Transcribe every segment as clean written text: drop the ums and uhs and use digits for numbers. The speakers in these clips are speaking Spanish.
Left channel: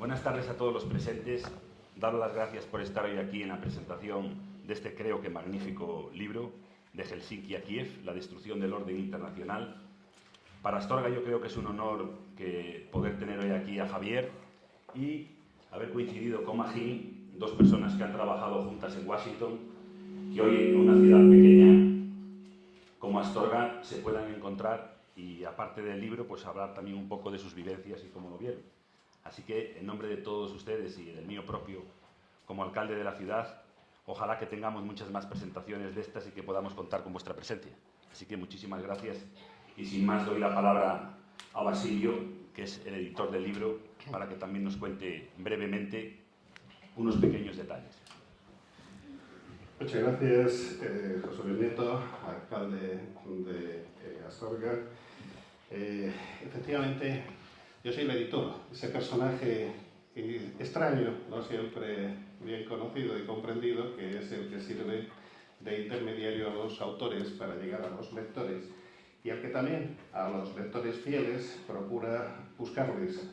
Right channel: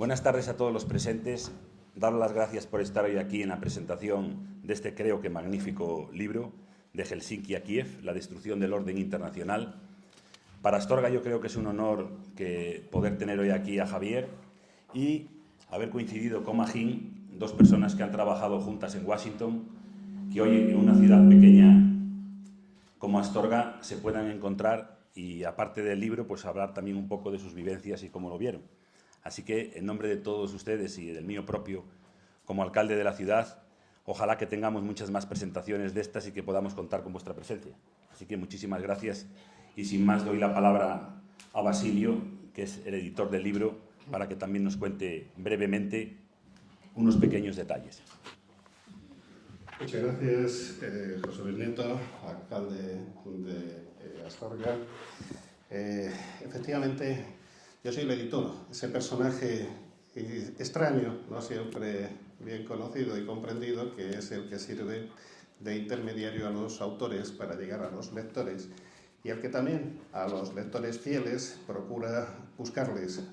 Buenas tardes a todos los presentes. Dar las gracias por estar hoy aquí en la presentación de este, creo que magnífico libro, de Helsinki a Kiev, la destrucción del orden internacional. Para Astorga yo creo que es un honor poder tener hoy aquí a Javier y haber coincidido con Magín, dos personas que han trabajado juntas en Washington, que hoy en una ciudad pequeña como Astorga se puedan encontrar y, aparte del libro, pues hablar también un poco de sus vivencias y cómo lo vieron. Así que, en nombre de todos ustedes y del mío propio, como alcalde de la ciudad, ojalá que tengamos muchas más presentaciones de estas y que podamos contar con vuestra presencia. Así que muchísimas gracias y sin más doy la palabra a Basilio, que es el editor del libro, para que también nos cuente brevemente unos pequeños detalles. Muchas gracias, José Luis Nieto, alcalde de Astorga. Efectivamente, yo soy el editor, ese personaje extraño, no siempre bien conocido y comprendido, que es el que sirve de intermediario a los autores para llegar a los lectores y al que también a los lectores fieles procura buscarles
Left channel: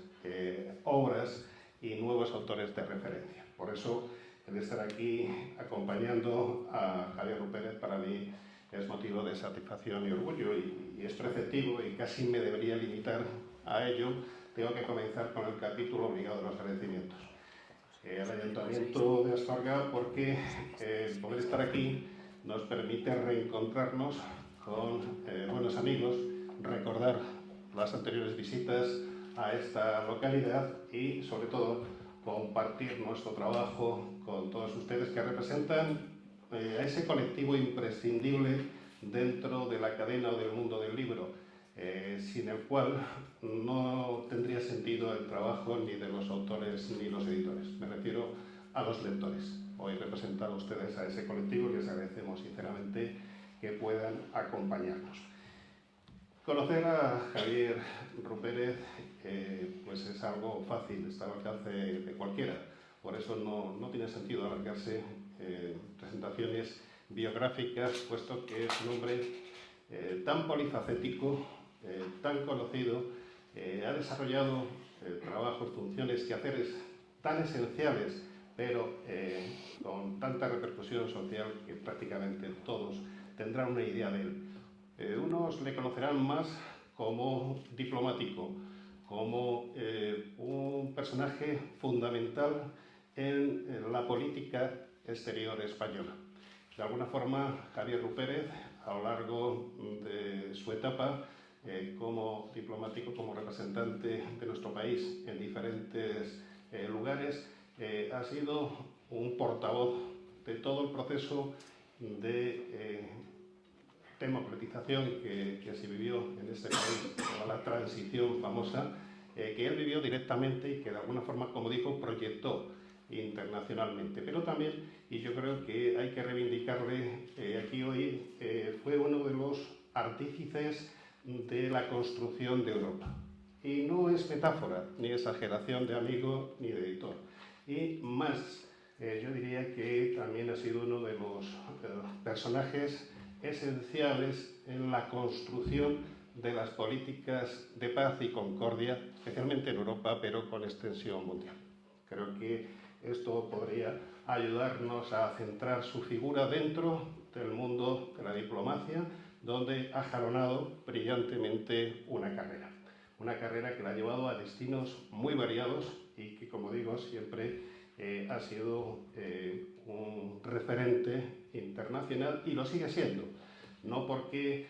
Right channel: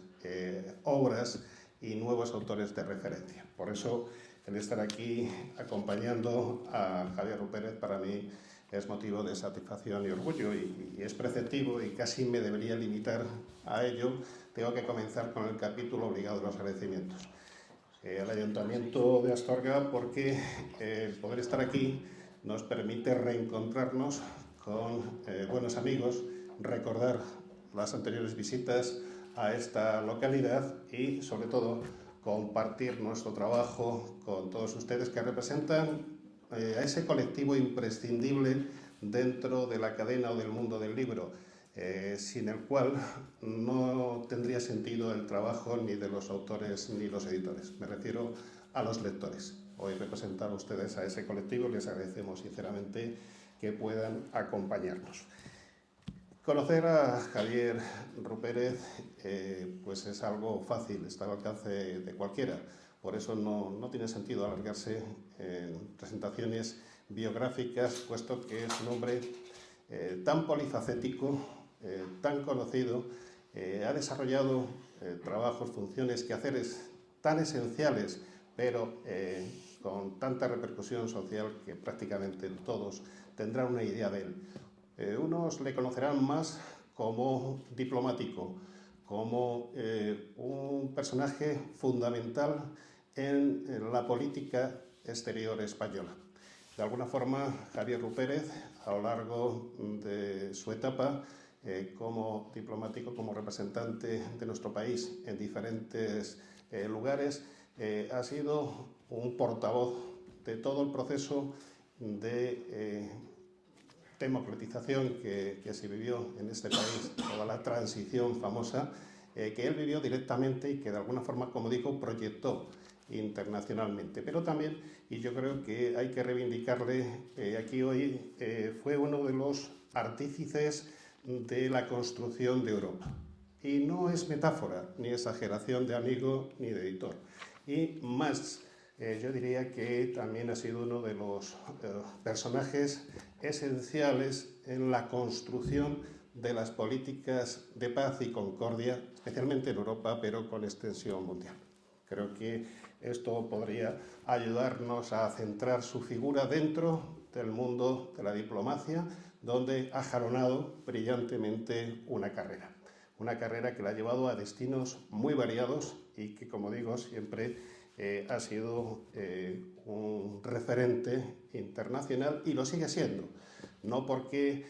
obras y nuevos autores de referencia. Por eso, el estar aquí acompañando a Javier Rupérez para mí es motivo de satisfacción y orgullo y es preceptivo y casi me debería limitar a ello. Tengo que comenzar con el capítulo obligado de los agradecimientos. Al Ayuntamiento de Astorga, porque el poder estar aquí nos permite reencontrarnos con buenos amigos, recordar las anteriores visitas a esta localidad y, sobre todo, compartir nuestro trabajo con todos ustedes que representan a ese colectivo imprescindible dentro de la cadena o del mundo del libro, sin el cual no tendría sentido el trabajo ni de los autores ni los editores. Me refiero a los lectores. Hoy representar a ustedes a ese colectivo y les agradecemos sinceramente que puedan acompañarnos. Conocer a Javier Rupérez pues es algo fácil, está al alcance de cualquiera. Por eso no tiene sentido alargarse en presentaciones biográficas, puesto que es un hombre tan polifacético, tan conocido, ha desarrollado trabajos, funciones, quehaceres tan esenciales, pero con tanta repercusión social que prácticamente todos tendrán una idea de él. Unos le conocerán más como diplomático, como un personaje fundamental en la política exterior española. De alguna forma, Javier Rupérez, a lo largo de su etapa como diplomático, como representante de nuestro país en diferentes lugares, ha sido un portavoz de todo el proceso de democratización que se vivió en este país, toda la transición famosa, que él vivió directamente y que de alguna forma, como dijo, proyectó internacionalmente. Pero también, y yo creo que hay que reivindicarle aquí hoy, fue uno de los artífices de la construcción de Europa. Y no es metáfora, ni exageración de amigo ni de editor. Y más, yo diría que también ha sido uno de los personajes esenciales en la construcción de las políticas de paz y concordia, especialmente en Europa, pero con extensión mundial. Creo que esto podría ayudarnos a centrar su figura dentro del mundo de la diplomacia, donde ha jalonado brillantemente una carrera que la ha llevado a destinos muy variados y que, como digo, siempre ha sido un referente internacional y lo sigue siendo, no porque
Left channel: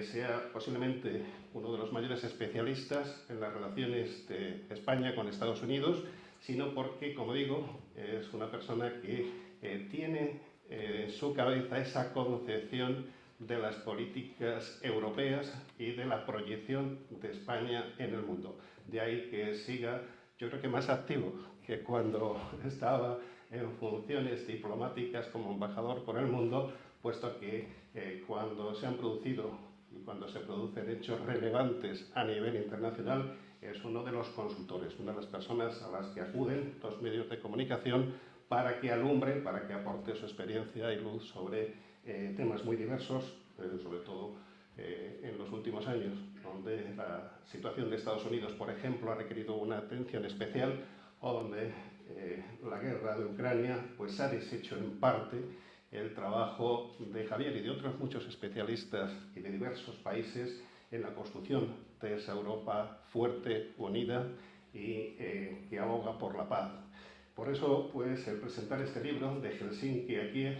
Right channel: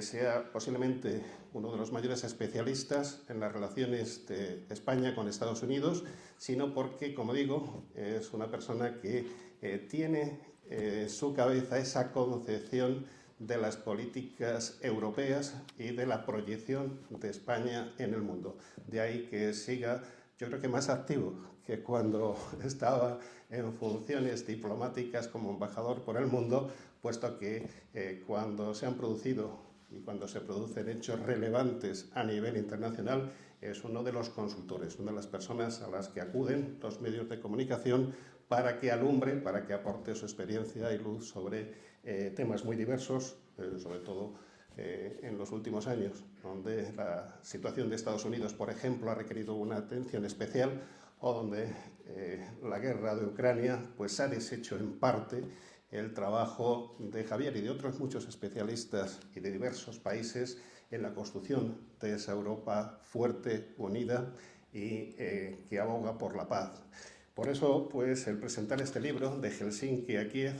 sea posiblemente uno de los mayores especialistas en las relaciones de España con Estados Unidos, sino porque, como digo, es una persona que tiene en su cabeza esa concepción de las políticas europeas y de la proyección de España en el mundo. De ahí que siga, yo creo que más activo que cuando estaba en funciones diplomáticas como embajador por el mundo, puesto que cuando se han producido y cuando se producen hechos relevantes a nivel internacional, es uno de los consultores, una de las personas a las que acuden los medios de comunicación para que alumbre, para que aporte su experiencia y luz sobre temas muy diversos, sobre todo en los últimos años, donde la situación de Estados Unidos, por ejemplo, ha requerido una atención especial, o donde la guerra de Ucrania pues ha deshecho en parte el trabajo de Javier y de otros muchos especialistas y de diversos países en la construcción de esa Europa fuerte, unida y que aboga por la paz. Por eso, pues, el presentar este libro, de Helsinki a Kiev,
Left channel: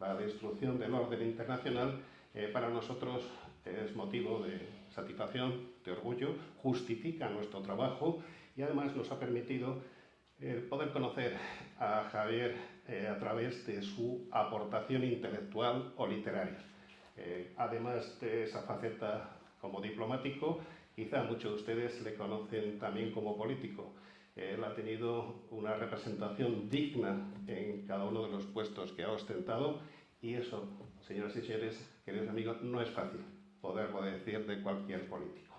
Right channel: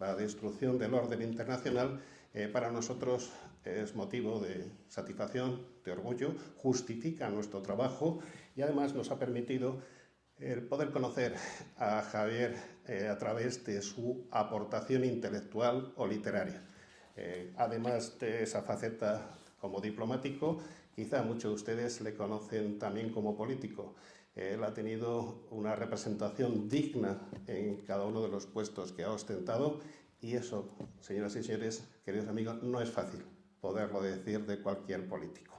la destrucción del orden internacional, para nosotros es motivo de satisfacción, de orgullo, justifica nuestro trabajo y además nos ha permitido poder conocer a Javier a través de su aportación intelectual o literaria. Además de esa faceta como diplomático, quizá muchos de ustedes le conocen también como político. Él ha tenido una representación digna en cada uno de los puestos que ha ostentado y eso, señoras y señores, queridos amigos, no es fácil poderlo decir de cualquier político.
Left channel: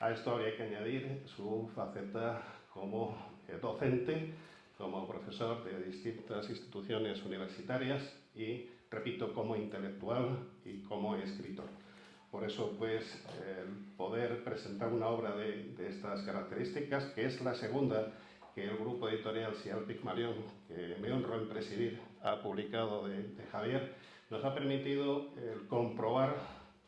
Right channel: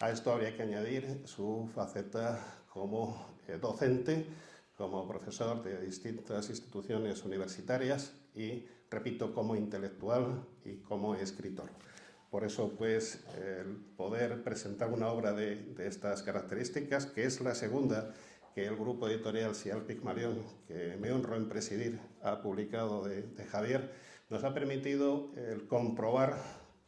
A esto habría que añadir su faceta como docente, como profesor de distintas instituciones universitarias y, repito, como intelectual y como escritor. Por eso, pues, el poder presentar una obra de estas características, que es la segunda que el grupo editorial Sial Pigmalión, que me honro en presidir, ha publicado de Javier, nos ha permitido comprobar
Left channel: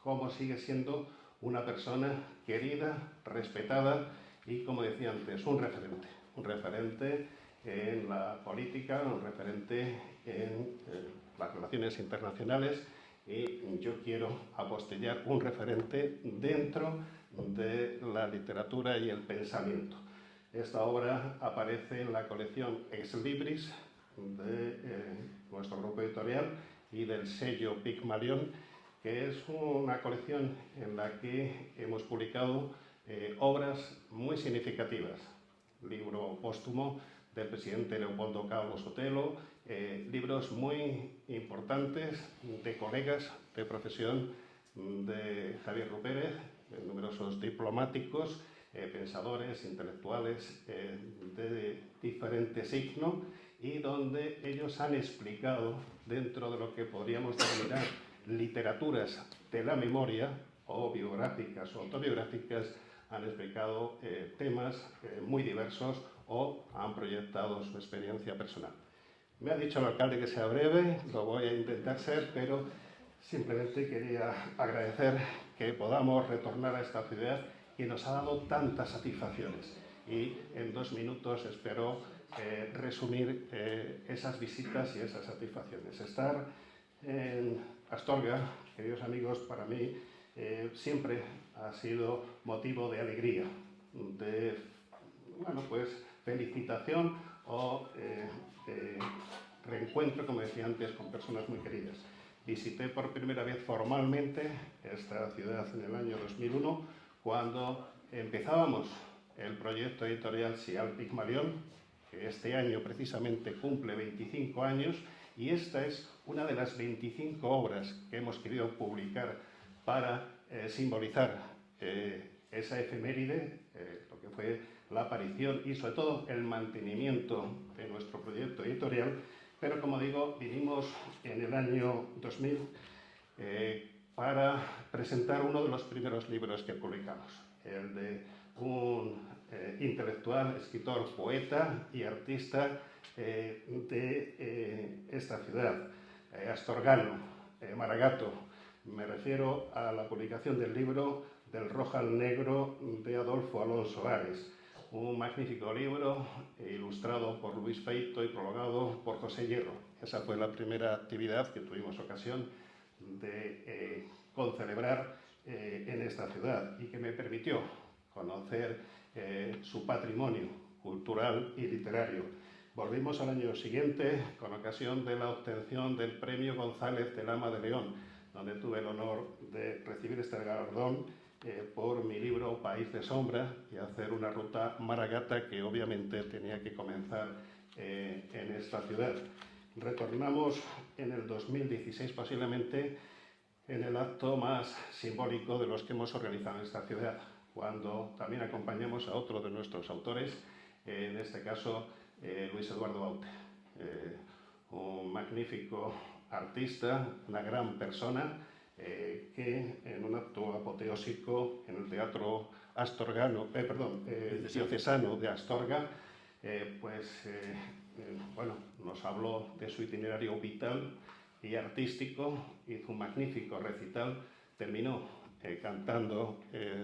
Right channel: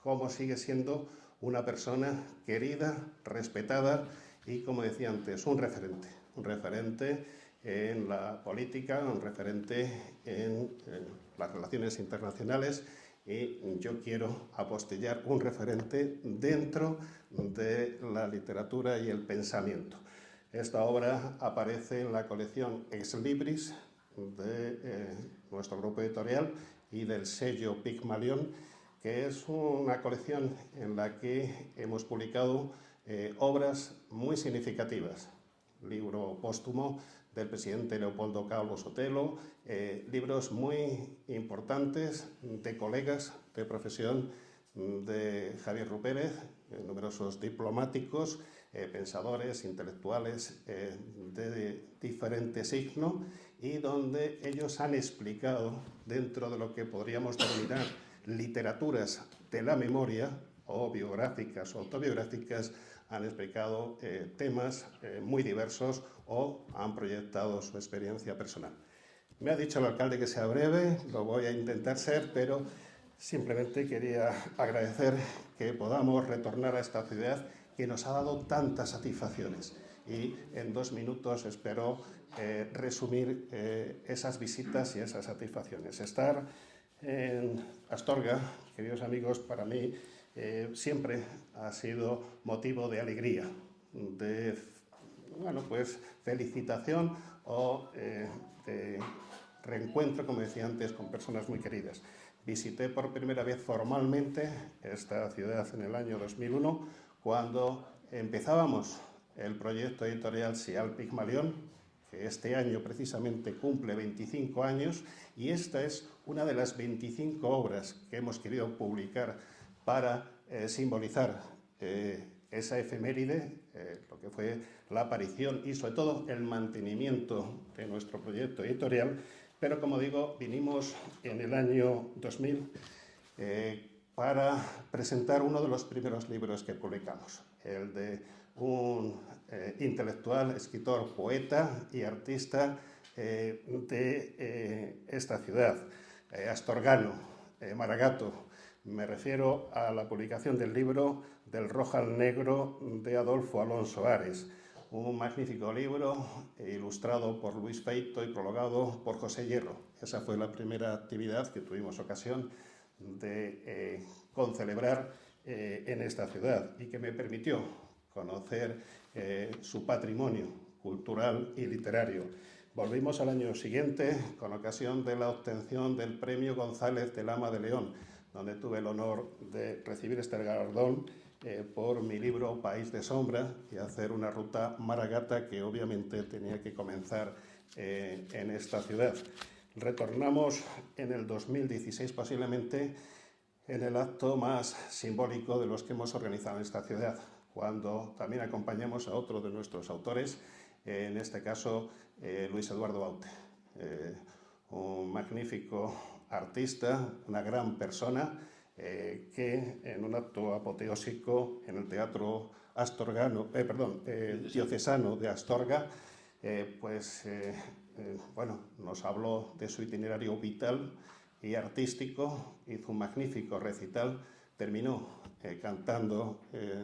cómo sigue siendo una persona querida, respetada y, como decía antes, un referente en la política, un referente en las relaciones internacionales y yo quiero apostillar un referente dentro de la literatura y el pensamiento. Esta obra aparece en la colección Ex Libris de nuestro grupo editorial y del sello Pigmalión, que es una colección en la que hemos publicado obras muy significativas. Libro póstumo del presidente Leopoldo Calvo Sotelo, libros muy importantes de colegas de profesión de Javier Rupérez, numerosos diplomáticos, pensadores, intelectuales de diferente signo y donde ellos han explicado, dentro de lo que podríamos denominar literaturas de la memoria, o biográficas o autobiográficas, han explicado temas muy diversos o han proyectado su experiencia personal. Me ha dicho el alcalde que sea breve, lo voy a intentar ser, pero simplemente quería agradecer que podamos retornar a esta ciudad que nos ha dado tantas satisfacciones y en 2 minutos espero resumir esas visitas y esas satisfacciones. Estar en Astorga, queridos amigos, para mí siempre ha sido motivo de alegría, de felicitación o de reencuentro, como decía antes, con personas muy queridas. Visité por primera vez formalmente esta ciudad en el año 2001, cuando empezábamos el proyecto editorial Sial Pigmalión, que este año precisamente cumple 25 años, y esta es una de las 25 obras que hemos querido publicar para simbolizar esa efeméride, lo que fue la aparición y sobre todo el mantenimiento de nuestro proyecto editorial. Pero, como digo, vinimos en el año 2000 para presentar uno de los primeros libros que publicamos, el de un intelectual, escritor, poeta y artista de esta ciudad, astorgano, Maragato. Me refiero a la publicación del libro Del rojo al negro de Adolfo Alonso Ares, un magnífico libro ilustrado por Luis Feito y prologado por José Hierro. Esa fue la primera actividad que tuvimos ocasión de concelebrar en esta ciudad y que me permitió conocer su patrimonio cultural y literario. Volvimos al año siguiente con ocasión de la obtención del Premio González de Lama de León, donde tuve el honor de recibir este galardón por mi libro País de Sombra y hacer una ruta maragata que obviamente tenía que comenzar en esta ciudad. Retornamos en el 2016 posiblemente en el acto más simbólico de los que hemos organizado en esta ciudad, cuando también acompañamos a otro de nuestros autores, en este caso Luis Eduardo Baute, un magnífico artista, una gran persona, que en un acto apoteósico en el Teatro diocesano de Astorga bueno, nos habló de su itinerario vital y artístico, hizo un magnífico recital, terminó cantando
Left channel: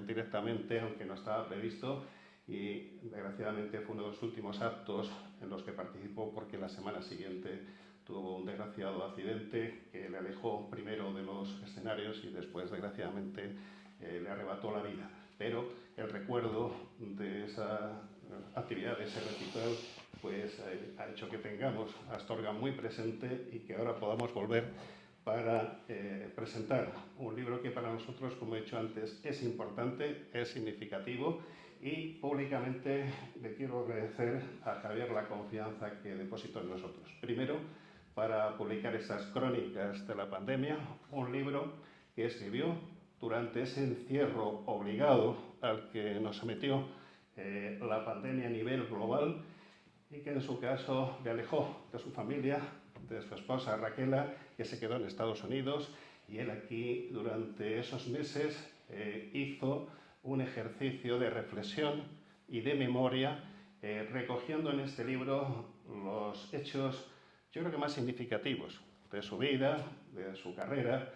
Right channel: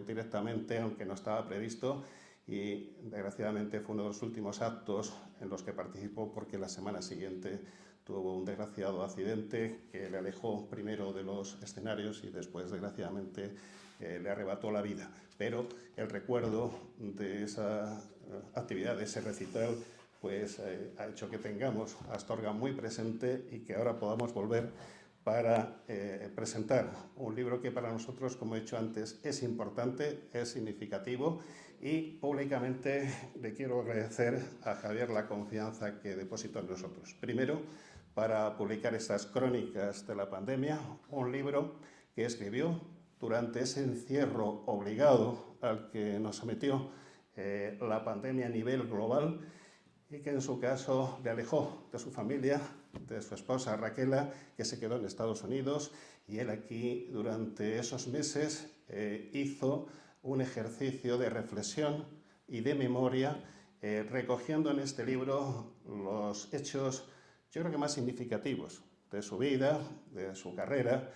directamente, aunque no estaba previsto, y desgraciadamente fue uno de los últimos actos en los que participó, porque la semana siguiente tuvo un desgraciado accidente que le alejó primero de los escenarios y después, desgraciadamente, le arrebató la vida. Pero el recuerdo de esa actividad, de ese recital, pues ha hecho que tengamos a Astorga muy presente y que ahora podamos volver para presentar un libro que para nosotros, como he dicho antes, es importante, es significativo, y públicamente le quiero agradecer a Javier la confianza que depositó en nosotros. Primero, para publicar estas crónicas de la pandemia, un libro que escribió durante ese encierro obligado al que nos sometió la pandemia a nivel global, y que en su caso le alejó de su familia, de su esposa Raquela, que se quedó en Estados Unidos, y él aquí durante esos meses hizo un ejercicio de reflexión y de memoria, recogiendo en este libro los hechos, yo creo que más significativos de su vida, de su carrera,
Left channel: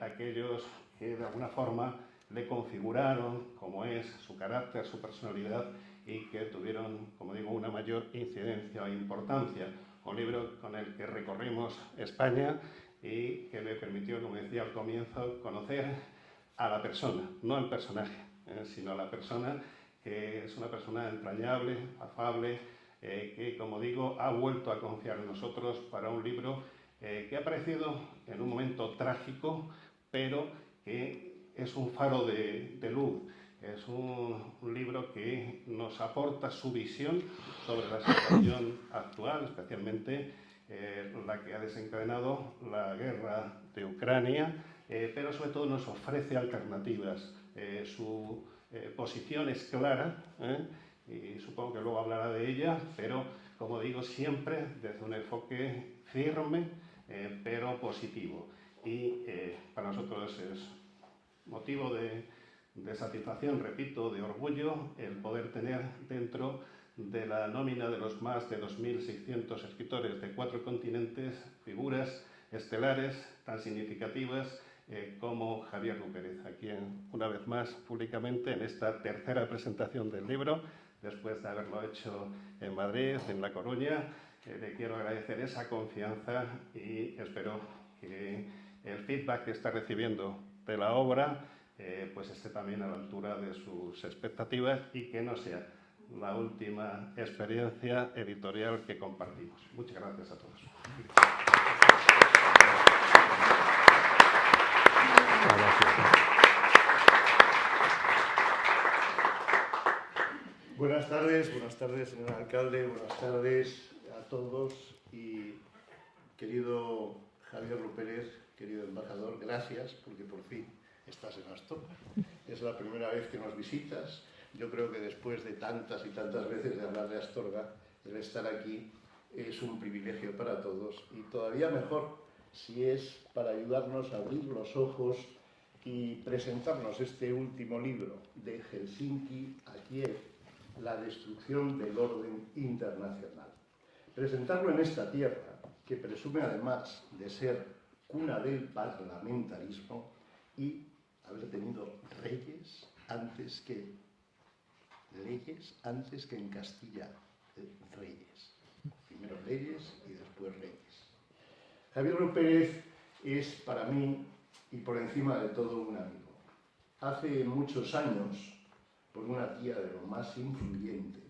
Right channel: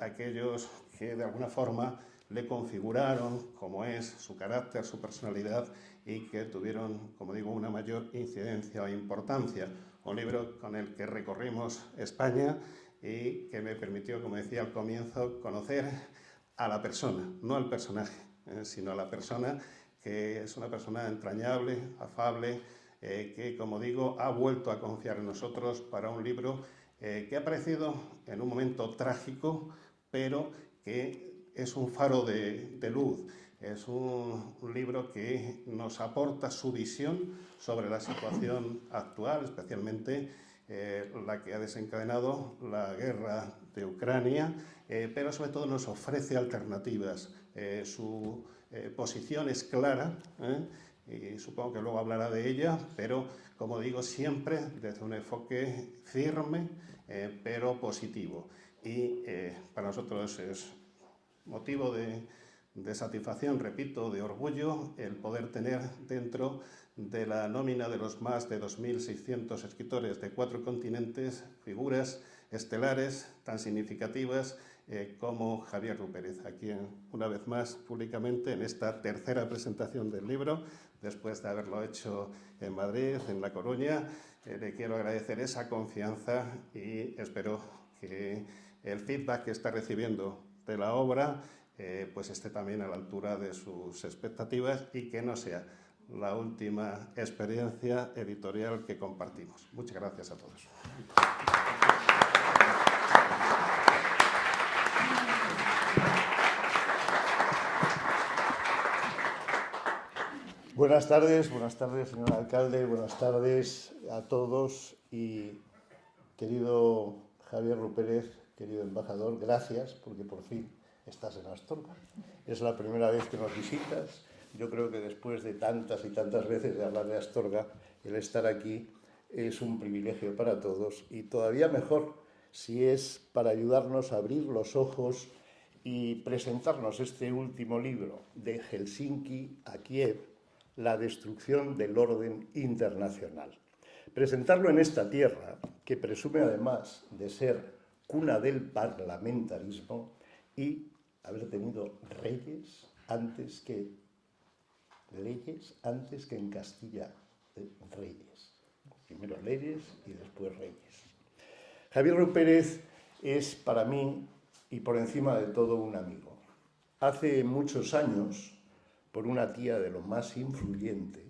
aquellos que de alguna forma le configuraron como es su carácter, su personalidad, y que tuvieron, como digo, una mayor incidencia o importancia. Un libro con el que recorrimos España y que me permitió, como decía al comienzo, conocer a la persona, no al personaje, sino a la persona, que es una persona entrañable, afable, que, como digo, ha vuelto a confiar en nosotros para un libro que ha aparecido en un momento trágico, pero que es un faro de luz. Es un libro que nos aporta su visión sobre la situación actual, especialmente la que ha desencadenado la guerra de Ucrania, pero sobre todo nos ofrece alternativas. Su posición es clara, y supongo que luego hablará de ella, pero como digo, siempre desde un enfoque firme, pero positivo. Y para nosotros es motivo de satisfacción, repito, de orgullo, el poder tener dentro de la nómina de los más de 2.600 escritores de 4 continentes figuras estelares tan significativas como Javier Rupérez, a quien una vez más públicamente en esta tercera presentación del libro, después de haberlo hecho en Madrid, en La Coruña, le quiero agradecer esa confianza, y espero que el feedback que está recibiendo de la obra pues esté también a la altura de sus expectativas, y que no sea la última experiencia editorial que compartimos. Muchas gracias a todos. Buenas tardes, señor alcalde, buenas tardes a todos. Y querido Javier Rupérez, querido embajador, gracias, porque por fin estás en Astorga. Es la primera vez que nos visitas. Yo creo que después de tantas y tantas veces de hablar de Astorga, el estar aquí es un privilegio para todos, y todavía mejor si es para ayudarnos a abrir los ojos y presentarnos este último libro, de Helsinki a Kiev, la destrucción del orden internacional. Presentarlo en esta tierra, que presume además de ser cuna del parlamentarismo y haber tenido reyes antes que en Castilla, reyes. Primero leyes y después reyes. Javier Rupérez es para mí, y por encima de todo, un amigo. Hace muchos años, por una tía de lo más influyente,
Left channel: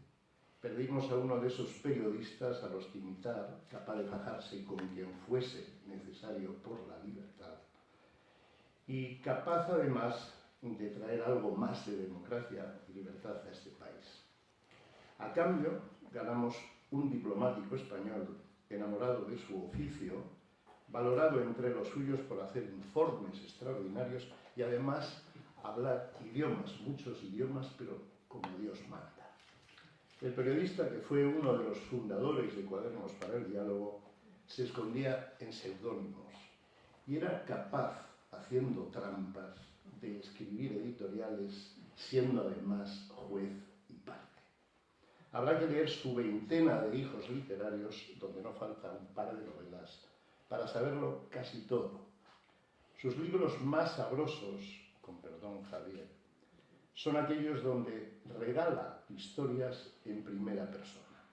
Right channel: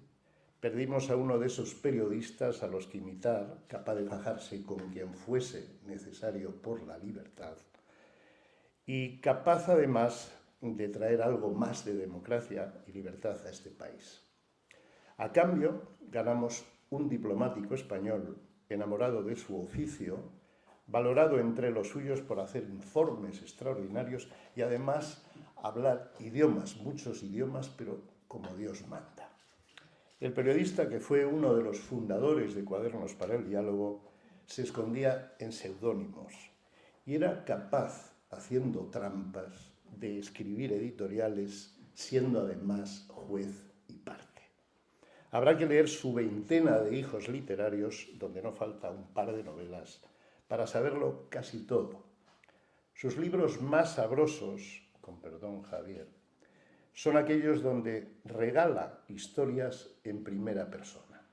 perdimos a uno de esos periodistas a los que imitar, capaz de fajarse con quien fuese necesario por la libertad, y capaz además de traer algo más de democracia y libertad a este país. A cambio, ganamos un diplomático español enamorado de su oficio, valorado entre los suyos por hacer informes extraordinarios y además hablar idiomas, muchos idiomas, pero como Dios manda. El periodista, que fue uno de los fundadores de Cuadernos para el Diálogo, se escondía en seudónimos y era capaz, haciendo trampas, de escribir editoriales, siendo además juez y parte. Habrá que leer su veintena de hijos literarios, donde no falta un par de novelas, para saberlo casi todo. Sus libros más sabrosos, con perdón Javier, son aquellos donde regala historias en primera persona.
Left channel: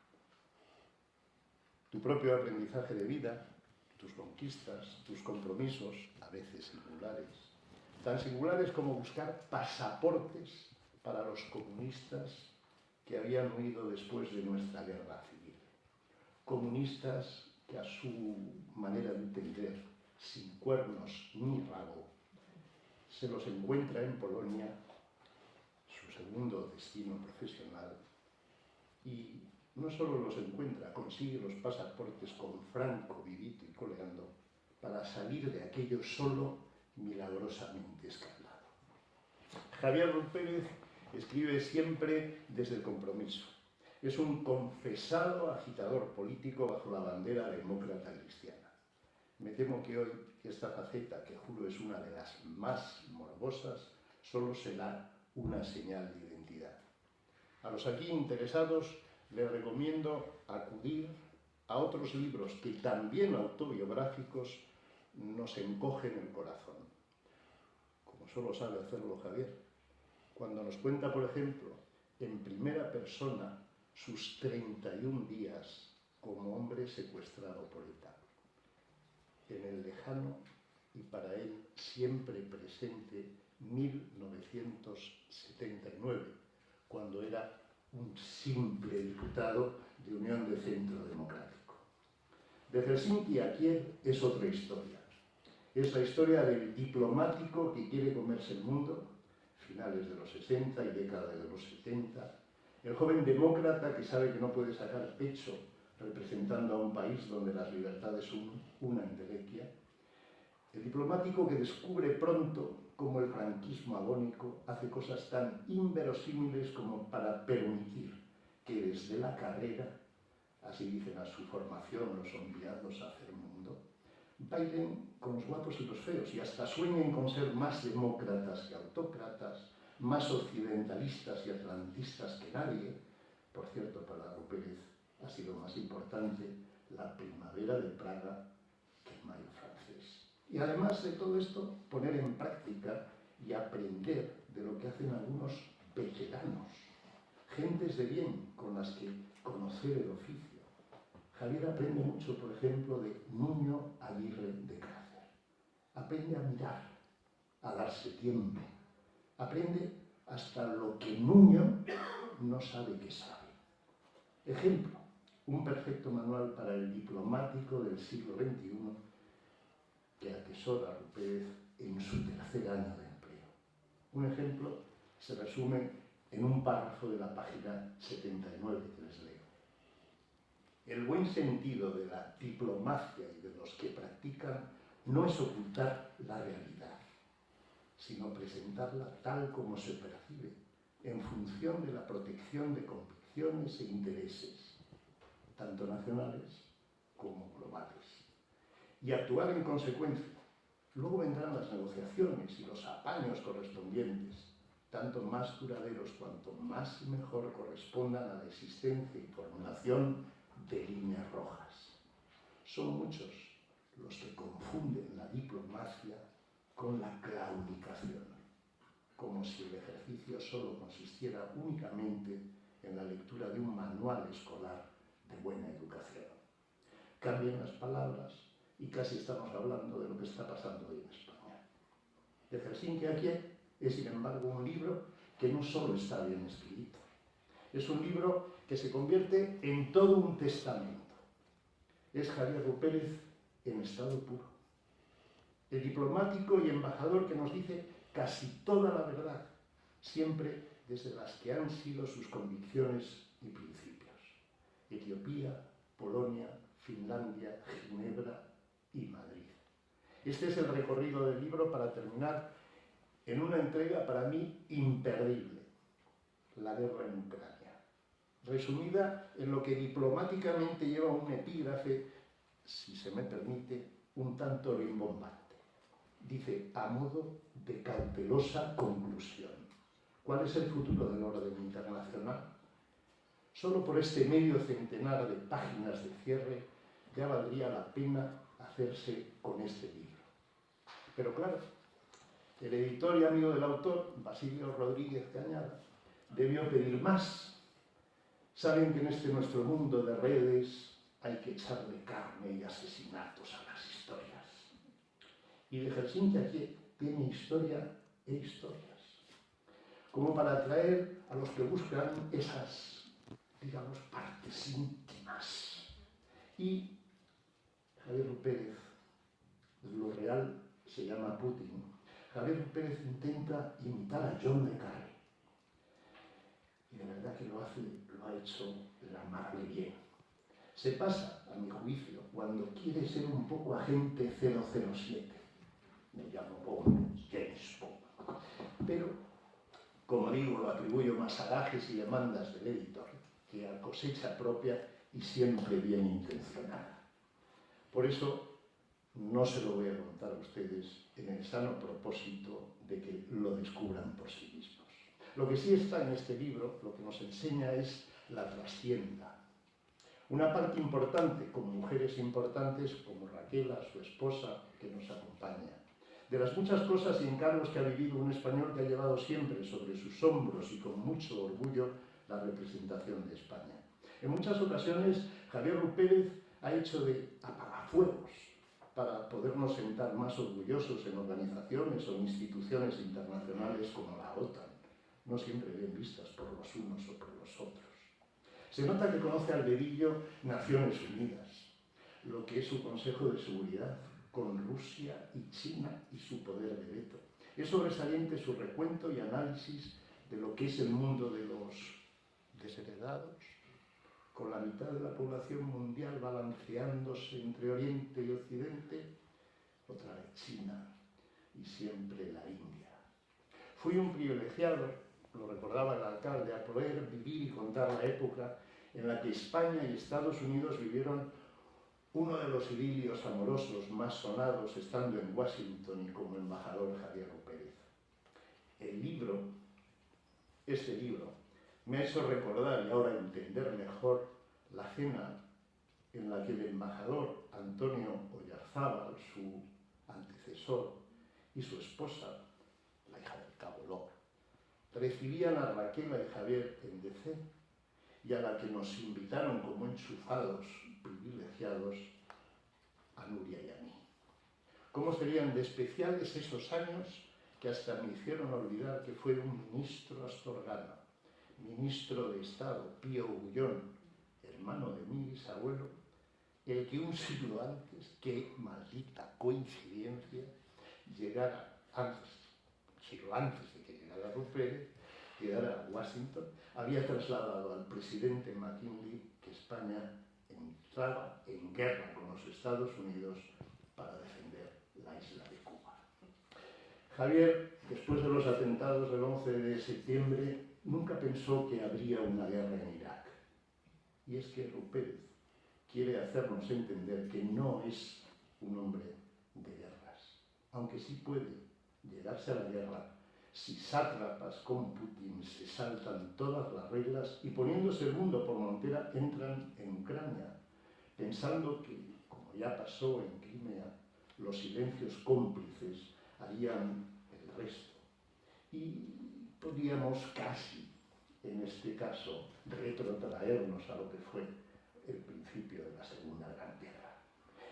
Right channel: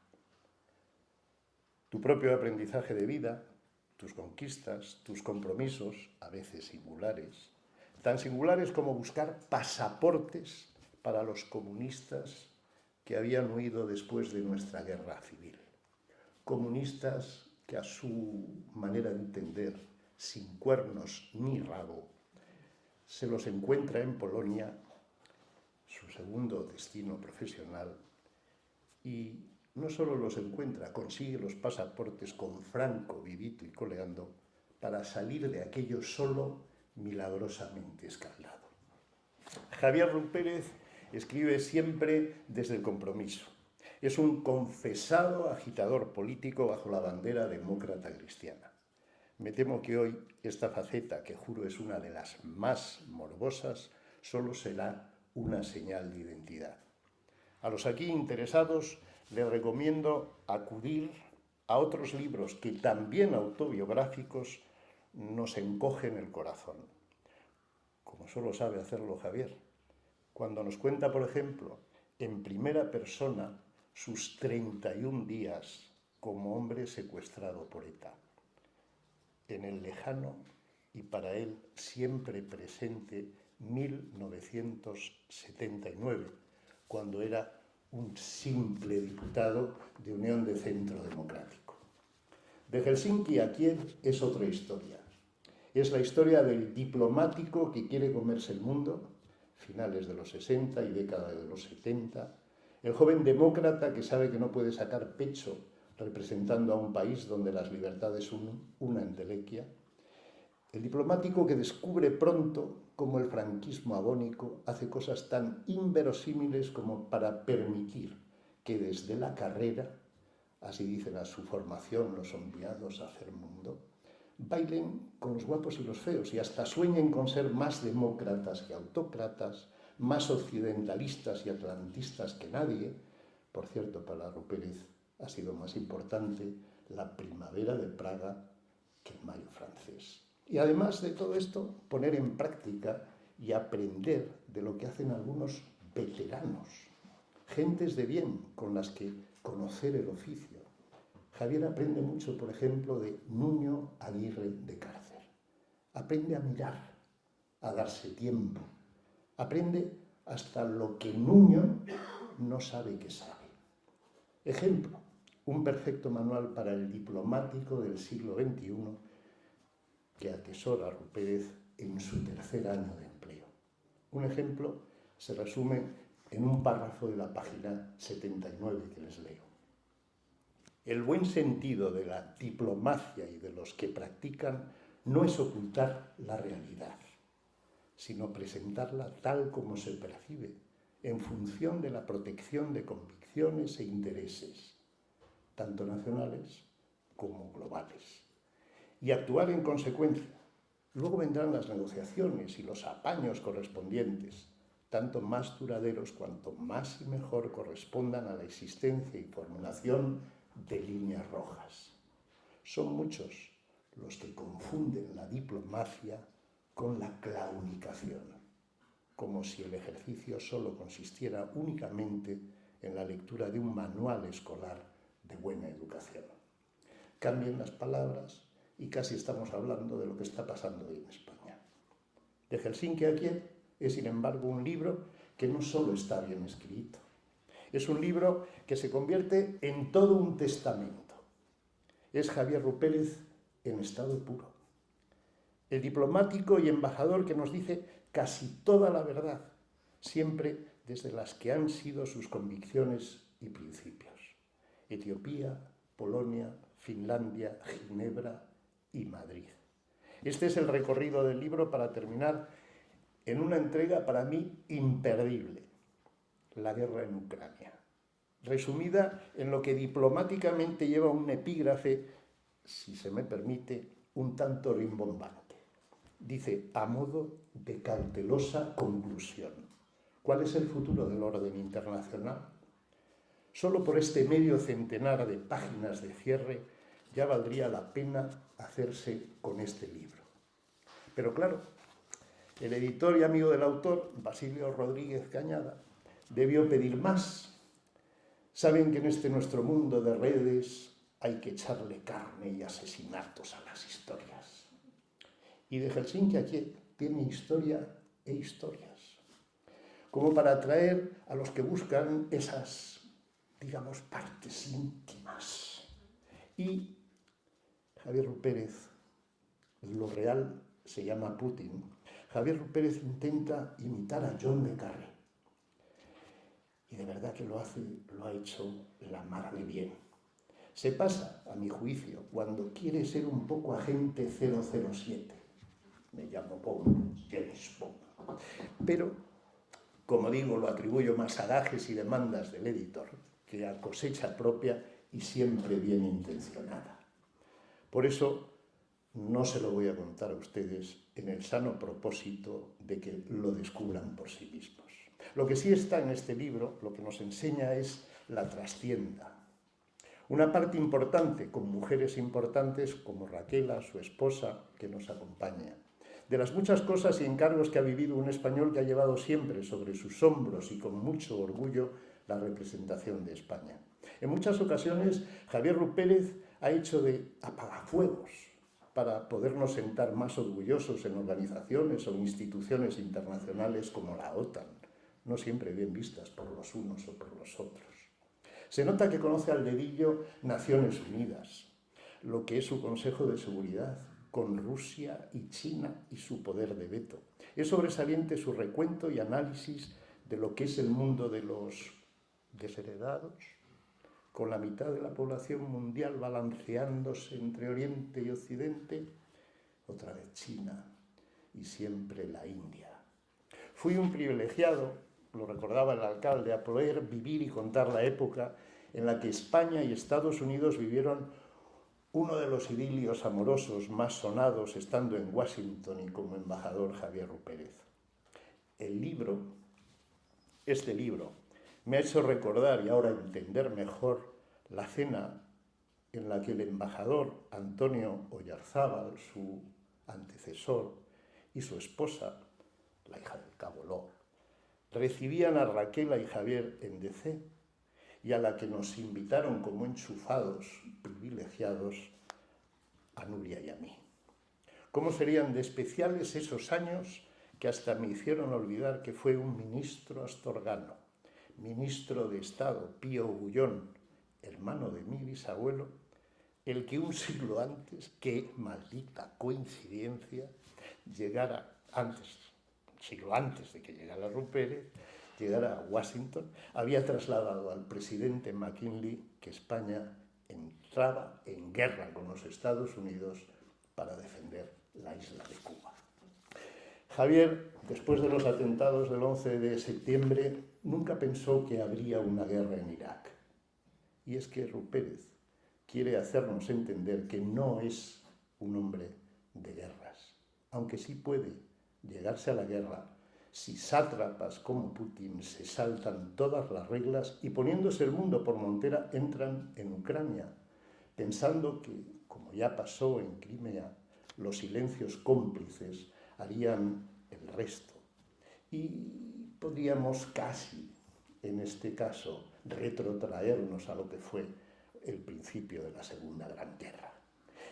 Tu propio aprendizaje de vida, tus conquistas, tus compromisos, a veces singulares, tan singulares como buscar pasaportes para los comunistas que habían huido después de nuestra guerra civil. Comunistas que a su manera de entender, sin cuernos ni rabo, se los encuentra en Polonia, su segundo destino profesional, y no solo los encuentra, consigue los pasaportes con Franco vivito y coleando para salir de aquello solo milagrosamente escalado. Javier Pérez escribe siempre desde el compromiso. Es un confesado agitador político bajo la bandera demócrata cristiana. Me temo que hoy esta faceta, que juro es una de las más morbosas, solo será una señal de identidad. A los aquí interesados les recomiendo acudir a otros libros que, también autobiográficos, nos encogen el corazón, como solo sabe hacerlo Javier, cuando nos cuenta, por ejemplo, en primera persona sus 31 días como hombre secuestrado por ETA, en el lejano y para él siempre presente 1979, cuando era un simple diputado de Unión de Centro Democrático. De Helsinki a Kiev es otra historia. Es la historia del diplomático que quiere comerse el mundo, finales de los 60 y década de los 70, el joven demócrata que sabe que no puede sacar pecho representando a un país donde las libertades son una entelequia, el diplomático que descubre pronto cómo el franquismo agónico hace cosas tan inverosímiles como para permitir que desde la carrera, así dicen a su formación los enviados a hacer mundo, bailen con los guapos y los feos y hasta sueñen con ser más demócratas que autócratas, más occidentalistas y atlantistas que nadie. Por cierto, para Pérez ha sido más importante la primavera de Praga que el mayo francés. Y además de todo esto, poner en práctica y aprender de lo que hacen algunos veteranos, gentes de bien con las que conocer el oficio. Javier aprende mucho, por ejemplo, de Nuño Aguirre de Cárcer. Aprende a mirar, a darse tiempo. Aprende hasta lo que Nuño no sabe que sabe. Ejemplo, un perfecto manual para el diplomático del siglo XXI que atesora Pérez en su tercer año de empleo. Un ejemplo se resume en un párrafo de la página 79 que les leo. El buen sentido de la diplomacia y de los que practican no es ocultar la realidad, sino presentarla tal como se percibe, en función de la protección de convicciones e intereses, tanto nacionales como globales, y actuar en consecuencia. Luego vendrán las negociaciones y los apaños correspondientes, tanto más duraderos cuanto más y mejor correspondan a la existencia y formulación de líneas rojas. Son muchos los que confunden la diplomacia con la claudicación, como si el ejercicio solo consistiera únicamente en la lectura de un manual escolar de buena educación. Cambien las palabras y casi estamos hablando de lo que está pasando hoy en España. De Helsinki a Kiev es, sin embargo, un libro que no solo está bien escrito, es un libro que se convierte en todo un testamento. Es Javier Pérez en estado puro. El diplomático y embajador que nos dice casi toda la verdad, siempre desde las que han sido sus convicciones y principios. Etiopía, Polonia, Finlandia, Ginebra y Madrid. Este es el recorrido del libro para terminar en una entrega para mí imperdible, la guerra en Ucrania, resumida en lo que diplomáticamente lleva un epígrafe, si se me permite, un tanto rimbombante. Dice, a modo de cautelosa conclusión, ¿cuál es el futuro del orden internacional? Solo por este medio centenar de páginas de cierre ya valdría la pena hacerse con este libro. Pero claro, el editor y amigo del autor, Basilio Rodríguez Cañada, debió pedir más. Saben que en este nuestro mundo de redes hay que echarle carne y asesinatos a las historias. Y de Helsinki aquí tiene historia e historias, como para atraer a los que buscan esas, digamos, partes íntimas. Y Javier Pérez, lo real se llama Putin. Javier Pérez intenta imitar a John le Carré. Y de verdad que lo ha hecho la mar de bien. Se pasa, a mi juicio, cuando quiere ser un poco agente 007. Me llamo Bond, James Bond. Pero, como digo, lo atribuyo más a gajes y demandas del editor que a cosecha propia y siempre bien intencionada. Por eso, no se lo voy a contar a ustedes en el sano propósito de que lo descubran por sí mismos. Lo que sí está en este libro, lo que nos enseña es la trastienda. Una parte importante, con mujeres importantes como Raquela, su esposa, que nos acompaña. De las muchas cosas y encargos que ha vivido un español que ha llevado siempre sobre sus hombros y con mucho orgullo la representación de España. En muchas ocasiones, Javier Pérez ha hecho de apagafuegos para podernos sentar más orgullosos en organizaciones o instituciones internacionales como la OTAN, no siempre bien vistas por los unos o por los otros. Se nota que conoce al dedillo Naciones Unidas, lo que es su Consejo de Seguridad, con Rusia y China y su poder de veto. Es sobresaliente su recuento y análisis de lo que es el mundo de los desheredados, con la mitad de la población mundial balanceándose entre Oriente y Occidente, otra vez China y siempre la India. Fui un privilegiado, lo recordaba el alcalde, a poder vivir y contar la época en la que España y Estados Unidos vivieron uno de los idilios amorosos más sonados estando en Washington y como embajador Javier Pérez. Este libro, me ha hecho recordar y ahora entender mejor la cena en la que el embajador Antonio Oyarzábal, su antecesor, y su esposa, la hija del cabo Lor, recibían a Raquela y Javier en DC y a la que nos invitaron como enchufados privilegiados a Nuria y a mí. ¿Cómo serían de especiales esos años que hasta me hicieron olvidar que fue un ministro astorgano, ministro de Estado, Pío Bullón, hermano de mi bisabuelo, el que un siglo antes, qué maldita coincidencia, un siglo antes de que llegara Pérez, llegara a Washington, había trasladado al presidente McKinley que España entraba en guerra con los Estados Unidos para defender la isla de Cuba. Javier, después de los atentados del 11 de septiembre, nunca pensó que habría una guerra en Irak. Y es que Pérez quiere hacernos entender que no es un hombre de guerras, aunque sí puede llegarse a la guerra si sátrapas como Putin se saltan todas las reglas y poniéndose el mundo por montera entran en Ucrania, pensando que, como ya pasó en Crimea, los silencios cómplices harían el resto. Y podríamos casi, en este caso, retrotraernos a lo que fue el principio de la Segunda Gran Guerra.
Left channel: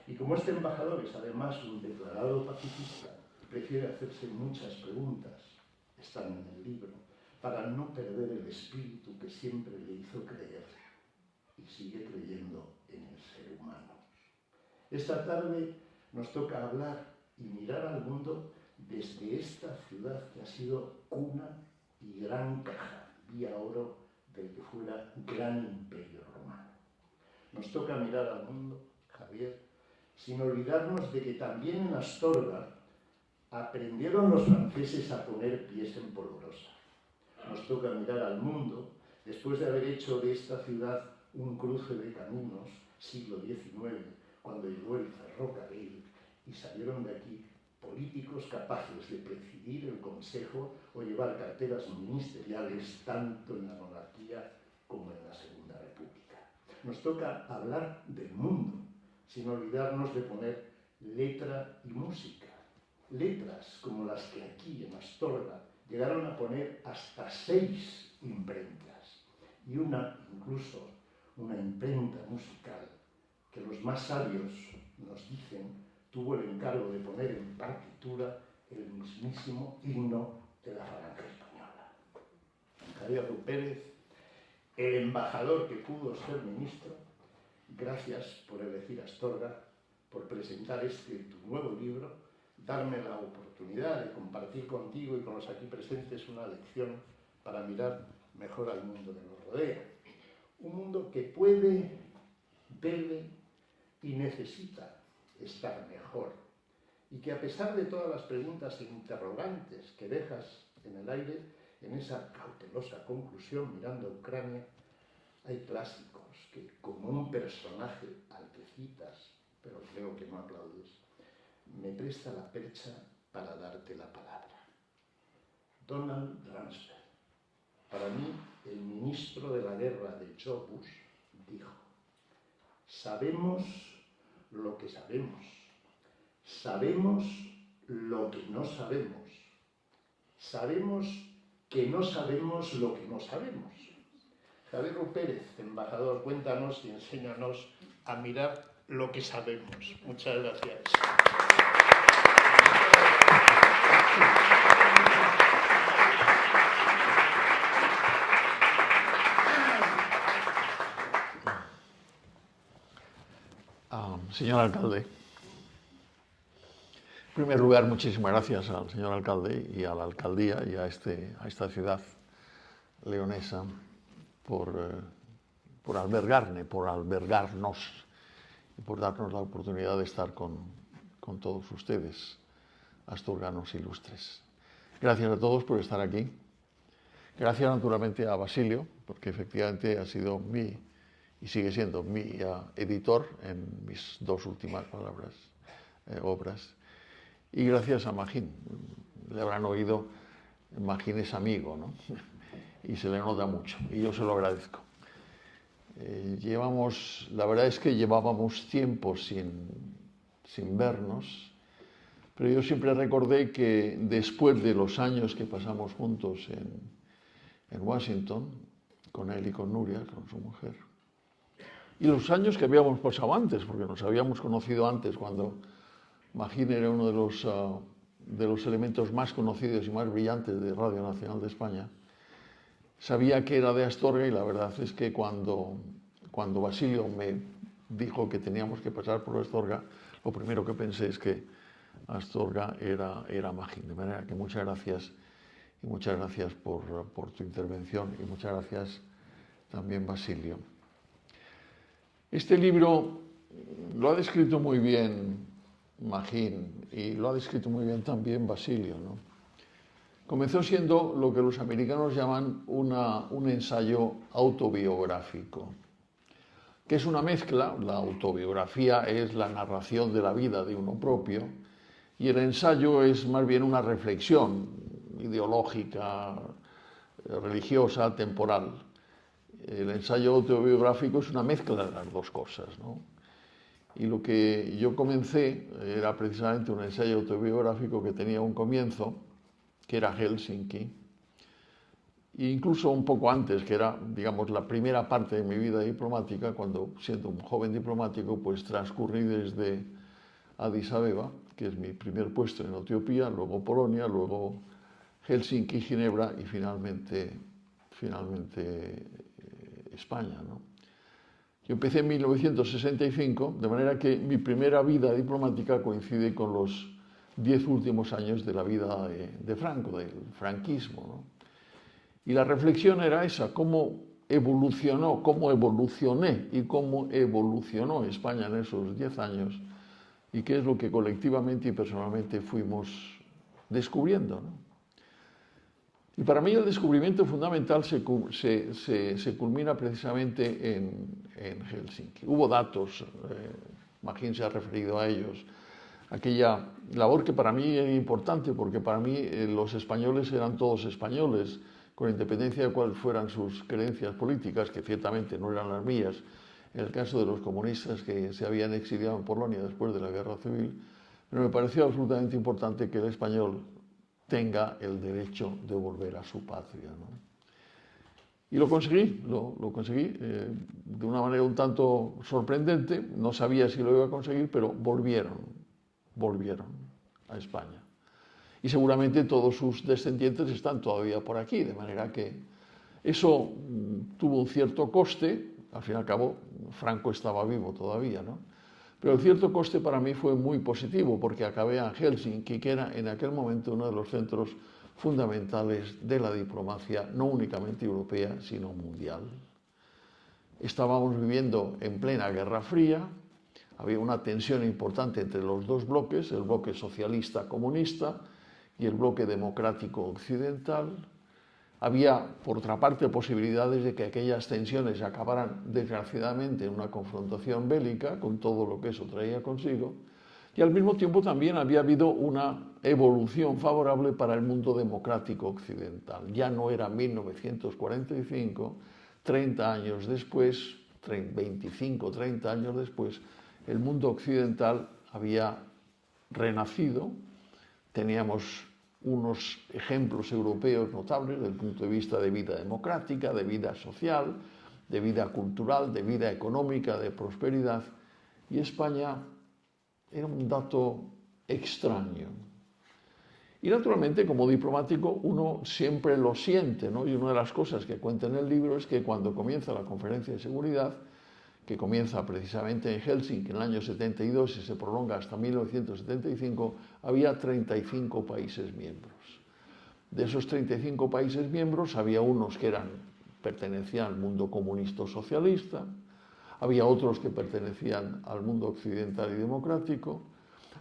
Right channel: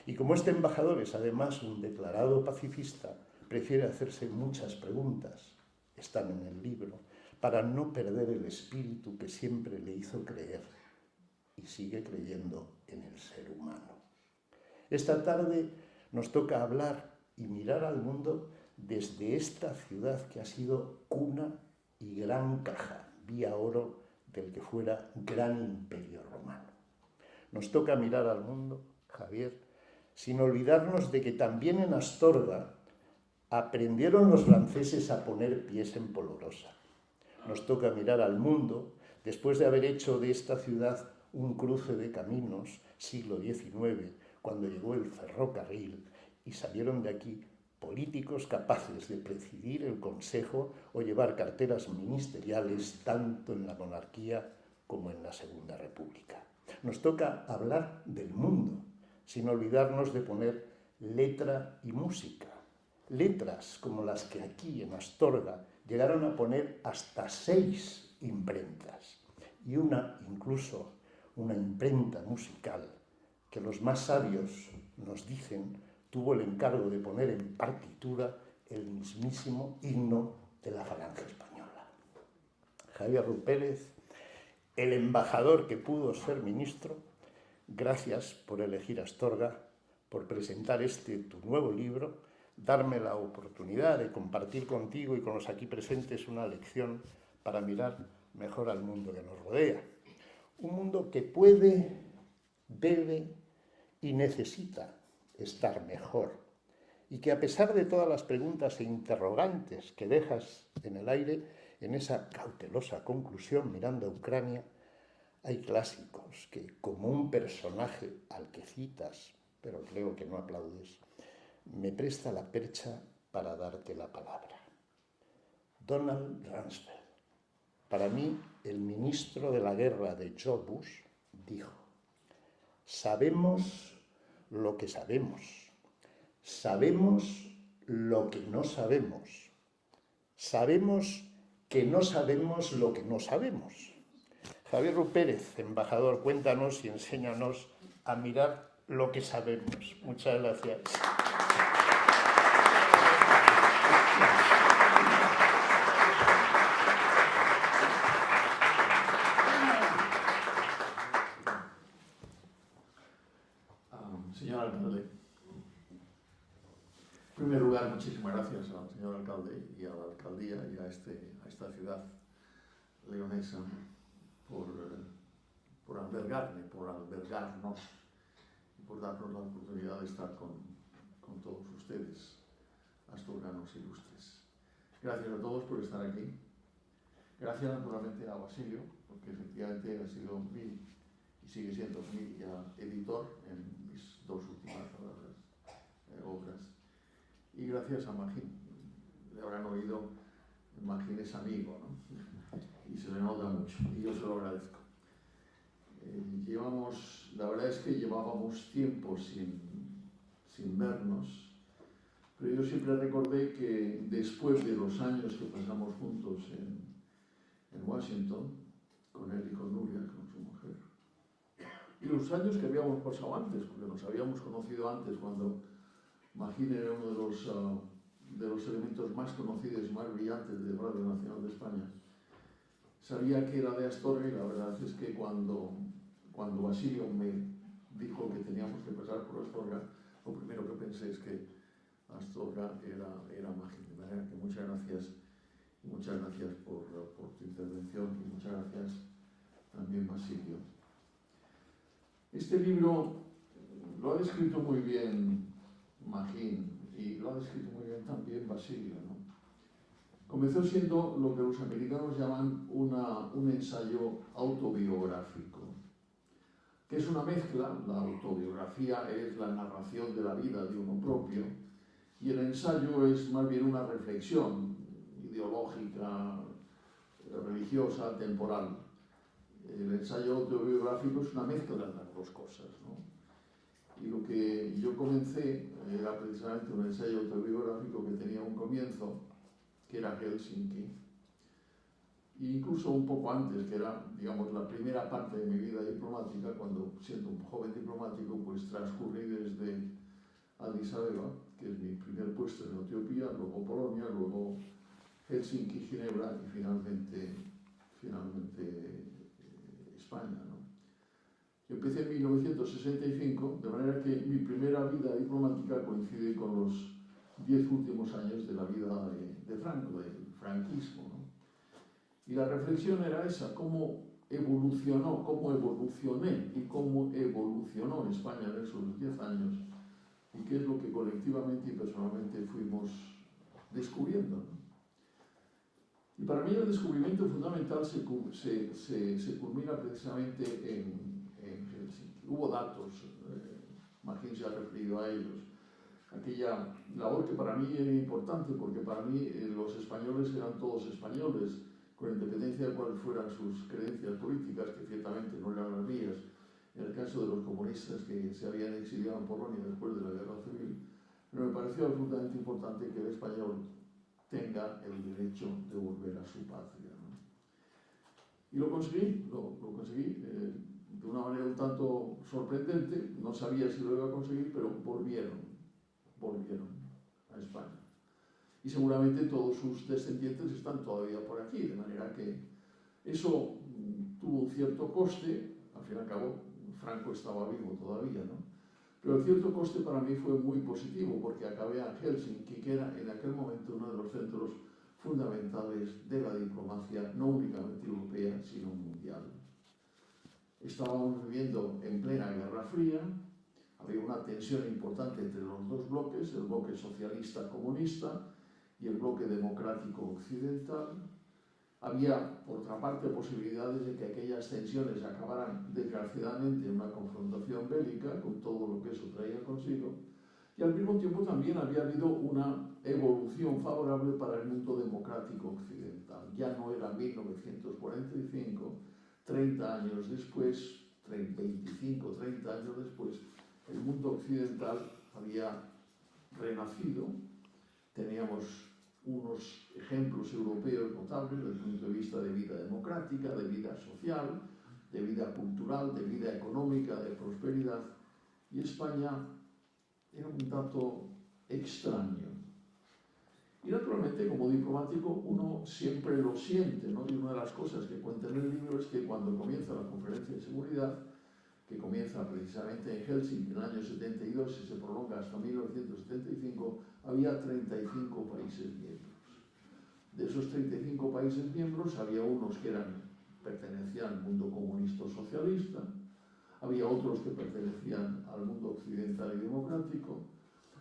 Y como este embajador es además un declarado pacifista, prefiere hacerse muchas preguntas, están en el libro, para no perder el espíritu que siempre le hizo creer y sigue creyendo en el ser humano. Esta tarde nos toca hablar y mirar al mundo desde esta ciudad que ha sido cuna y gran caja, vía oro del que fuera gran imperio romano. Nos toca mirar al mundo, Javier, sin olvidarnos de que también en Astorga aprendieron los franceses a poner pies en polvorosa. Nos toca mirar al mundo después de haber hecho de esta ciudad un cruce de caminos, siglo XIX, cuando llegó el ferrocarril y salieron de aquí políticos capaces de presidir el Consejo o llevar carteras ministeriales tanto en la monarquía como en la Segunda República. Nos toca hablar del mundo, sin olvidarnos de poner letra y música. Letras como las que aquí en Astorga llegaron a poner hasta 6 imprentas y incluso una imprenta musical que los más sabios nos dicen tuvo el encargo de poner en partitura el mismísimo himno de la Falange Española. Javier Rú Pérez, el embajador que pudo ser ministro, gracias por elegir Astorga, por presentar tu nuevo libro, darme la oportunidad de compartir contigo y con los aquí presentes una lección para mirar mejor al mundo que nos rodea. Un mundo que puede, debe y necesita estar mejor, y que a pesar de todas las preguntas e interrogantes que dejas en el aire, en esa cautelosa conclusión mirando a Ucrania, hay clásicos que, como un personaje al que citas, pero creo que no aplaudes, me presta la percha para darte la palabra. Donald Rumsfeld, para mí el ministro de la guerra de George Bush, dijo: sabemos lo que sabemos, sabemos lo que no sabemos, sabemos que no sabemos lo que no sabemos. Javier Rú Pérez, embajador, cuéntanos y enséñanos a mirar lo que sabemos. Muchas gracias. Señor alcalde, en primer lugar, muchísimas gracias al señor alcalde y a la alcaldía y a esta ciudad leonesa por albergarnos y por darnos la oportunidad de estar con todos ustedes, asturganos ilustres. Gracias a todos por estar aquí. Gracias naturalmente a Basilio, porque efectivamente ha sido y sigue siendo mi editor en mis 2 últimas obras. Y gracias a Magín. Le habrán oído, Magín es amigo, ¿no? Y se le nota mucho, y yo se lo agradezco. La verdad es que llevábamos tiempo sin vernos, pero yo siempre recordé que después de los años que pasamos juntos en Washington, con él y con Nuria, con su mujer, y los años que habíamos pasado antes, porque nos habíamos conocido antes cuando Magín era uno de los elementos más conocidos y más brillantes de Radio Nacional de España, sabía que era de Astorga, y la verdad es que cuando Basilio me dijo que teníamos que pasar por Astorga, lo primero que pensé es que Astorga era Magín. De manera que muchas gracias, y muchas gracias por tu intervención, y muchas gracias también, Basilio. Este libro lo ha descrito muy bien Magín y lo ha descrito muy bien también Basilio, ¿no? Comenzó siendo lo que los americanos llaman un ensayo autobiográfico, que es una mezcla. La autobiografía es la narración de la vida de uno propio, y el ensayo es más bien una reflexión ideológica, religiosa, temporal. El ensayo autobiográfico es una mezcla de las dos cosas, ¿no? Y lo que yo comencé era precisamente un ensayo autobiográfico que tenía un comienzo, que era Helsinki, e incluso un poco antes, que era, digamos, la primera parte de mi vida diplomática, cuando, siendo un joven diplomático, pues transcurrí desde Addis Abeba, que es mi primer puesto en Etiopía, luego Polonia, luego Helsinki, Ginebra y finalmente España, ¿no? Yo empecé en 1965, de manera que mi primera vida diplomática coincide con los 10 últimos años de la vida de Franco, del franquismo, ¿no? Y la reflexión era esa: cómo evolucioné y cómo evolucionó España en esos 10 años, y qué es lo que colectivamente y personalmente fuimos descubriendo, ¿no? Y para mí el descubrimiento fundamental se culmina precisamente en Helsinki. Hubo datos, Magín se ha referido a ellos, aquella labor que para mí era importante, porque para mí los españoles eran todos españoles, con independencia de cuáles fueran sus creencias políticas, que ciertamente no eran las mías, en el caso de los comunistas que se habían exiliado en Polonia después de la Guerra Civil, pero me pareció absolutamente importante que el español tenga el derecho de volver a su patria, ¿no? Y lo conseguí, lo conseguí de una manera un tanto sorprendente. No sabía si lo iba a conseguir, pero volvieron a España. Y seguramente todos sus descendientes están todavía por aquí, de manera que eso tuvo un cierto coste. Al fin y al cabo, Franco estaba vivo todavía, ¿no? Pero el cierto coste para mí fue muy positivo, porque acabé en Helsinki, que era en aquel momento uno de los centros fundamentales de la diplomacia, no únicamente europea, sino mundial. Estábamos viviendo en plena Guerra Fría, había una tensión importante entre los dos bloques, el bloque socialista-comunista y el bloque democrático occidental. Había, por otra parte, posibilidades de que aquellas tensiones acabaran desgraciadamente en una confrontación bélica, con todo lo que eso traía consigo, y al mismo tiempo también había habido una evolución favorable para el mundo democrático occidental. Ya no era 1945, 30 años después, 25, 30 años después, el mundo occidental había renacido. Teníamos unos ejemplos europeos notables desde el punto de vista de vida democrática, de vida social, de vida cultural, de vida económica, de prosperidad, y España era un dato extraño. Y naturalmente, como diplomático, uno siempre lo siente, ¿no? Y una de las cosas que cuenta en el libro es que cuando comienza la conferencia de seguridad, que comienza precisamente en Helsinki en el año 72 y se prolonga hasta 1975, había 35 países miembros. De esos 35 países miembros había unos que pertenecían al mundo comunista o socialista, había otros que pertenecían al mundo occidental y democrático,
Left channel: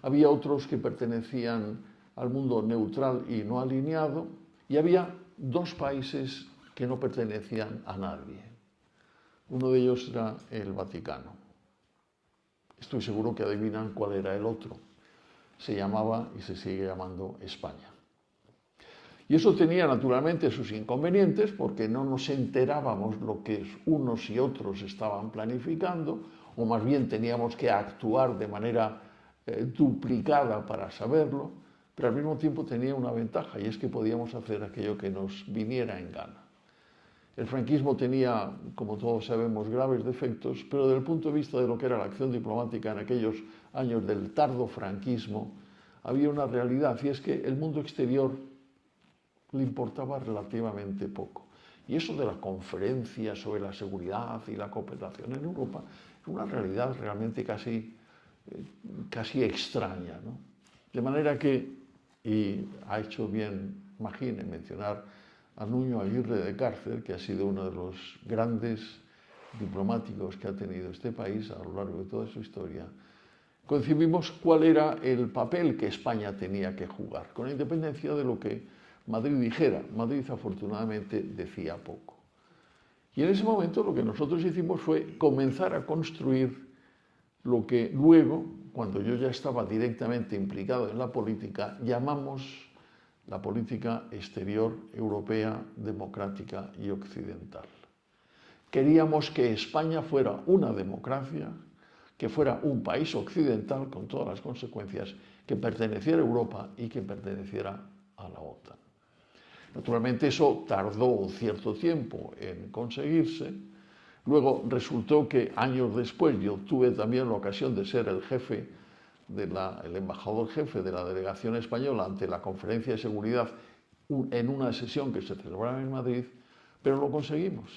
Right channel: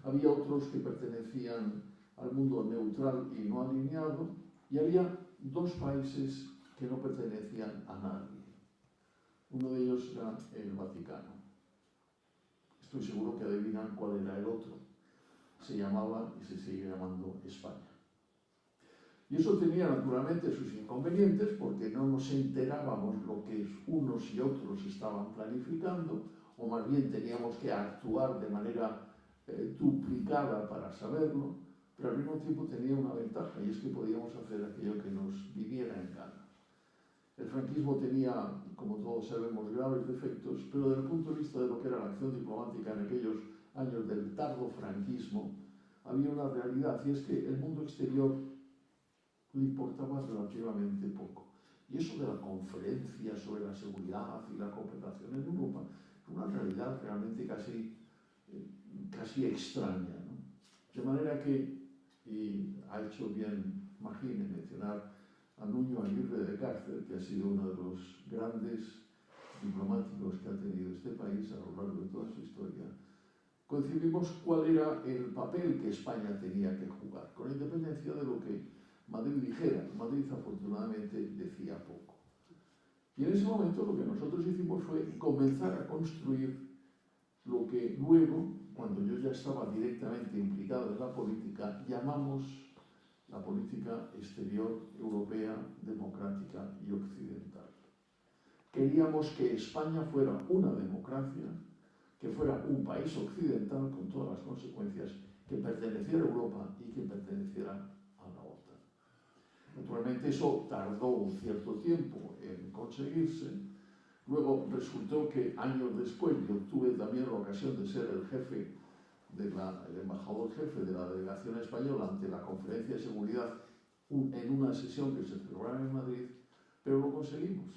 había otros que pertenecían al mundo neutral y no alineado, y había dos países que no pertenecían a nadie. Uno de ellos era el Vaticano. Estoy seguro que adivinan cuál era el otro. Se llamaba y se sigue llamando España. Y eso tenía naturalmente sus inconvenientes, porque no nos enterábamos lo que unos y otros estaban planificando, o más bien teníamos que actuar de manera duplicada para saberlo, pero al mismo tiempo tenía una ventaja, y es que podíamos hacer aquello que nos viniera en gana. El franquismo tenía, como todos sabemos, graves defectos, pero desde el punto de vista de lo que era la acción diplomática en aquellos años del tardo franquismo, había una realidad, y es que el mundo exterior le importaba relativamente poco. Y eso de la conferencia sobre la seguridad y la cooperación en Europa es una realidad realmente casi extraña, ¿no? De manera que, y ha hecho bien Magín en mencionar a Nuño Aguirre de Cárcer, que ha sido uno de los grandes diplomáticos que ha tenido este país a lo largo de toda su historia, concibimos cuál era el papel que España tenía que jugar, con independencia de lo que Madrid dijera. Madrid afortunadamente decía poco. Y en ese momento lo que nosotros hicimos fue comenzar a construir lo que luego, cuando yo ya estaba directamente implicado en la política, llamamos la política exterior europea, democrática y occidental. Queríamos que España fuera una democracia, que fuera un país occidental con todas las consecuencias, que perteneciera a Europa y que perteneciera a la OTAN. Naturalmente eso tardó un cierto tiempo en conseguirse. Luego resultó que años después yo tuve también la ocasión de ser el embajador jefe de la delegación española ante la Conferencia de Seguridad en una sesión que se celebraba en Madrid, pero lo conseguimos.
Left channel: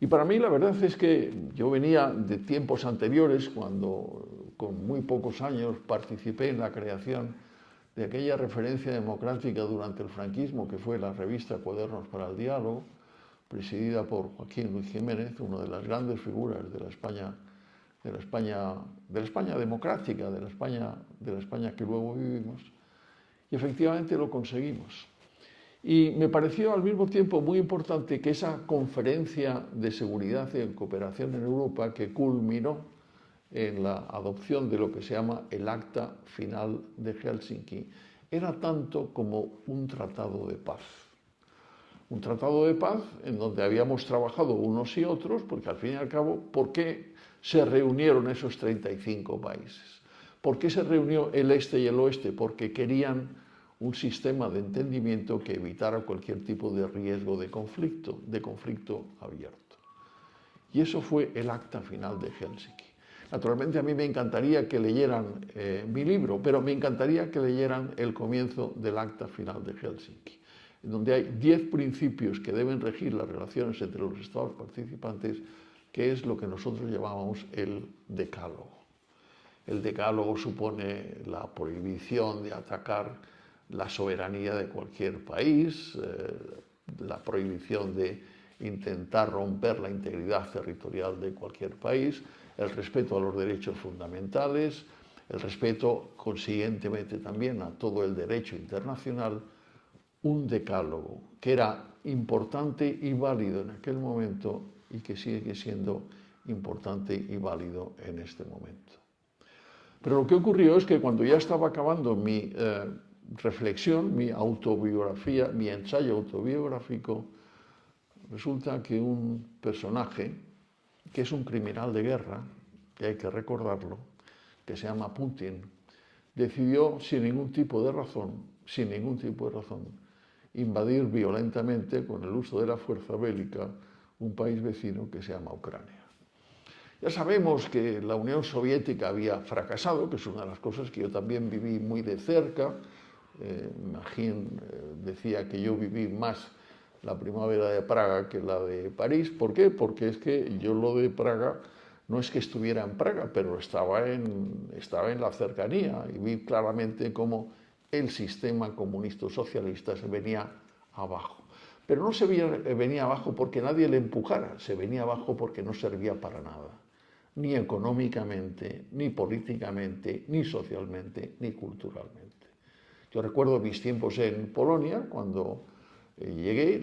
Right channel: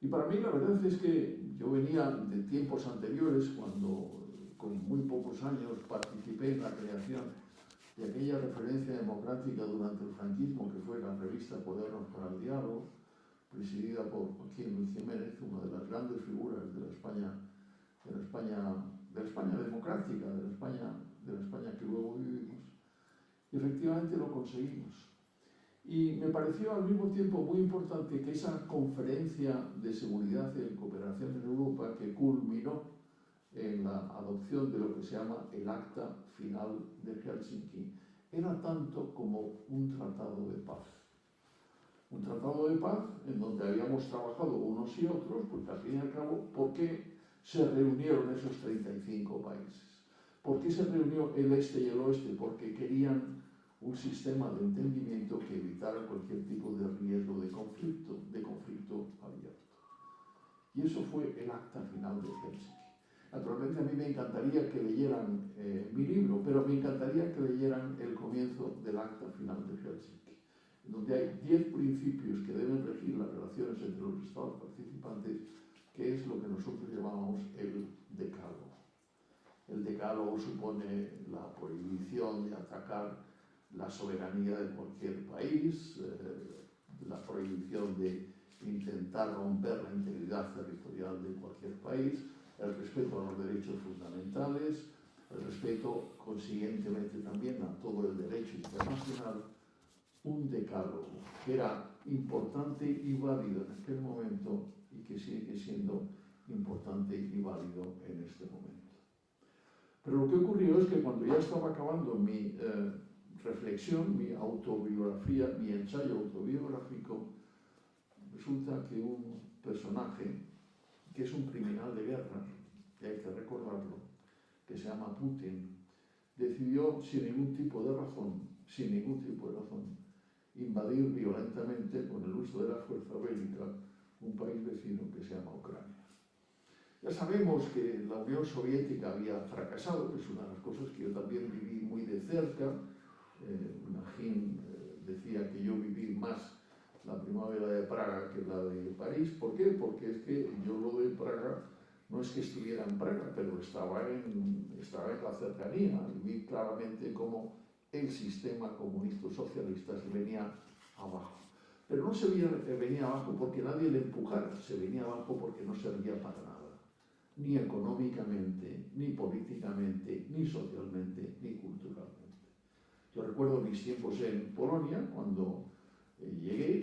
Y para mí la verdad es que yo venía de tiempos anteriores, cuando con muy pocos años participé en la creación de aquella referencia democrática durante el franquismo que fue la revista Cuadernos para el Diálogo, presidida por Joaquín Luis Jiménez, una de las grandes figuras de la España democrática, de la España que luego vivimos, y efectivamente lo conseguimos. Y me pareció al mismo tiempo muy importante que esa conferencia de seguridad y cooperación en Europa, que culminó en la adopción de lo que se llama el Acta Final de Helsinki, era tanto como un tratado de paz. Un tratado de paz en donde habíamos trabajado unos y otros, porque al fin y al cabo, ¿por qué se reunieron esos 35 países? ¿Por qué se reunió el este y el oeste? Porque querían un sistema de entendimiento que evitara cualquier tipo de riesgo de conflicto abierto. Y eso fue el acta final de Helsinki. Naturalmente a mí me encantaría que leyeran mi libro, pero me encantaría que leyeran el comienzo del acta final de Helsinki, en donde hay 10 principios que deben regir las relaciones entre los estados participantes, que es lo que nosotros llamamos el decálogo. El decálogo supone la prohibición de atacar la soberanía de cualquier país, la prohibición de intentar romper la integridad territorial de cualquier país, el respeto a los derechos fundamentales, el respeto consiguientemente también a todo el derecho internacional, un decálogo que era importante y válido en aquel momento y que sigue siendo importante y válido en este momento. Pero lo que ocurrió es que cuando ya estaba acabando mi reflexión, mi autobiografía, mi ensayo autobiográfico, resulta que un personaje, que es un criminal de guerra, que hay que recordarlo, que se llama Putin, decidió sin ningún tipo de razón, invadir violentamente, con el uso de la fuerza bélica, un país vecino que se llama Ucrania. Ya sabemos que la Unión Soviética había fracasado, que es una de las cosas que yo también viví muy de cerca. Magín decía que yo viví más la primavera de Praga que la de París. ¿Por qué? Porque es que yo lo de Praga no es que estuviera en Praga, pero estaba en la cercanía y vi claramente cómo el sistema comunista socialista se venía abajo. Pero no se venía abajo porque nadie le empujara, se venía abajo porque no servía para nada, ni económicamente, ni políticamente, ni socialmente, ni culturalmente. Yo recuerdo mis tiempos en Polonia, cuando llegué,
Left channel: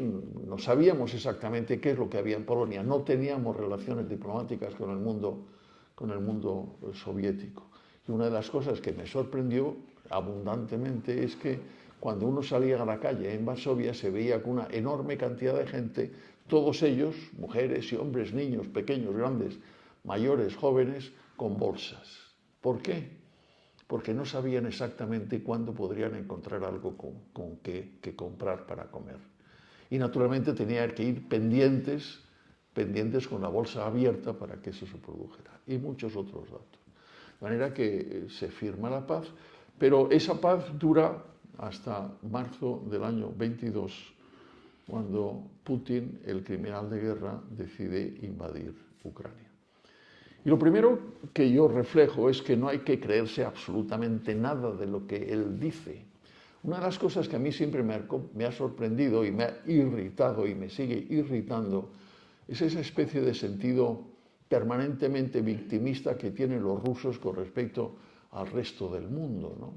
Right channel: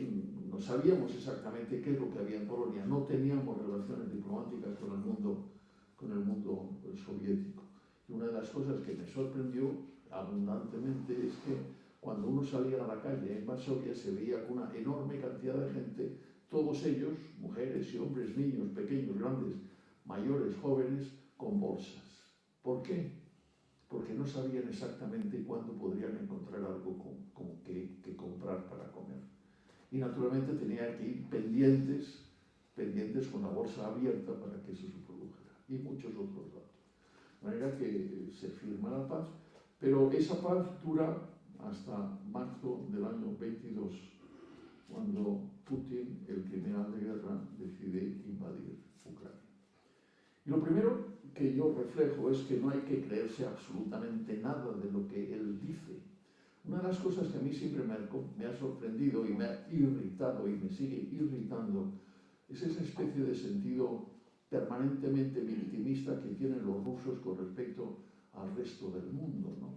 no sabíamos exactamente qué es lo que había en Polonia, no teníamos relaciones diplomáticas con el mundo soviético. Y una de las cosas que me sorprendió abundantemente es que cuando uno salía a la calle en Varsovia se veía con una enorme cantidad de gente, todos ellos, mujeres y hombres, niños, pequeños, grandes, mayores, jóvenes, con bolsas. ¿Por qué? Porque no sabían exactamente cuándo podrían encontrar algo con que comprar para comer. Y naturalmente tenían que ir pendientes con la bolsa abierta para que eso se produjera. Y muchos otros datos. De manera que se firma la paz, pero esa paz dura hasta marzo del año 22, cuando Putin, el criminal de guerra, decide invadir Ucrania. Y lo primero que yo reflejo es que no hay que creerse absolutamente nada de lo que él dice. Una de las cosas que a mí siempre me ha sorprendido y me ha irritado y me sigue irritando es esa especie de sentido permanentemente victimista que tienen los rusos con respecto al resto del mundo, ¿no?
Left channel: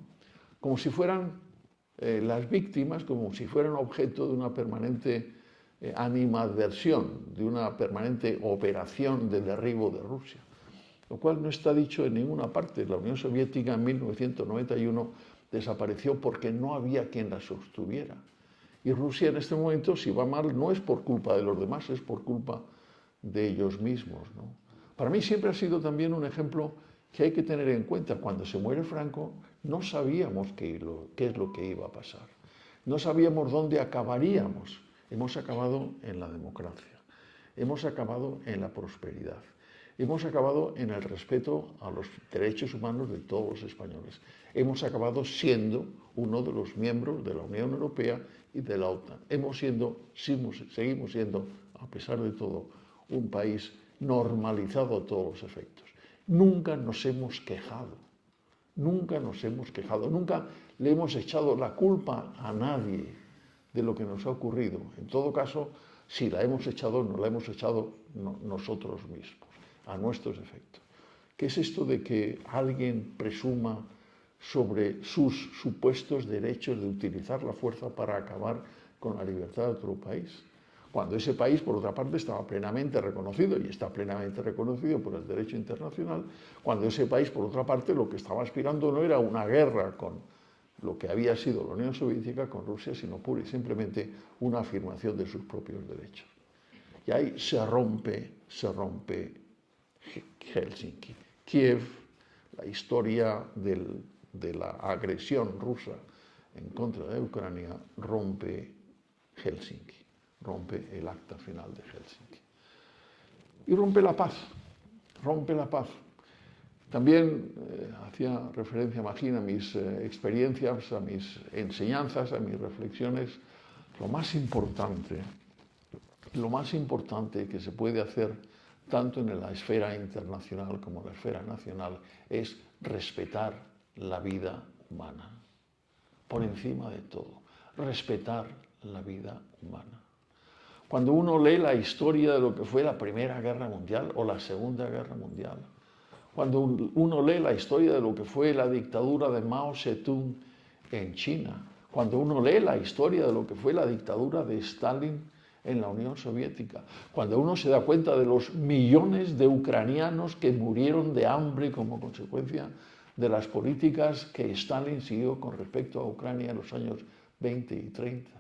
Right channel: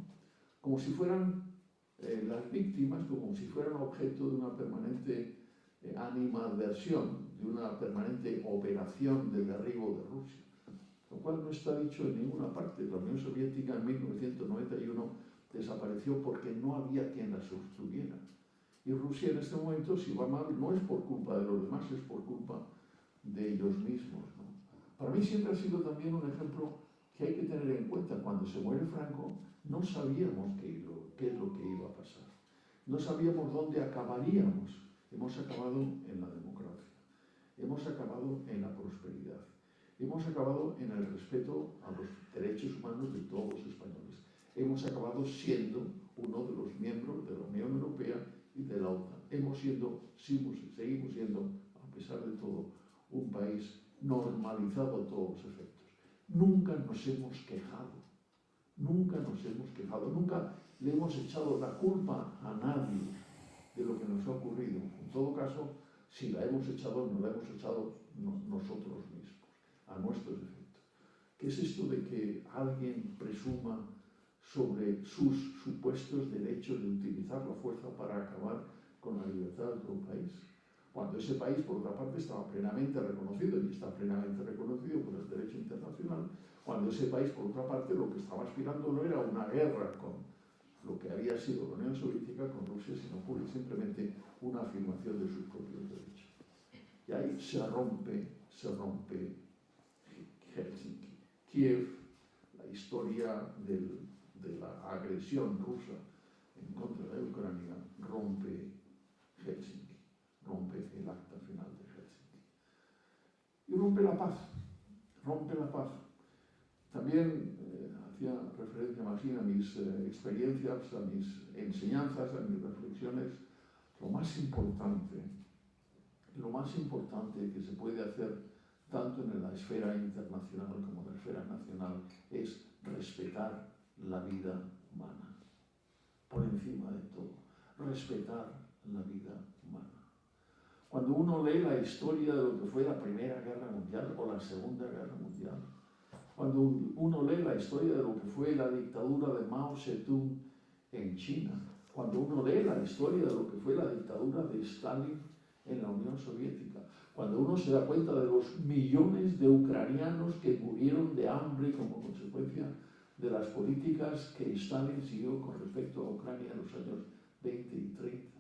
Como si fueran las víctimas, como si fueran objeto de una permanente animadversión, de una permanente operación de derribo de Rusia, lo cual no está dicho en ninguna parte. La Unión Soviética en 1991 desapareció porque no había quien la sostuviera. Y Rusia en este momento, si va mal, no es por culpa de los demás, es por culpa de ellos mismos, ¿no? Para mí siempre ha sido también un ejemplo que hay que tener en cuenta. Cuando se muere Franco, no sabíamos qué es lo que iba a pasar. No sabíamos dónde acabaríamos. Hemos acabado en la democracia. Hemos acabado en la prosperidad. Hemos acabado en el respeto a los derechos humanos de todos los españoles. Hemos acabado siendo uno de los miembros de la Unión Europea y de la OTAN. Seguimos siendo, a pesar de todo, un país normalizado a todos los efectos. Nunca nos hemos quejado, nunca le hemos echado la culpa a nadie de lo que nos ha ocurrido. En todo caso, si la hemos echado, nos la hemos echado nosotros mismos, a nuestros efectos. ¿Qué es esto de que alguien presuma sobre sus supuestos derechos de utilizar la fuerza para acabar con la libertad de otro país? Cuando ese país, por otra parte, estaba plenamente reconocido y está plenamente reconocido por el derecho internacional, cuando ese país, por otra parte, lo que estaba aspirando no era una guerra con lo que había sido la Unión Soviética con Rusia, sino pura y simplemente una afirmación de sus propios derechos. Y ahí se rompe Helsinki. Kiev, la historia de la agresión rusa en contra de Ucrania, rompe Helsinki, rompe el acta final de Helsinki. Y rompe la paz. También hacía referencia, imagina, a mis experiencias, a mis enseñanzas, a mis reflexiones. Lo más importante que se puede hacer tanto en la esfera internacional como en la esfera nacional es respetar la vida humana, por encima de todo, respetar la vida humana. Cuando uno lee la historia de lo que fue la Primera Guerra Mundial o la Segunda Guerra Mundial, cuando uno lee la historia de lo que fue la dictadura de Mao Zedong en China, cuando uno lee la historia de lo que fue la dictadura de Stalin en la Unión Soviética, cuando uno se da cuenta de los millones de ucranianos que murieron de hambre como consecuencia de las políticas que Stalin siguió con respecto a Ucrania en los años 20 y 30,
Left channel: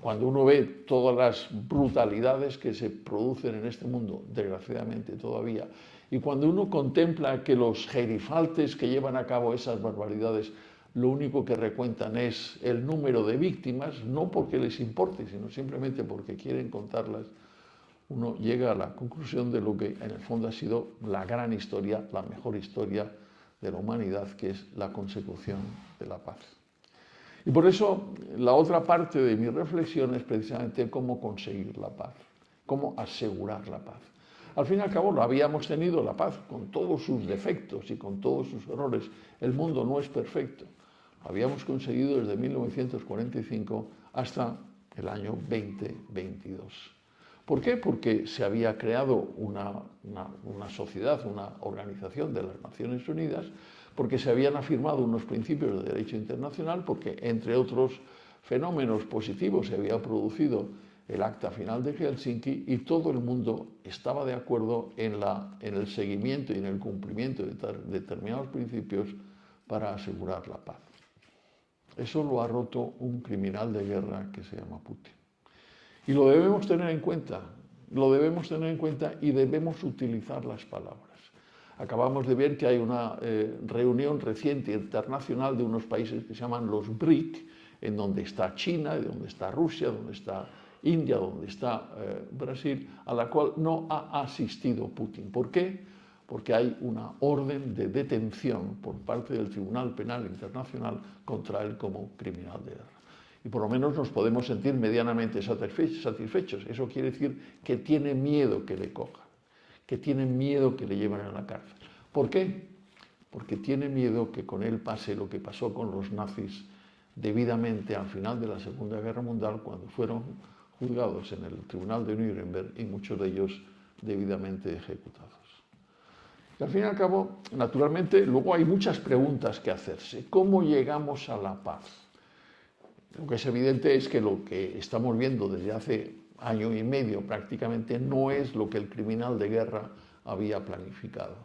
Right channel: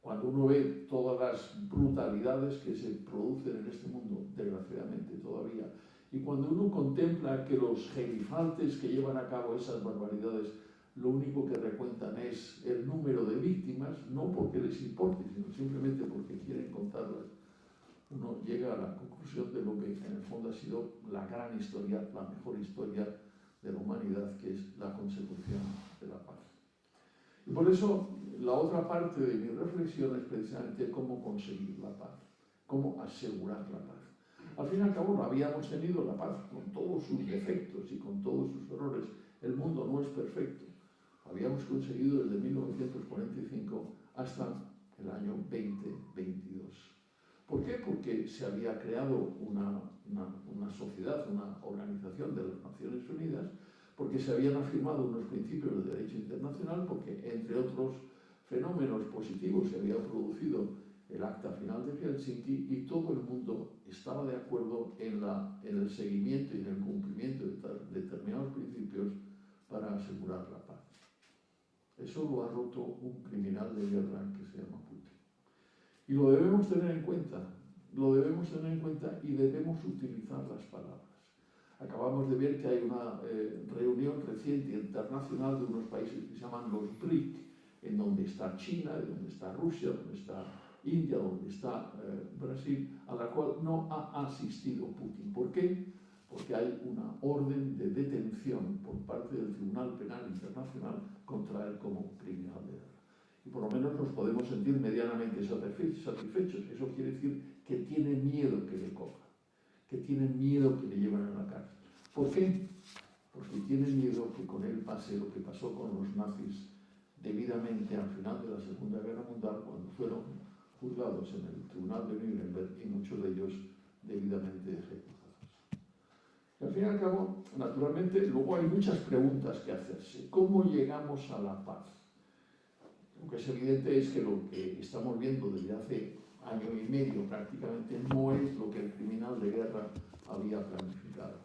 cuando uno ve todas las brutalidades que se producen en este mundo, desgraciadamente todavía, y cuando uno contempla que los gerifaltes que llevan a cabo esas barbaridades lo único que recuentan es el número de víctimas, no porque les importe, sino simplemente porque quieren contarlas, uno llega a la conclusión de lo que en el fondo ha sido la gran historia, la mejor historia de la humanidad, que es la consecución de la paz. Y por eso la otra parte de mi reflexión es precisamente cómo conseguir la paz, cómo asegurar la paz. Al fin y al cabo, lo habíamos tenido la paz con todos sus defectos y con todos sus errores. El mundo no es perfecto. Lo habíamos conseguido desde 1945 hasta el año 2022. ¿Por qué? Porque se había creado una sociedad, una organización de las Naciones Unidas, porque se habían afirmado unos principios de derecho internacional, porque entre otros fenómenos positivos se había producido el acta final de Helsinki y todo el mundo estaba de acuerdo en el seguimiento y en el cumplimiento de determinados principios para asegurar la paz. Eso lo ha roto un criminal de guerra que se llama Putin. Y lo debemos tener en cuenta y debemos utilizar las palabras. Acabamos de ver que hay una reunión reciente internacional de unos países que se llaman los BRIC, en donde está China, donde está Rusia, donde está India, donde está Brasil, a la cual no ha asistido Putin. ¿Por qué? Porque hay una orden de detención por parte del Tribunal Penal Internacional contra él como criminal de guerra. Y por lo menos nos podemos sentir medianamente satisfechos. Eso quiere decir que tiene miedo que le cojan, que tiene miedo que le lleven a la cárcel. ¿Por qué? Porque tiene miedo que con él pase lo que pasó con los nazis debidamente al final de la Segunda Guerra Mundial, cuando fueron juzgados en el Tribunal de Nuremberg y muchos de ellos debidamente ejecutados. Y al fin y al cabo, naturalmente, luego hay muchas preguntas que hacerse. ¿Cómo llegamos a la paz? Lo que es evidente es que lo que estamos viendo desde hace año y medio prácticamente no es lo que el criminal de guerra había planificado.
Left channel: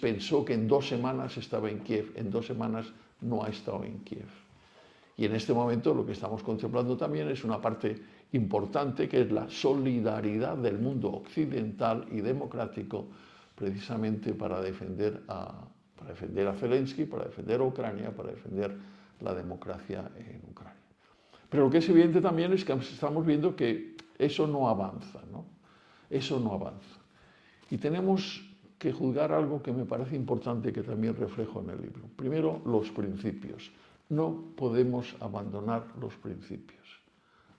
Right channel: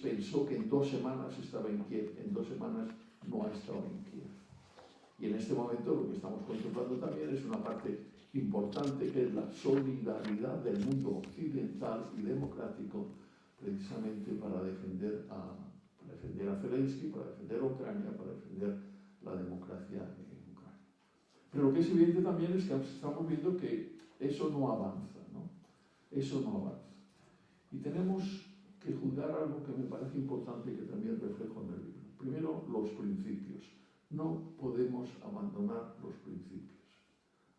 Pensó que en 2 semanas estaba en Kiev, en 2 semanas no ha estado en Kiev. Y en este momento lo que estamos contemplando también es una parte importante, que es la solidaridad del mundo occidental y democrático, precisamente para defender a Zelensky, para defender a Ucrania, para defender la democracia en Ucrania. Pero lo que es evidente también es que estamos viendo que eso no avanza, ¿no? Eso no avanza. Y tenemos que juzgar algo que me parece importante, que también reflejo en el libro. Primero, los principios. No podemos abandonar los principios.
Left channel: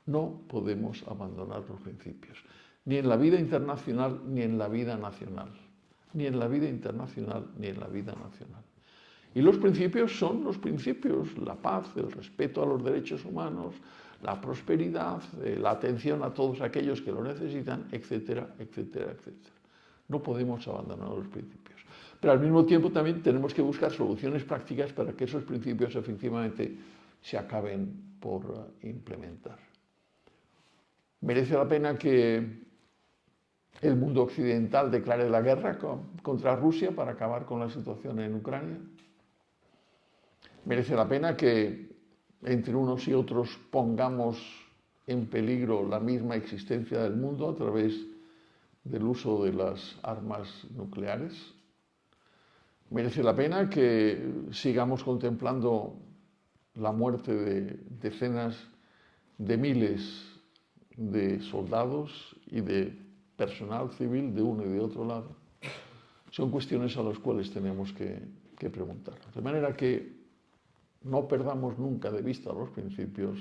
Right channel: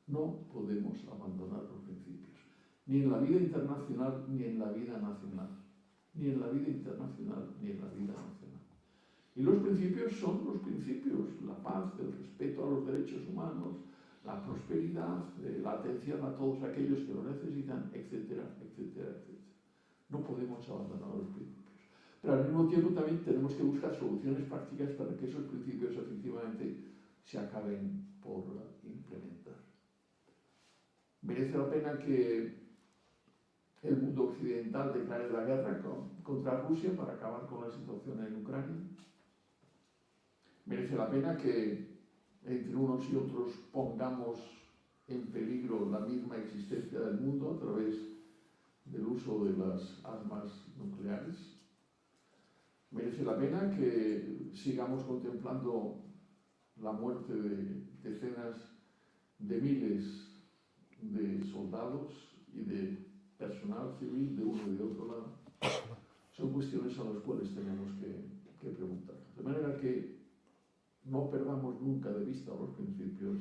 No podemos abandonar los principios. Ni en la vida internacional, ni en la vida nacional. Ni en la vida internacional, ni en la vida nacional. Y los principios son los principios: la paz, el respeto a los derechos humanos, la prosperidad, la atención a todos aquellos que lo necesitan, etcétera, etcétera, etcétera. No podemos abandonar los principios. Pero al mismo tiempo también tenemos que buscar soluciones prácticas para que esos principios efectivamente se acaben por implementar. ¿Merece la pena que el mundo occidental declare la guerra contra Rusia para acabar con la situación en Ucrania? Merece la pena que entre unos y otros pongamos en peligro la misma existencia del mundo a través del uso de las armas nucleares. Merece la pena que sigamos contemplando la muerte de decenas de miles de soldados y de personal civil de uno y de otro lado. Son cuestiones a las cuales tenemos que preguntar. De manera que no perdamos nunca de vista los principios,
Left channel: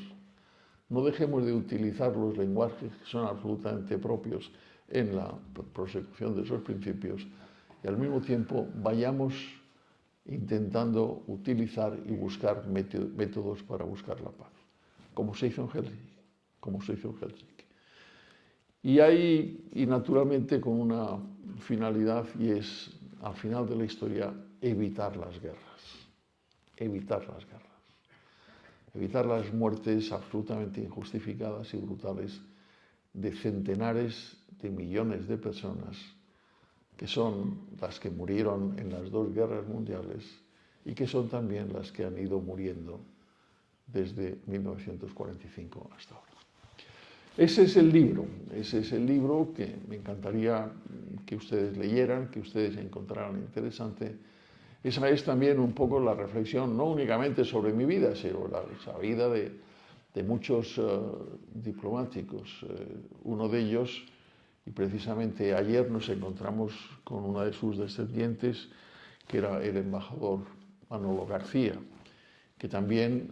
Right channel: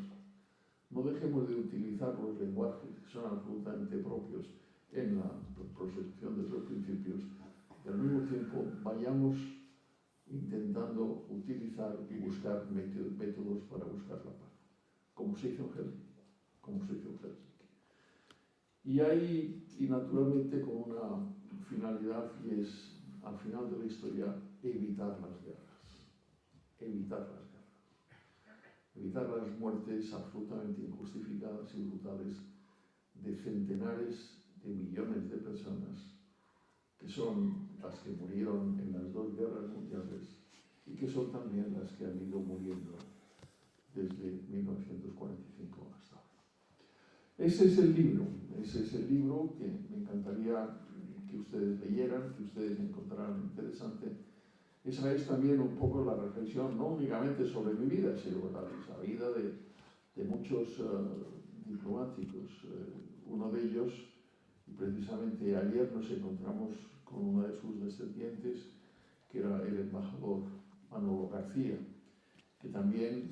no dejemos de utilizar los lenguajes que son absolutamente propios en la prosecución de esos principios y al mismo tiempo vayamos intentando utilizar y buscar métodos para buscar la paz, como se hizo en Helsinki. Y naturalmente con una finalidad, y es al final de la historia evitar las guerras, evitar las muertes absolutamente injustificadas y brutales de centenares de millones de personas que son las que murieron en las dos guerras mundiales y que son también las que han ido muriendo desde 1945 hasta ahora. Ese es el libro que me encantaría que ustedes leyeran, que ustedes encontraran interesante. Esa es también un poco la reflexión, no únicamente sobre mi vida, sino la vida de muchos diplomáticos. Uno de ellos, y precisamente ayer nos encontramos con una de sus descendientes, que era el embajador Manolo García, que también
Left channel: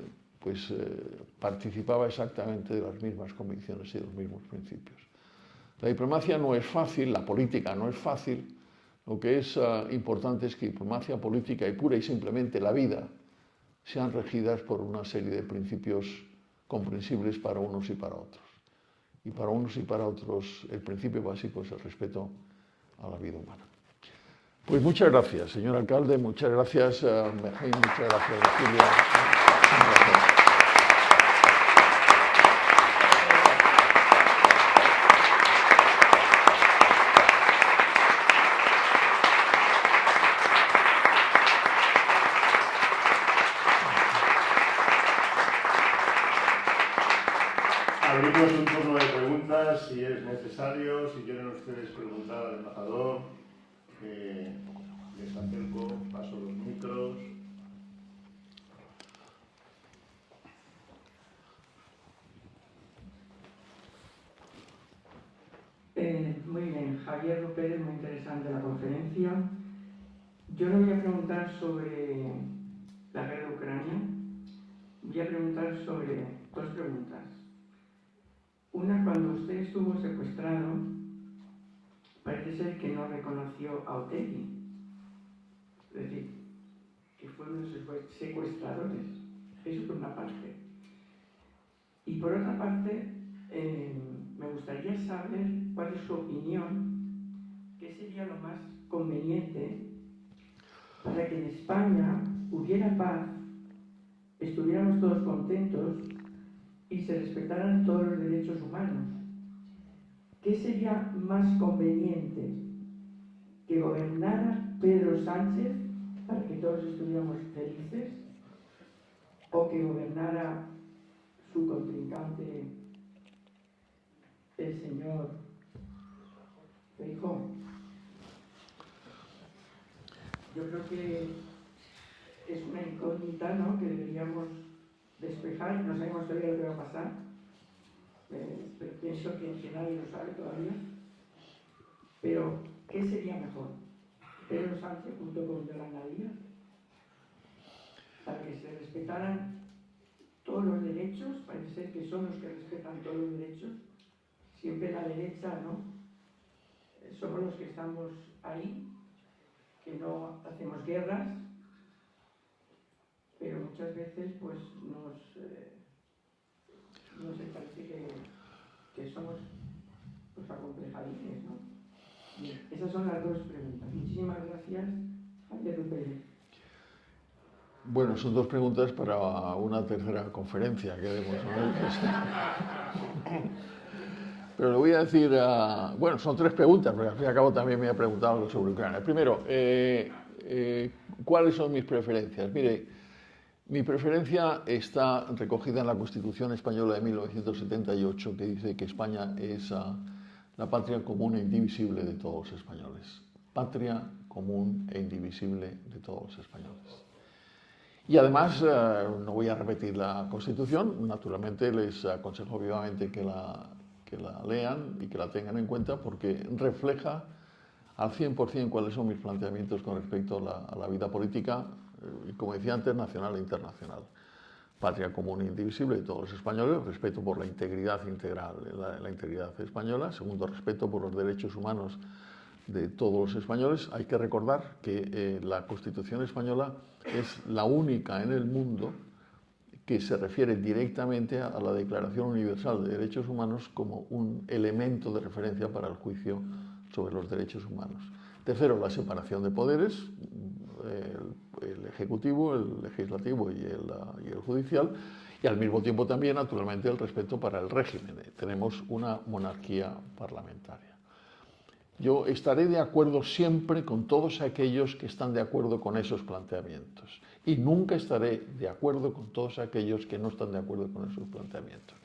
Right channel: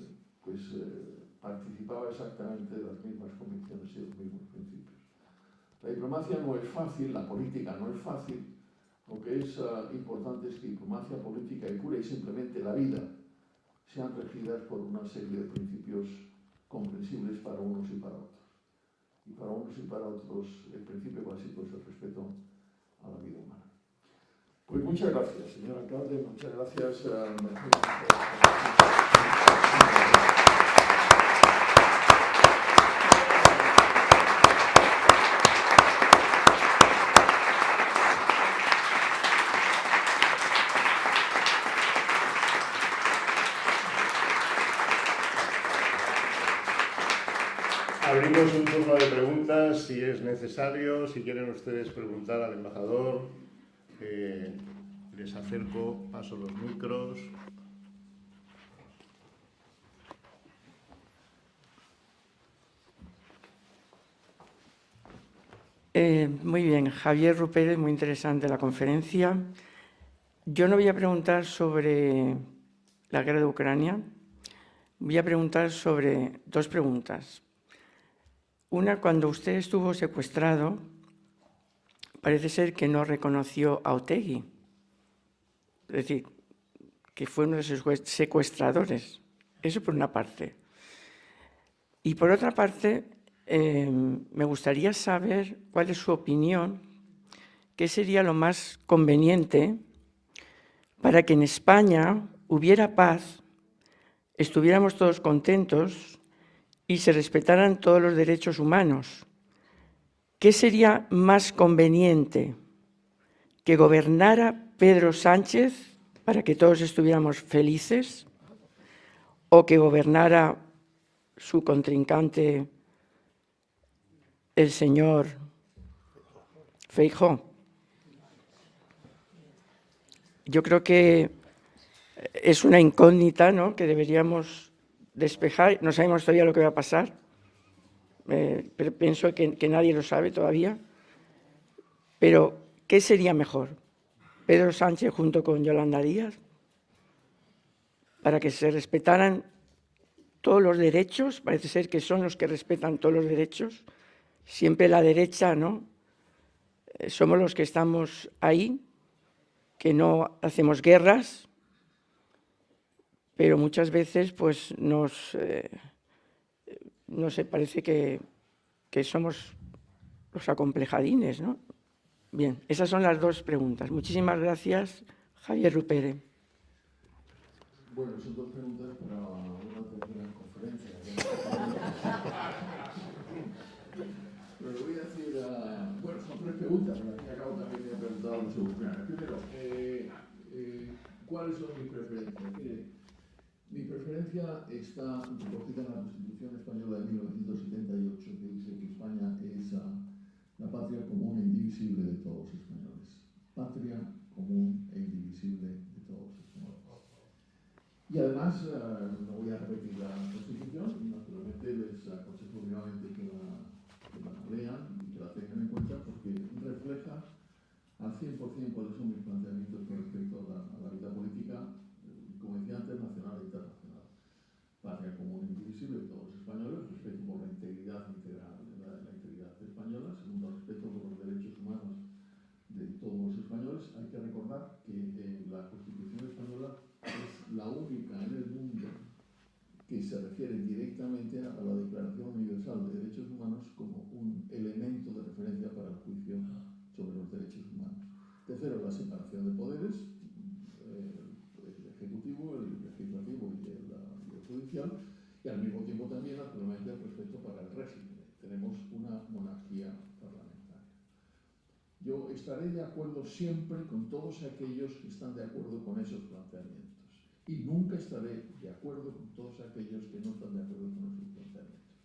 participaba exactamente de las mismas convicciones y de los mismos principios. La diplomacia no es fácil, la política no es fácil. Lo que es importante es que diplomacia política y pura y simplemente la vida sean regidas por una serie de principios comprensibles para unos y para otros. Y para unos y para otros el principio básico es el respeto a la vida humana. Pues muchas gracias, señor alcalde, muchas gracias, Mergín, muchas gracias, Silvia. Abrimos un turno de preguntas, si es necesario, si quieren ustedes preguntar al embajador. Les acerco, paso los micros. Muy bien, Javier Rupérez, muy interesante la conferencia. Yo no voy a preguntar sobre la guerra de Ucrania, voy a preguntar sobre dos preguntas. Una, cuando usted estuvo secuestrado, parece ser que no reconoció a Otegi, es decir, que fue uno de sus secuestradores. Eso por una parte. Y por otra parte, me gustaría saber cuál es su opinión, qué sería lo más conveniente para que en España hubiera paz, estuviéramos todos contentos y se respetaran todos los derechos humanos. ¿Qué sería más conveniente? ¿Que gobernara Pedro Sánchez para que todos estuviéramos felices? ¿O que gobernara su contrincante, el señor Feijóo? Yo creo que es una incógnita, ¿no?, que deberíamos despejar. No sabemos todavía lo que va a pasar, pero pienso que nadie lo sabe todavía. Pero, ¿qué sería mejor? ¿Pedro Sánchez junto con Yolanda Díaz? Para que se respetaran todos los derechos, parece ser que son los que respetan todos los derechos. Siempre la derecha, ¿no? Somos los que estamos ahí, que no hacemos guerras, pero muchas veces pues no sé, parece que somos los acomplejadines, ¿no? Bien, esas son las dos preguntas. Muchísimas gracias, Javier Rupérez. Bueno, son dos preguntas para una tercera conferencia. Pero le voy a decir, bueno, son tres preguntas, porque al fin y al cabo también me ha preguntado sobre Ucrania. Primero, ¿cuáles son mis preferencias? Mire, Mi preferencia está recogida en la Constitución Española de 1978, que dice que España es la patria común e indivisible de todos los españoles. Patria común e indivisible de todos los españoles. Y además, no voy a repetir la Constitución, naturalmente les aconsejo vivamente que la lean y que la tengan en cuenta porque refleja al 100% cuáles son mis planteamientos con respecto a la vida política y, como decía antes, nacional e internacional. Patria común e indivisible de todos los españoles, respeto por la integridad integral, la integridad española. Segundo, respeto por los derechos humanos de todos los españoles. Hay que recordar que la Constitución española es la única en el mundo que se refiere directamente a la Declaración Universal de Derechos Humanos como un elemento de referencia para el juicio sobre los derechos humanos. Tercero, la separación de poderes, el Ejecutivo, el Legislativo y el Judicial, y al mismo tiempo también, naturalmente, el respeto para el régimen. Tenemos una monarquía parlamentaria. Yo estaré de acuerdo siempre con todos aquellos que están de acuerdo con esos planteamientos y nunca estaré de acuerdo con todos aquellos que no están de acuerdo con esos planteamientos.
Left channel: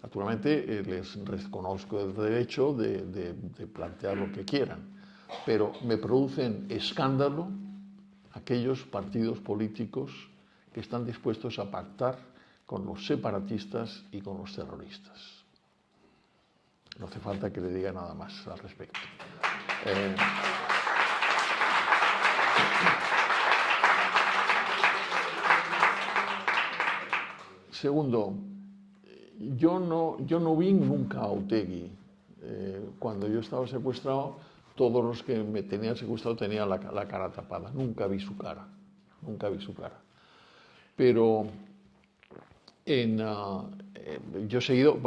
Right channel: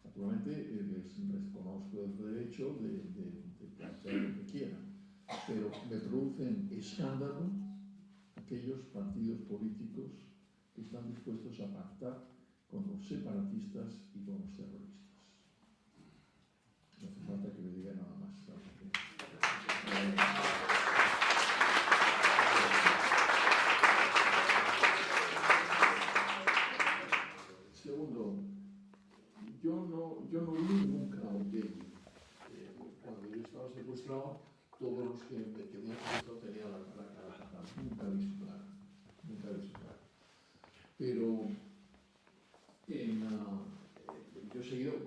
Naturalmente, les reconozco el derecho de plantear lo que quieran, pero me producen escándalo aquellos partidos políticos que están dispuestos a pactar con los separatistas y con los terroristas. No hace falta que le diga nada más al respecto. Segundo, yo no vi nunca a Otegi. Cuando yo estaba secuestrado, todos los que me tenían secuestrado tenían la cara tapada. Nunca vi su cara. Nunca vi su cara. Pero yo he seguido,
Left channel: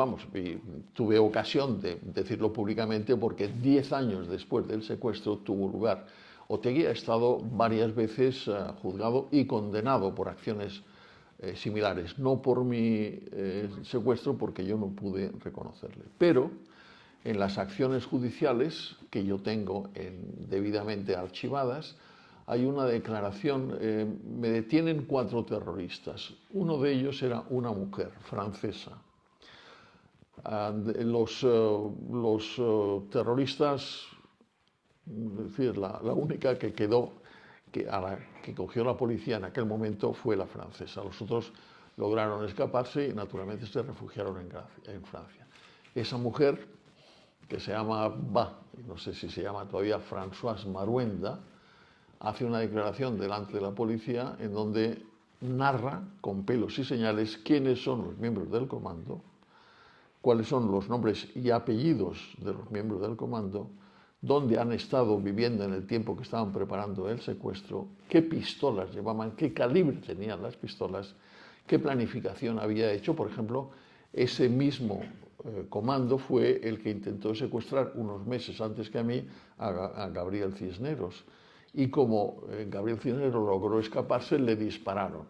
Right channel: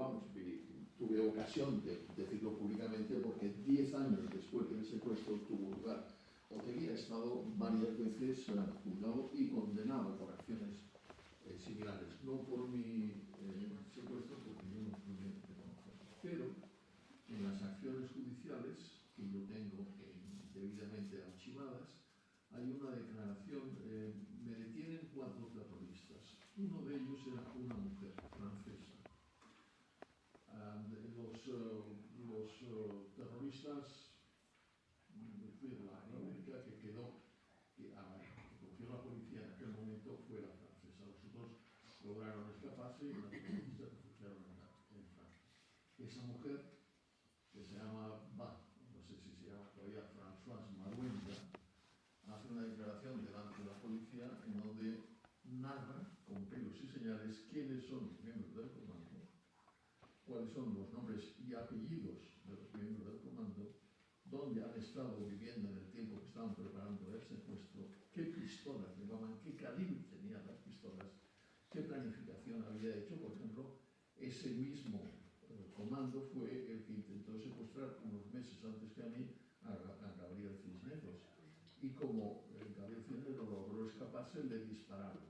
tuve ocasión de decirlo públicamente porque 10 años después del secuestro tuvo lugar. Otegi ha estado varias veces juzgado y condenado por acciones similares, no por mi secuestro porque yo no pude reconocerle, pero en las acciones judiciales que yo tengo debidamente archivadas, hay una declaración, me detienen 4 terroristas, uno de ellos era una mujer francesa. Los terroristas, es decir, la única que quedó, que cogió la policía en aquel momento fue la francesa. Los otros lograron escaparse y naturalmente se refugiaron en Francia. Esa mujer, que se llama, no sé si se llama todavía Françoise Maruenda, hace una declaración delante de la policía en donde narra con pelos y señales quiénes son los miembros del comando, cuáles son los nombres y apellidos de los miembros del comando, dónde han estado viviendo en el tiempo que estaban preparando el secuestro, qué pistolas llevaban, qué calibre tenían las pistolas, qué planificación había hecho. Por ejemplo, ese mismo comando fue el que intentó secuestrar unos meses antes que a mí a Gabriel Cisneros. Y como Gabriel Cisneros logró escaparse, le dispararon.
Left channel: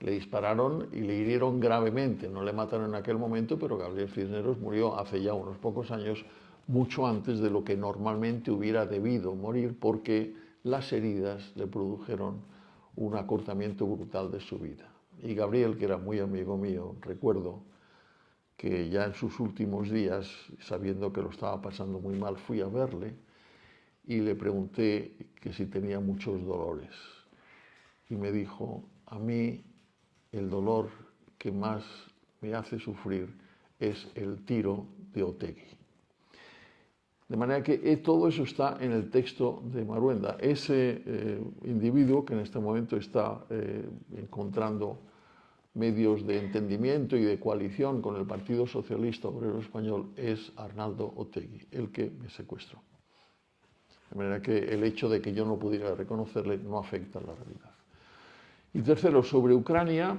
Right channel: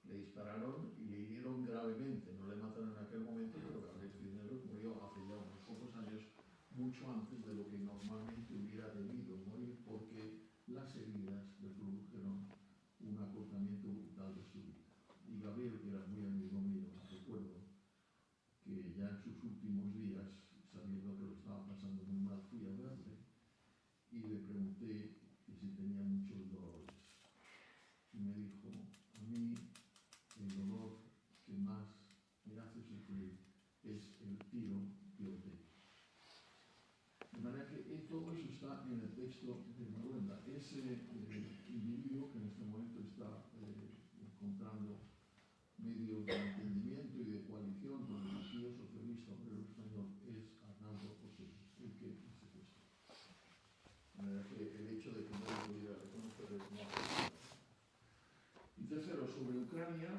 Le dispararon y le hirieron gravemente. No le mataron en aquel momento, pero Gabriel Cisneros murió hace ya unos pocos años, mucho antes de lo que normalmente hubiera debido morir, porque las heridas le produjeron un acortamiento brutal de su vida. Y Gabriel, que era muy amigo mío, recuerdo que ya en sus últimos días, sabiendo que lo estaba pasando muy mal, fui a verle y le pregunté que si tenía muchos dolores. Y me dijo, a mí el dolor que más me hace sufrir es el tiro de Otegi. De manera que todo eso está en el texto de Maruenda. Ese individuo que en este momento está encontrando medios de entendimiento y de coalición con el Partido Socialista Obrero Español es Arnaldo Otegi, el que me secuestró. De manera que el hecho de que yo no pudiera reconocerle no afecta a la realidad. Y tercero, sobre Ucrania,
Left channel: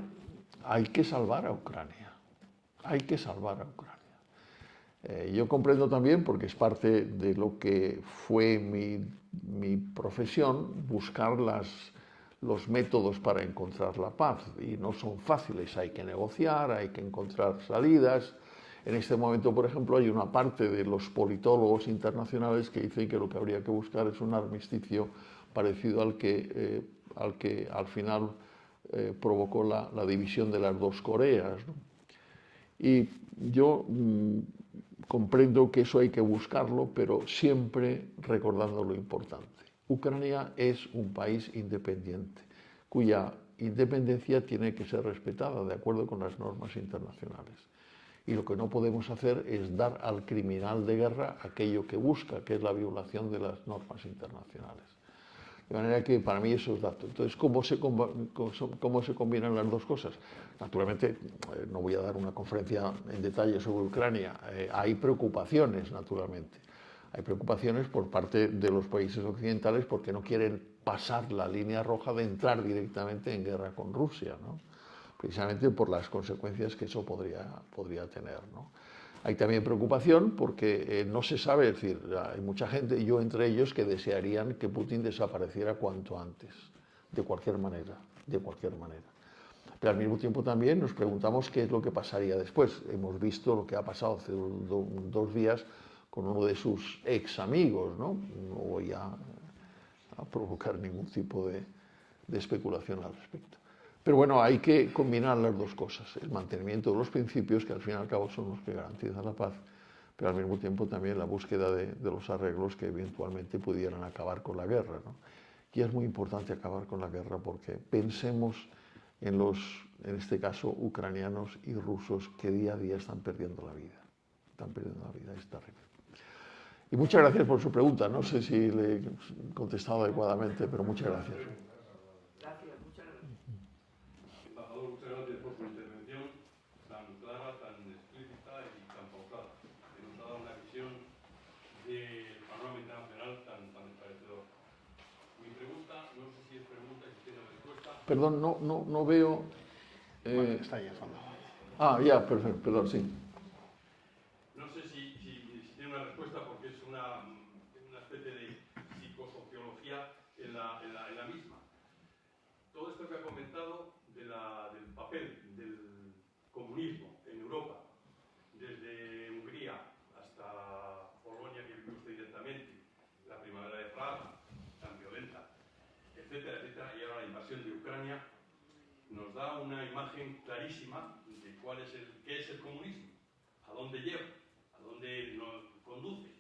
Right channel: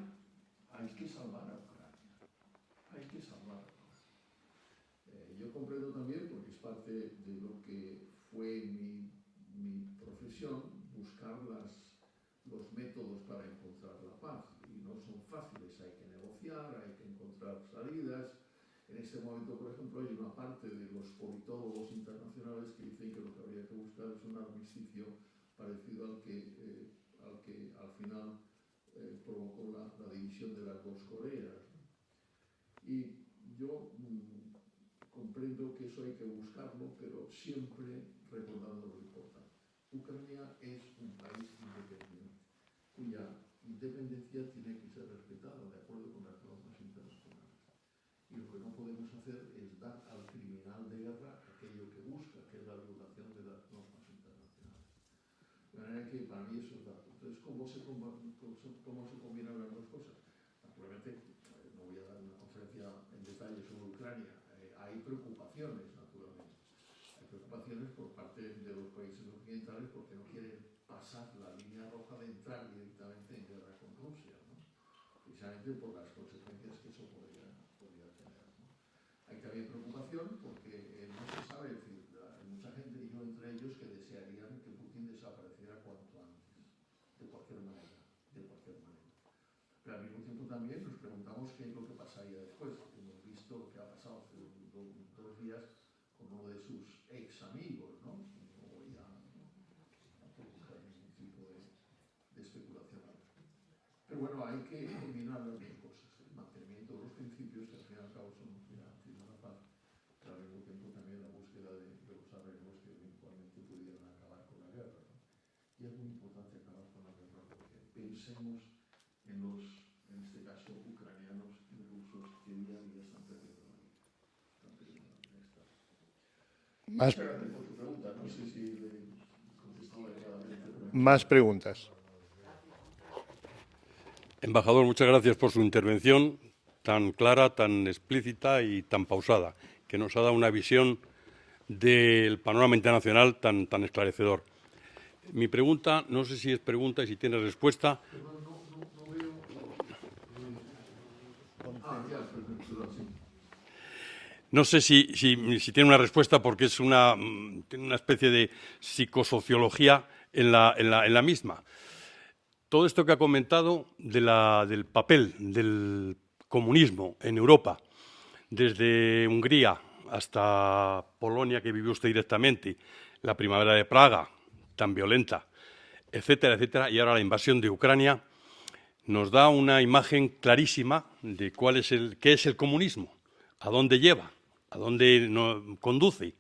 hay que salvar a Ucrania. Hay que salvar a Ucrania. Yo comprendo también, porque es parte de lo que fue mi profesión, buscar los métodos para encontrar la paz. Y no son fáciles, hay que negociar, hay que encontrar salidas. En este momento, por ejemplo, hay una parte de los politólogos internacionales que dicen que lo que habría que buscar es un armisticio parecido al que al final provocó la división de las dos Coreas, ¿no? Y yo comprendo que eso hay que buscarlo, pero siempre recordando lo importante. Ucrania es un país independiente, cuya independencia tiene que ser respetada de acuerdo con las normas internacionales. Y lo que no podemos hacer es dar al criminal de guerra aquello que busca, que es la violación de las normas internacionales. De manera que para mí eso es dato. Entonces, ¿cómo se combinan las dos cosas? Naturalmente, no voy a dar una conferencia en detalle sobre Ucrania. Hay preocupaciones, naturalmente. Hay preocupaciones por parte de los países occidentales porque no quieren pasar la línea roja de entrar directamente en guerra con Rusia, ¿no? Precisamente por las consecuencias que eso podría tener, ¿no? Hay también preocupación porque no se sabe, es decir, hay mucha gente, y yo entre ellos, que desearían que Putin desapareciera cuanto antes, de cualquier manera, de cualquier manera. Pero al mismo tiempo también nos preguntamos qué es lo que pasaría después. Hemos visto lo que ha pasado hace 2 días con uno de sus ex amigos, ¿no? No voy a provocar ningún tipo de especulación al respecto. Pero bueno, hay que combinar las dos cosas, el mantenimiento de los principios, que al fin y al cabo son los que garantizan la paz, pero al mismo tiempo también la búsqueda de los arreglos que eventualmente pudieran acabar con la guerra, ¿no? Y es muy importante acabar con la guerra porque pensemos en este caso, ucranianos y rusos que día a día están perdiendo la vida. Están perdiendo la vida, es terrible. Y muchas gracias por su pregunta. No sé si le he contestado adecuadamente, pero muchas Más gracias. preguntas. Embajador, muchas gracias por su intervención tan clara, tan explícita y tan pausada, que nos ha dado una visión del panorama internacional tan esclarecedor. Mi pregunta, no sé si es pregunta y si tiene respuesta. Perdón, no veo... Está ahí al fondo. ya, perdón, sí. No sé si tiene una respuesta porque es tiene una especie de psicosociología en la misma. Todo esto que ha comentado del papel del comunismo en Europa, desde Hungría hasta Polonia, que vivió usted directamente, la primavera de Praga, tan violenta, etcétera, etcétera, y ahora la invasión de Ucrania, nos da una imagen clarísima de qué es el comunismo, a dónde lleva, a dónde conduce.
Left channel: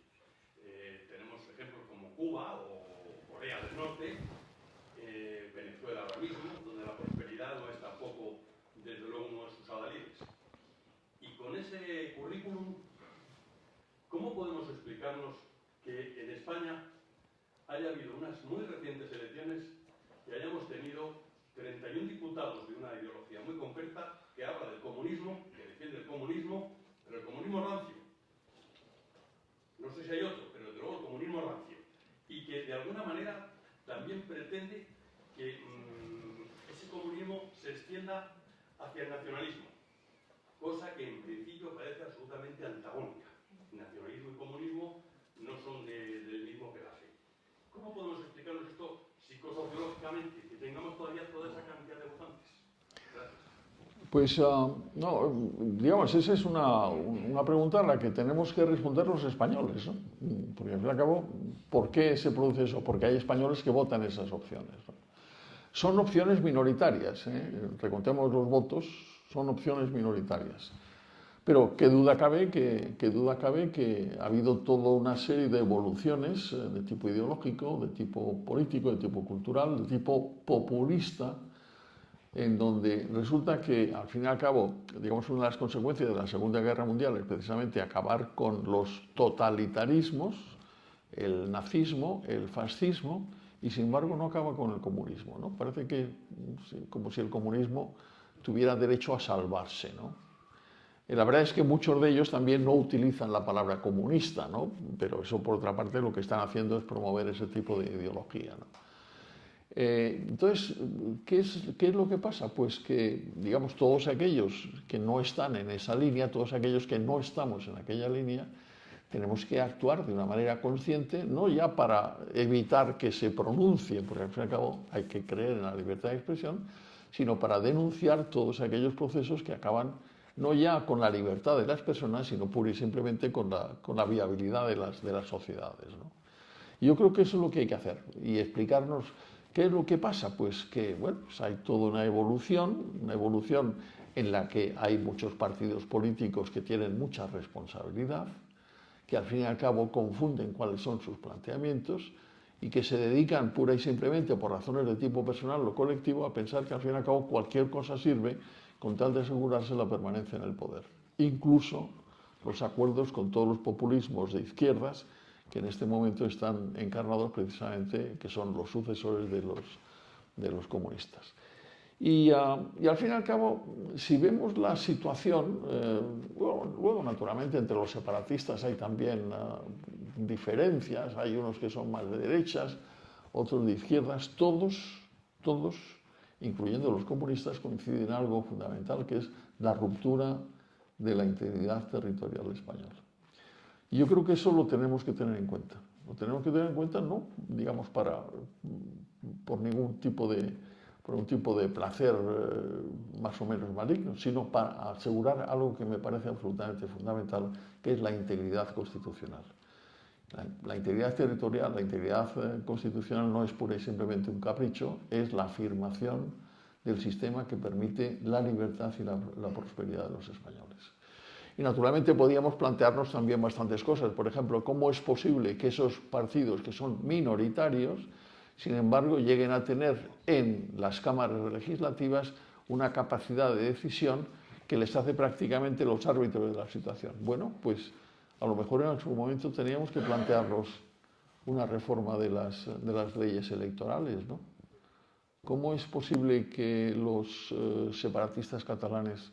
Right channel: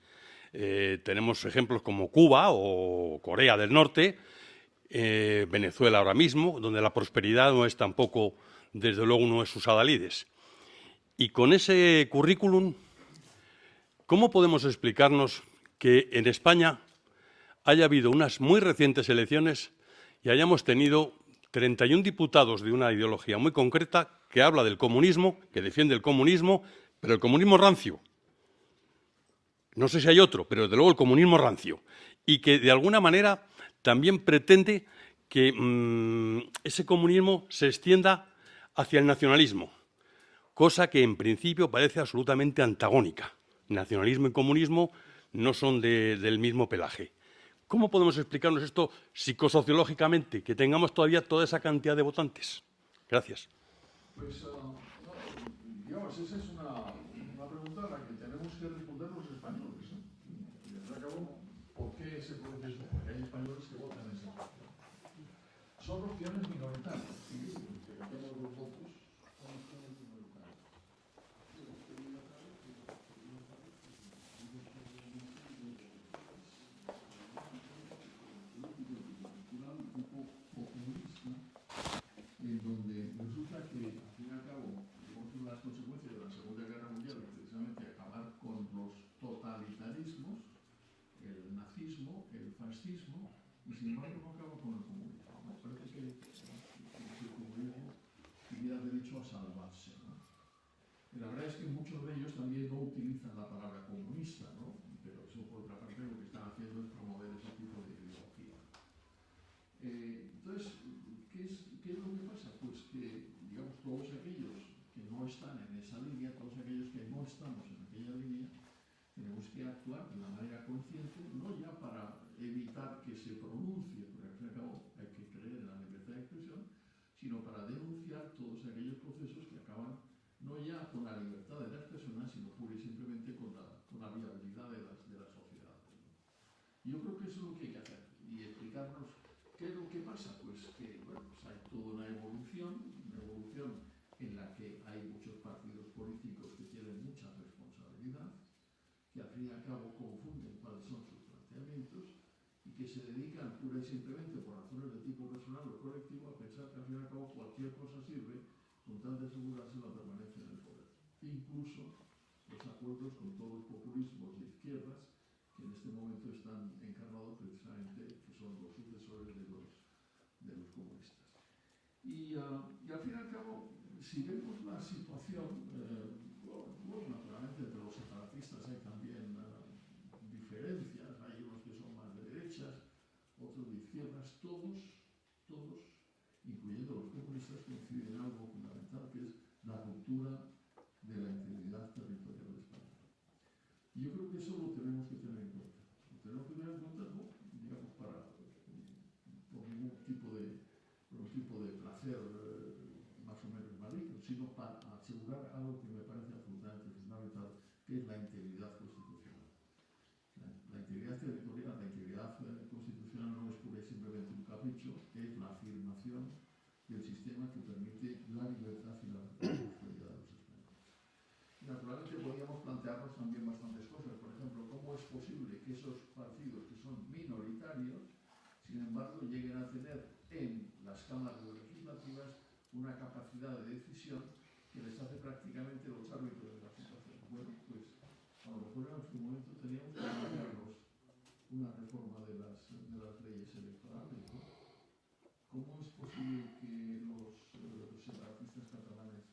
Tenemos ejemplos como Cuba o Corea del Norte, Venezuela ahora mismo, donde la prosperidad no es tampoco, desde luego, uno de sus adalides. Y con ese currículum, ¿cómo podemos explicarnos que en España haya habido unas muy recientes elecciones y hayamos tenido 31 diputados de una ideología muy concreta que habla del comunismo, que defiende el comunismo, pero el comunismo rancio? No sé si hay otro, pero desde luego el comunismo rancio. Y que de alguna manera también pretende que ese comunismo se extienda hacia el nacionalismo, cosa que en principio parece absolutamente antagónica. Nacionalismo y comunismo no son del mismo pelaje. ¿Cómo podemos explicarnos esto psicosociológicamente, que tengamos todavía toda esa cantidad de votantes? Gracias. Pues, digamos, esa es una pregunta a la que tenemos que responder los españoles, ¿no? Porque al fin y al cabo, ¿por qué se produce eso? Porque hay españoles que votan esas opciones, ¿no? Son opciones minoritarias, ¿eh? Recontemos los votos, son opciones minoritarias. Pero qué duda cabe que ha habido toda una serie de evoluciones de tipo ideológico, de tipo político, de tipo cultural, de tipo populista, en donde resulta que, al fin y al cabo, digamos, una de las consecuencias de la Segunda Guerra Mundial es precisamente acabar con los totalitarismos, el nazismo, el fascismo, y sin embargo no acaba con el comunismo, ¿no? Parece que como si el comunismo tuviera derecho a salvarse, ¿no? Y la verdad es que muchos de ellos también no utilizan la palabra comunista, ¿no? Pero eso, por otra parte, lo que están haciendo es promover ese tipo de ideología, ¿no? Entonces, ¿qué es lo que pasa? Pues que, digamos, todos aquellos que no están en esa línea, todos aquellos que no estamos en aquella línea, tenemos que actuar de una manera consciente, no ya para evitar que se pronuncie, porque al fin y al cabo hay que creer en la libertad de expresión, sino para denunciar todos aquellos procesos que acaban no ya con la libertad de las personas, sino pura y simplemente con la viabilidad de las sociedades, ¿no? Y yo creo que eso es lo que hay que hacer y explicarnos ¿Qué es lo que pasa? Pues que bueno, pues hay toda una evolución en la que hay muchos partidos políticos que tienen mucha responsabilidad, que al fin y al cabo confunden cuáles son sus planteamientos y que se dedican pura y simplemente por razones de tipo personal o colectivo a pensar que al fin y al cabo cualquier cosa sirve con tal de asegurarse la permanencia en el poder. Incluso los acuerdos con todos los populismos de izquierdas que en este momento están encarnados precisamente, que son los sucesores de los comunistas. Y al fin y al cabo, si vemos la situación, luego naturalmente entre los separatistas hay también diferencias, hay unos que son más de derechas, otros de izquierdas, todos, incluyendo los comunistas, coinciden en algo fundamental, que es la ruptura de la integridad territorial española. Y yo creo que eso lo tenemos que tener en cuenta. Lo tenemos que tener en cuenta no, digamos, por ningún tipo de placer más o menos maligno, sino para asegurar algo que me parece absolutamente fundamental, que es la integridad constitucional. La integridad territorial, la integridad constitucional no es pura y simplemente un capricho, es la afirmación del sistema que permite la libertad y la prosperidad de los españoles. Y naturalmente podíamos plantearnos también bastantes cosas. Por ejemplo, ¿cómo es posible que esos partidos que son minoritarios, sin embargo, lleguen a tener en las cámaras legislativas una capacidad de decisión que les hace prácticamente los árbitros de la situación? Bueno, pues a lo mejor en algún momento teníamos que plantearnos una reforma de las leyes electorales, ¿no? ¿Cómo es posible que los separatistas catalanes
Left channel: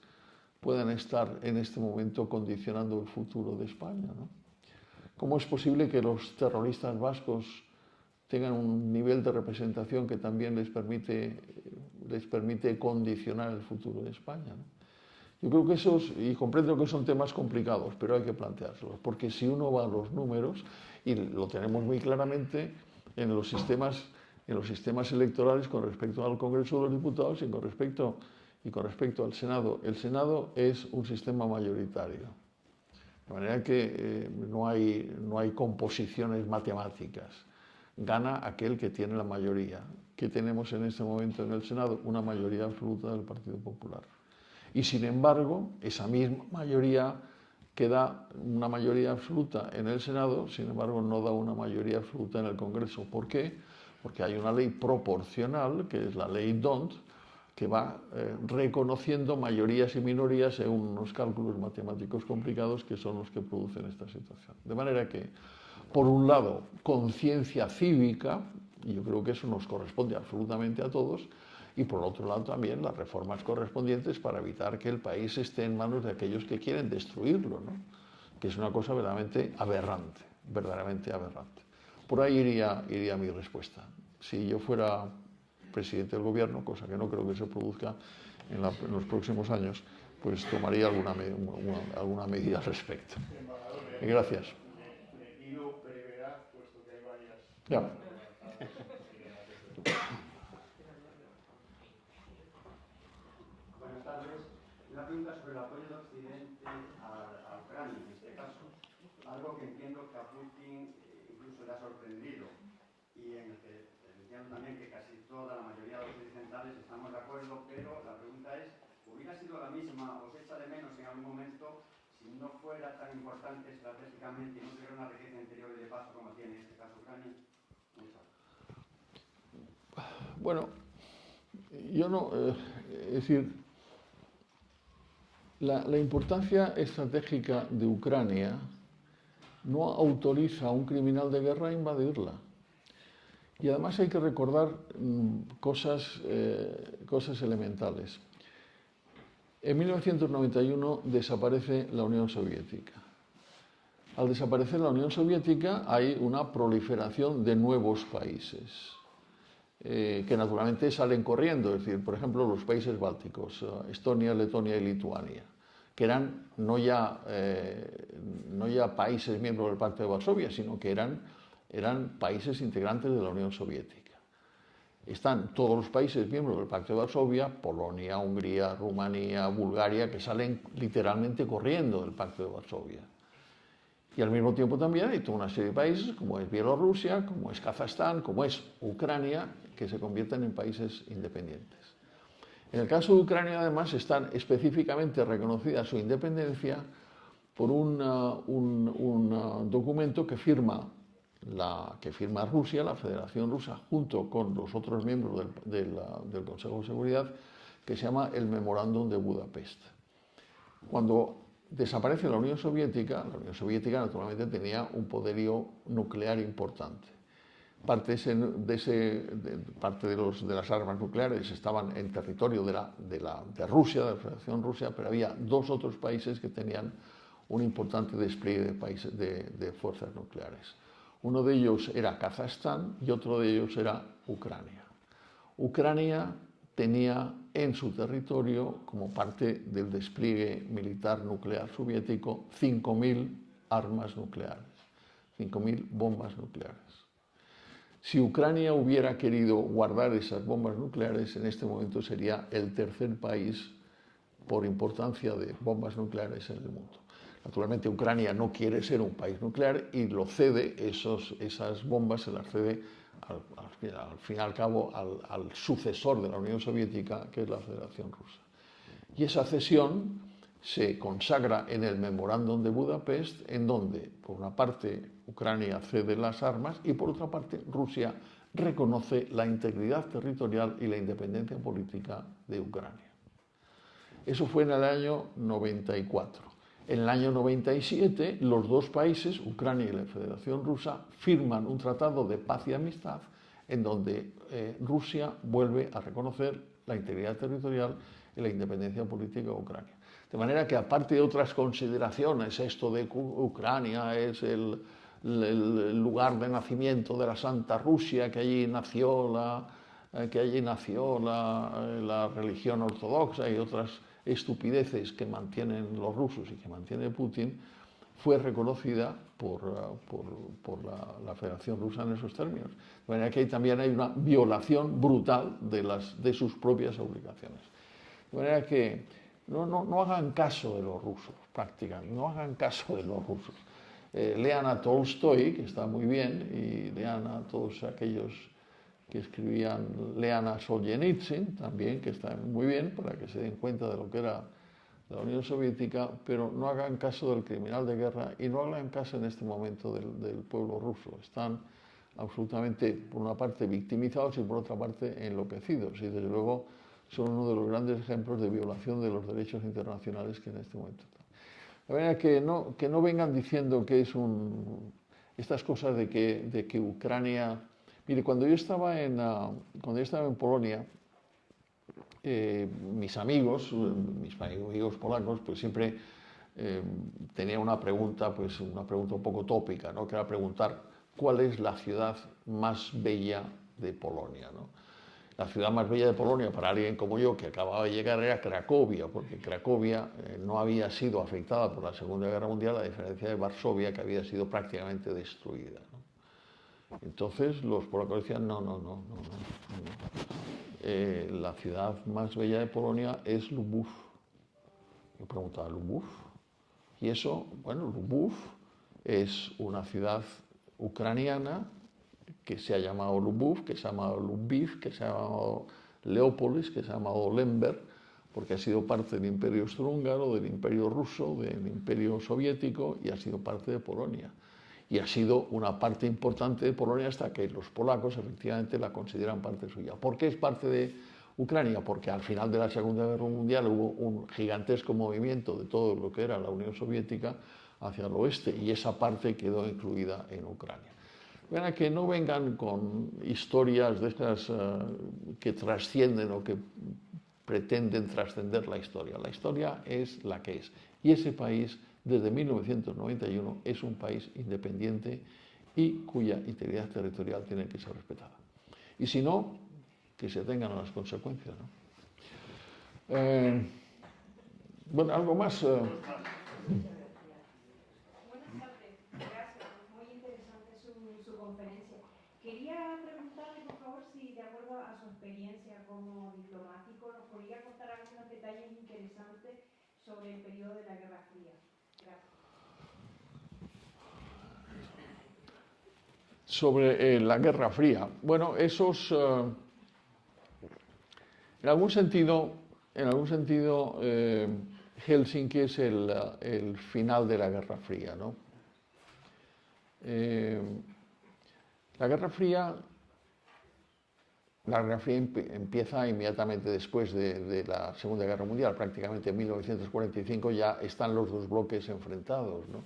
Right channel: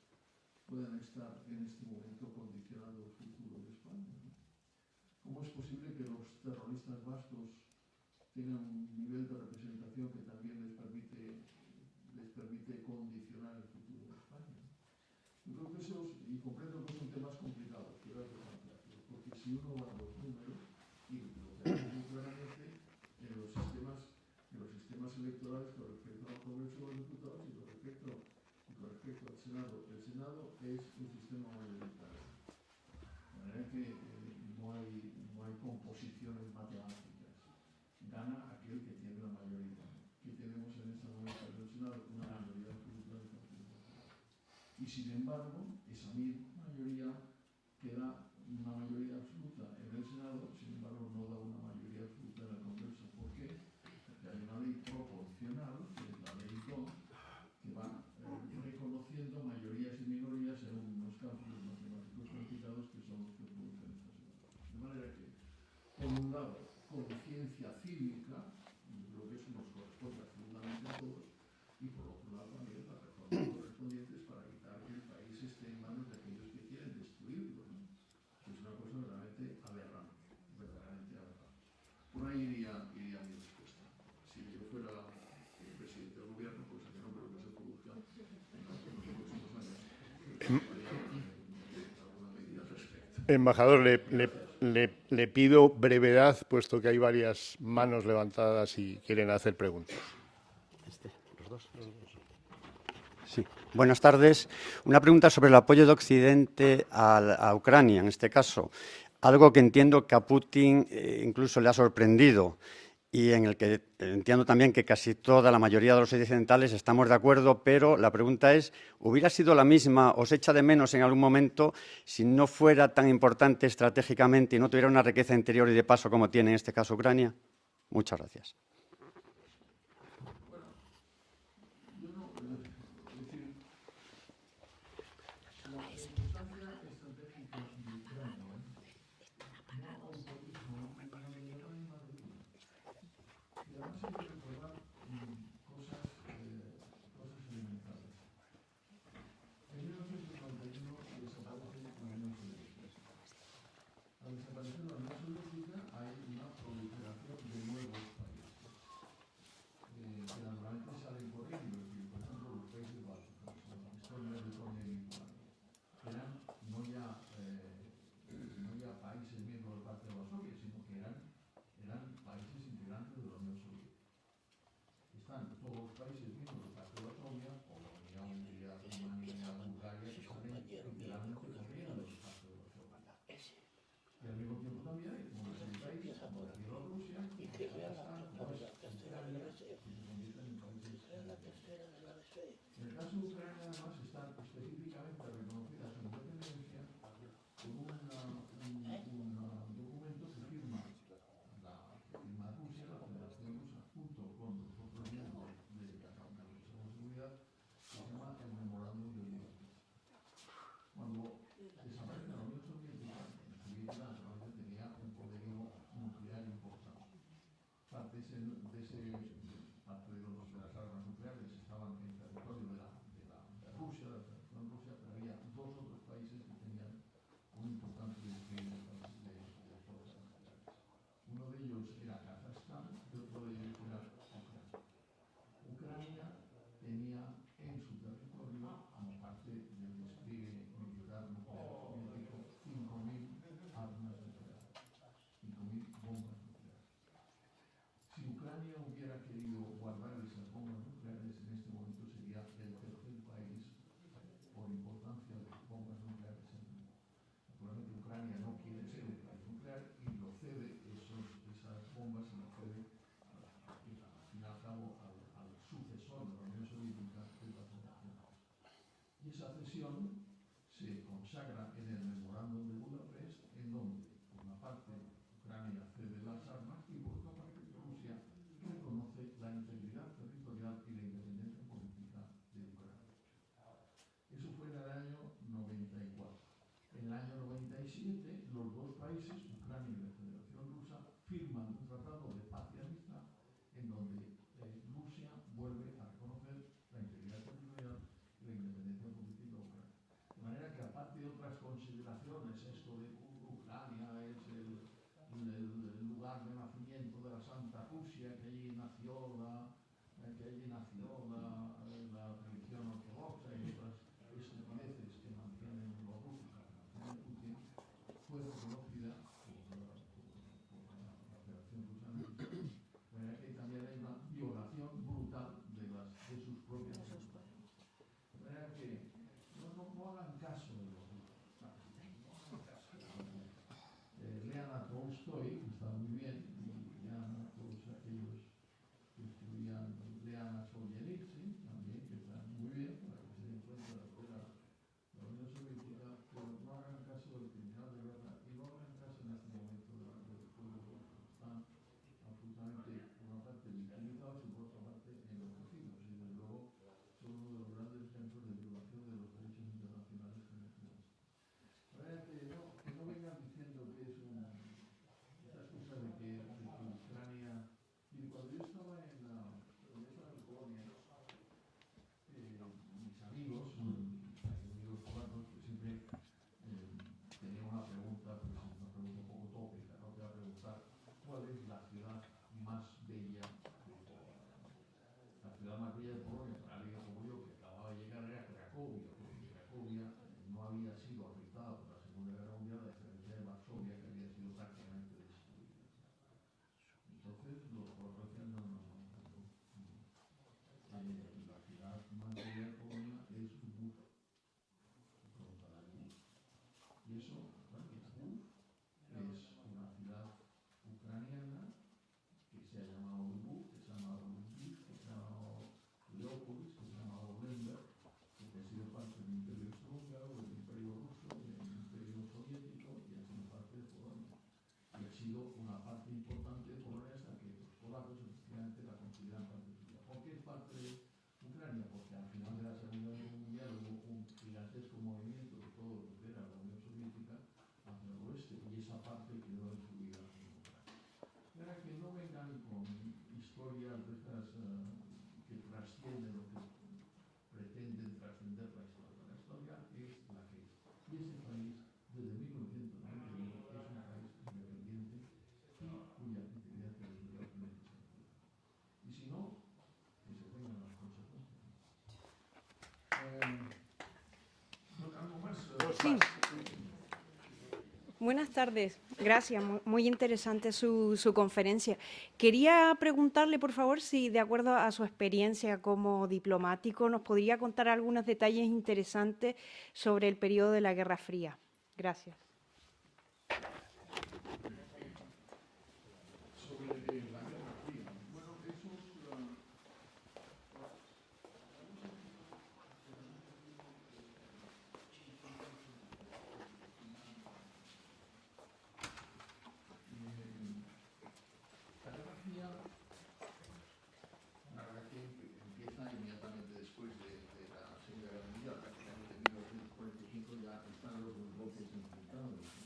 puedan estar en este momento condicionando el futuro de España, ¿no? ¿Cómo es posible que los terroristas vascos tengan un nivel de representación que también les permite condicionar el futuro de España, ¿no? Yo creo que y comprendo que son temas complicados, pero hay que planteárselos, porque si uno va a los números, y lo tenemos muy claramente en los sistemas electorales con respecto al Congreso de los Diputados y con respecto al Senado. El Senado es un sistema mayoritario, de manera que no hay composiciones matemáticas. Gana aquel que tiene la mayoría. ¿Qué tenemos en este momento en el Senado? Una mayoría absoluta del Partido Popular. Y sin embargo, esa misma mayoría que da una mayoría absoluta en el Senado, sin embargo, no da una mayoría absoluta en el Congreso. ¿Por qué? Porque hay una ley proporcional, que es la ley D'Hondt, que va reconociendo mayorías y minorías según unos cálculos matemáticos complicados que son los que producen esta situación. De manera que, por un lado, conciencia cívica, y yo creo que eso nos corresponde absolutamente a todos, y por otro lado también las reformas correspondientes para evitar que el país esté en manos de aquellos que quieren destruirlo, ¿no? Que es una cosa verdaderamente aberrante. Por ahí iría mi respuesta. Si yo fuera presidente del gobierno, cosa que no creo que se produzca en los próximos años, pues tomaría alguna medida al respecto. Embajador, Gracias. Le pido brevedad, puesto que hay varias manos levantadas y quieren hacer preguntas. Sí. Buenas tardes. Una pregunta sobre el apoyo de Occidente a Ucrania, en este caso. Algo que entiendo que a Putin incluso le ha sorprendido y en el que entiendo también que casi toda la mayoría de los occidentales estamos de acuerdo, pero la pregunta es, ¿hubiera sido la misma, os echa de menos en algún momento si no fuera tan importante estratégicamente y no tuviera una riqueza interior y de paso como tiene en este caso Ucrania? Muchas gracias. Bueno, yo no... es decir, la importancia estratégica de Ucrania no autoriza a un criminal de guerra a invadirla. Y además hay que recordar cosas elementales. En 1991 desaparece la Unión Soviética. Al desaparecer la Unión Soviética hay una proliferación de nuevos países que naturalmente salen corriendo. Es decir, por ejemplo, los países bálticos, Estonia, Letonia y Lituania, que eran no ya países miembros del Pacto de Varsovia, sino que eran países integrantes de la Unión Soviética. Están todos los países miembros del Pacto de Varsovia, Polonia, Hungría, Rumanía, Bulgaria, que salen literalmente corriendo del Pacto de Varsovia. Y al mismo tiempo también hay toda una serie de países, como es Bielorrusia, como es Kazajstán, como es Ucrania, que se convierten en países independientes. En el caso de Ucrania, además, está específicamente reconocida su independencia por un documento que firma Rusia, la Federación Rusa, junto con los otros miembros del Consejo de Seguridad, que se llama el Memorándum de Budapest. Cuando desaparece la Unión Soviética naturalmente tenía un poderío nuclear importante. Parte de las armas nucleares estaban en territorio de Rusia, de la Federación Rusa, pero había dos otros países que tenían un importante despliegue de fuerzas nucleares. Uno de ellos era Kazajstán y otro de ellos era Ucrania. Ucrania tenía en su territorio, como parte del despliegue militar nuclear soviético, 5.000 armas nucleares, 5.000 bombas nucleares. Si Ucrania hubiera querido guardar esas bombas nucleares, en este momento sería el tercer país por importancia de bombas nucleares en el mundo. Naturalmente, Ucrania no quiere ser un país nuclear y lo cede, esas bombas se las cede al fin y al cabo al sucesor de la Unión Soviética, que es la Federación Rusa. Y esa cesión se consagra en el Memorándum de Budapest, en donde, por una parte, Ucrania cede las armas y, por otra parte, Rusia reconoce la integridad territorial y la independencia política de Ucrania. Eso fue en el año 94. En el año 97, los dos países, Ucrania y la Federación Rusa, firman un tratado de paz y amistad en donde Rusia vuelve a reconocer la integridad territorial y la independencia política de Ucrania. De manera que, aparte de otras consideraciones, esto de que Ucrania es el lugar de nacimiento de la Santa Rusia, que allí nació la religión ortodoxa y otras estupideces que mantienen los rusos y que mantiene Putin, fue reconocida por la Federación Rusa en esos términos. De manera que también hay una violación brutal de sus propias obligaciones. De manera que no hagan caso de los rusos, prácticamente, no hagan caso de los rusos. Lean a Tolstoy, que está muy bien, y lean a todos aquellos que escribían, lean a Solzhenitsyn también, que está muy bien, para que se den cuenta de lo que era la Unión Soviética, pero no hagan caso del criminal de guerra y no hagan caso en este momento del pueblo ruso. Están absolutamente, por una parte, victimizados y por otra parte, enloquecidos. Y desde luego son uno de los grandes ejemplos de violación de los derechos internacionales que en este momento están. De manera que no vengan diciendo que es estas cosas de que Ucrania... Mire, cuando yo estaba en Polonia, mis amigos polacos, pues siempre tenían una pregunta un poco tópica, ¿no? Que era preguntar cuál es la ciudad más bella de Polonia, ¿no? La ciudad más bella de Polonia para alguien como yo, que acababa de llegar, era Cracovia, porque Cracovia no había sido afectada por la Segunda Guerra Mundial, a diferencia de Varsovia, que había sido prácticamente destruida, ¿no? Entonces los polacos decían, no. La ciudad más bella de Polonia es Lubów. Yo preguntaba, ¿Lubów? Y eso, bueno, Lubów es una ciudad ucraniana que se ha llamado Lubów, que se ha llamado Lviv, que se ha llamado Leópolis, que se ha llamado Lemberg, porque ha sido parte del Imperio Austrohúngaro, del Imperio Ruso, del Imperio Soviético y ha sido parte de Polonia. Y ha sido una parte importante de Polonia hasta que los polacos efectivamente la consideran parte suya. ¿Por qué es parte de Ucrania? Porque al final de la Segunda Guerra Mundial hubo un gigantesco movimiento de todo lo que era la Unión Soviética hacia el oeste y esa parte quedó incluida en Ucrania. Bueno, que no vengan con historias de estas que trascienden o que pretenden trascender la historia. La historia es la que es. Y ese país, desde 1991, es un país independiente y cuya integridad territorial tiene que ser respetada. Y si no, que se tengan las consecuencias, ¿no? Bueno, algo más. Sí. Buenas tardes, gracias, muy interesante su conferencia. Quería preguntarle, por favor, si de acuerdo a su experiencia como diplomático nos podría contar algunos detalles interesantes sobre el periodo de la Guerra Fría. Gracias. Sobre la Guerra Fría. Bueno, En algún sentido, Helsinki es el final de la Guerra Fría, ¿no? La Guerra Fría empieza inmediatamente después de la Segunda Guerra Mundial, prácticamente en 1945 ya están los dos bloques enfrentados, ¿no?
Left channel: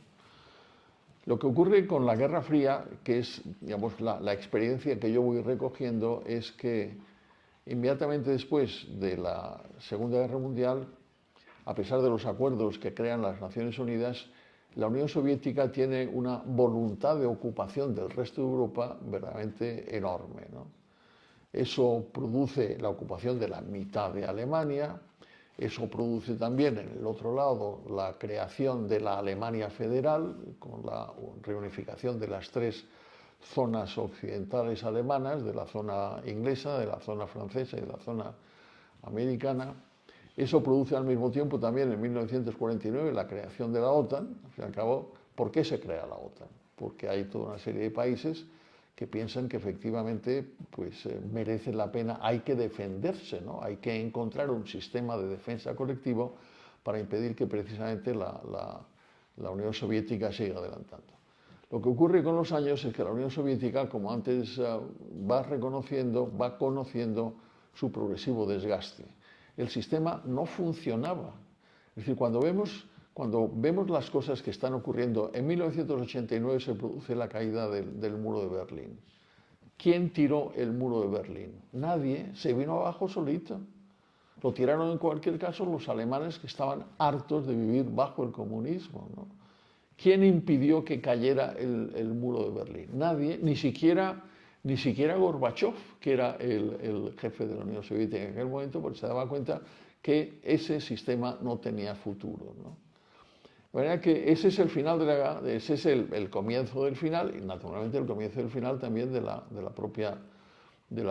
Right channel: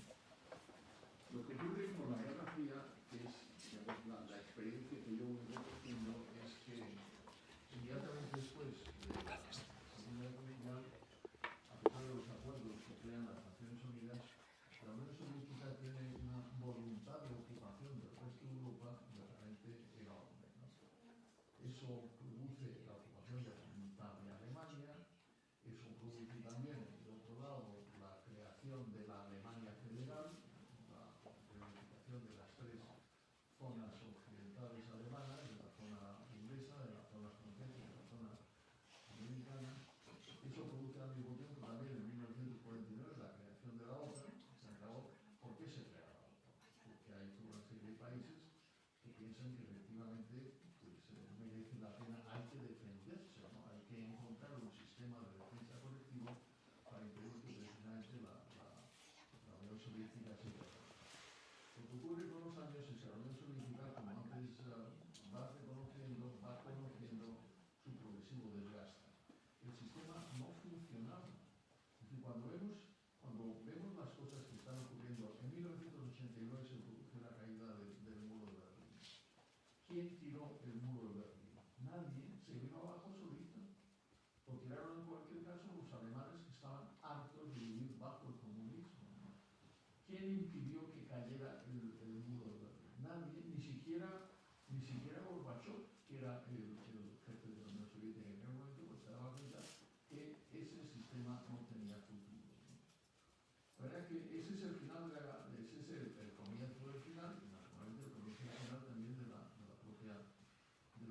Lo que ocurre con la Guerra Fría, que es, digamos, la experiencia que yo voy recogiendo, es que inmediatamente después de la Segunda Guerra Mundial, a pesar de los acuerdos que crean las Naciones Unidas, la Unión Soviética tiene una voluntad de ocupación del resto de Europa verdaderamente enorme, ¿no? Eso produce la ocupación de la mitad de Alemania, eso produce también en el otro lado la creación de la Alemania federal, con la reunificación de las tres zonas occidentales alemanas, de la zona inglesa, de la zona francesa y de la zona americana. Eso produce al mismo tiempo también en 1949 la creación de la OTAN. Al fin y al cabo, ¿por qué se crea la OTAN? Porque hay toda una serie de países que piensan que efectivamente pues, merece la pena, hay que defenderse, ¿no? Hay que encontrar un sistema de defensa colectivo para impedir que precisamente la Unión Soviética siga adelantando. Lo que ocurre con los años es que la Unión Soviética, como antes va conociendo su progresivo desgaste. El sistema no funcionaba. Es decir, cuando vemos las cosas que están ocurriendo, en 1989 se produce la caída del muro de Berlín. ¿Quién tiró el muro de Berlín? Nadie, se vino abajo solito. Lo tiraron en cualquier caso los alemanes que estaban hartos de vivir bajo el comunismo, ¿no? ¿Quién impidió que cayera el muro de Berlín? Nadie, ni siquiera Gorbachov, que era el jefe de la Unión Soviética en aquel momento, porque se daba cuenta que ese sistema no tenía futuro, ¿no? De manera que ese es el final ese es el comienzo del final, y naturalmente el comienzo del final también de la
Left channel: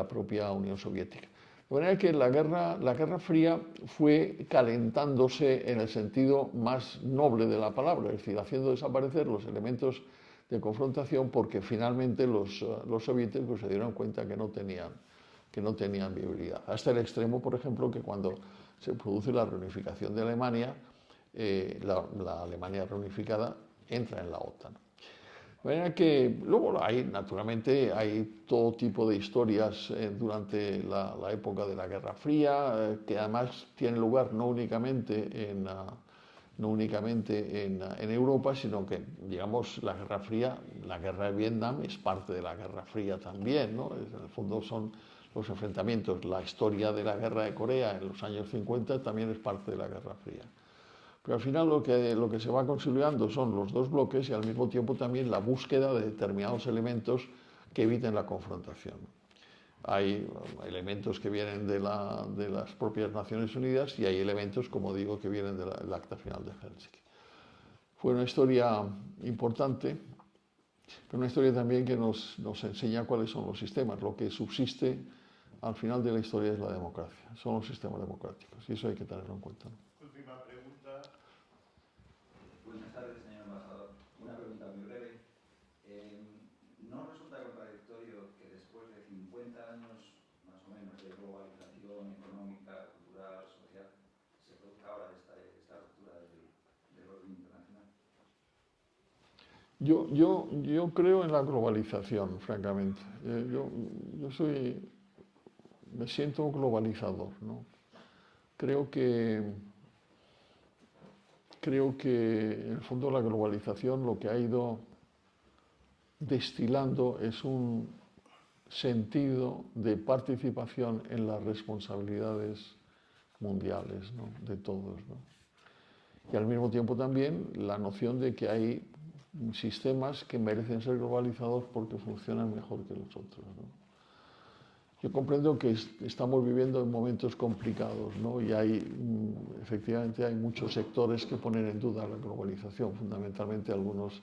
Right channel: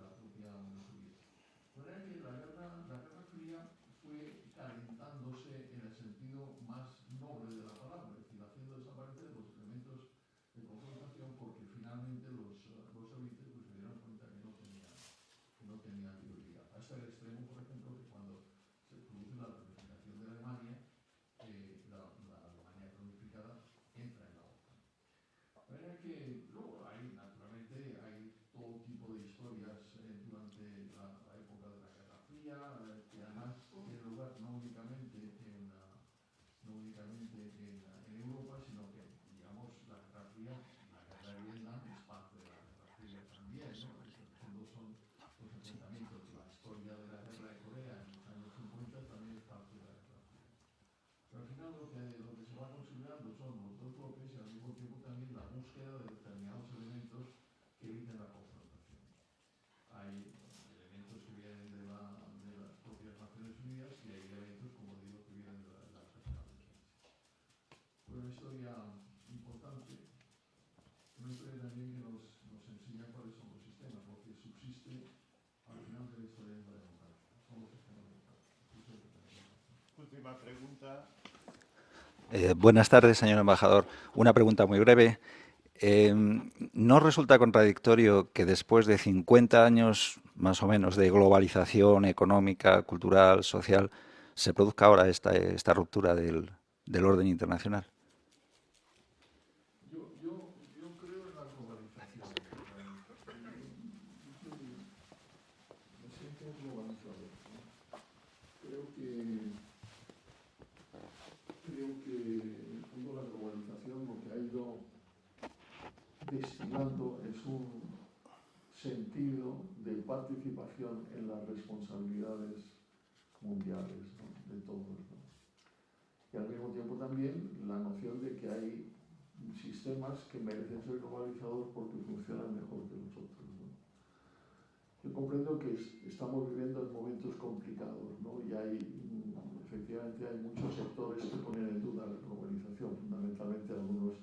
propia Unión Soviética. De manera que la Guerra Fría fue calentándose en el sentido más noble de la palabra, es decir, haciendo desaparecer los elementos de confrontación, porque finalmente los soviéticos se dieron cuenta que no tenían viabilidad. Hasta el extremo, por ejemplo, que cuando se produce la reunificación de Alemania, la Alemania reunificada entra en la OTAN. De manera que luego naturalmente hay todo tipo de historias durante la época de la Guerra Fría, que además tienen lugar no únicamente en Europa, sino que, digamos, la Guerra Fría, la Guerra de Vietnam es parte de la Guerra Fría también, ¿no? En el fondo son los enfrentamientos. La historia de la Guerra de Corea en los años 50 también es parte de la Guerra Fría. Pero al final lo que se va consolidando son los dos bloques y al mismo tiempo también la búsqueda de determinados elementos que eviten la confrontación. Hay elementos que vienen de las propias Naciones Unidas y hay elementos, como digo, que vienen del Acta Final de Helsinki. Fue una historia importante, pero una historia también que nos enseña cuáles son los sistemas. Lo que subsiste al final de la historia es la democracia, son los sistemas democráticos y eso hay que tenerlo en cuenta. Última pregunta. Buenas tardes, señor embajador. Una pregunta muy breve. ¿No resulta contradictorio que después de 50 años más o menos de globalización económica, cultural, social, se produzca ahora esta ruptura del orden internacional? Yo creo en la globalización, francamente. Me siento un globalizador, ¿no? Creo que en el fondo la globalización lo que ha ido destilando es un sentido de participación en las responsabilidades mundiales, ¿no? De todos, ¿no? Y al mismo tiempo también la noción de que hay sistemas que merecen ser globalizados porque funcionan mejor que los otros, ¿no? Yo comprendo que estamos viviendo en momentos complicados, ¿no? Y efectivamente hay muchos sectores que ponen en duda la globalización, fundamentalmente algunos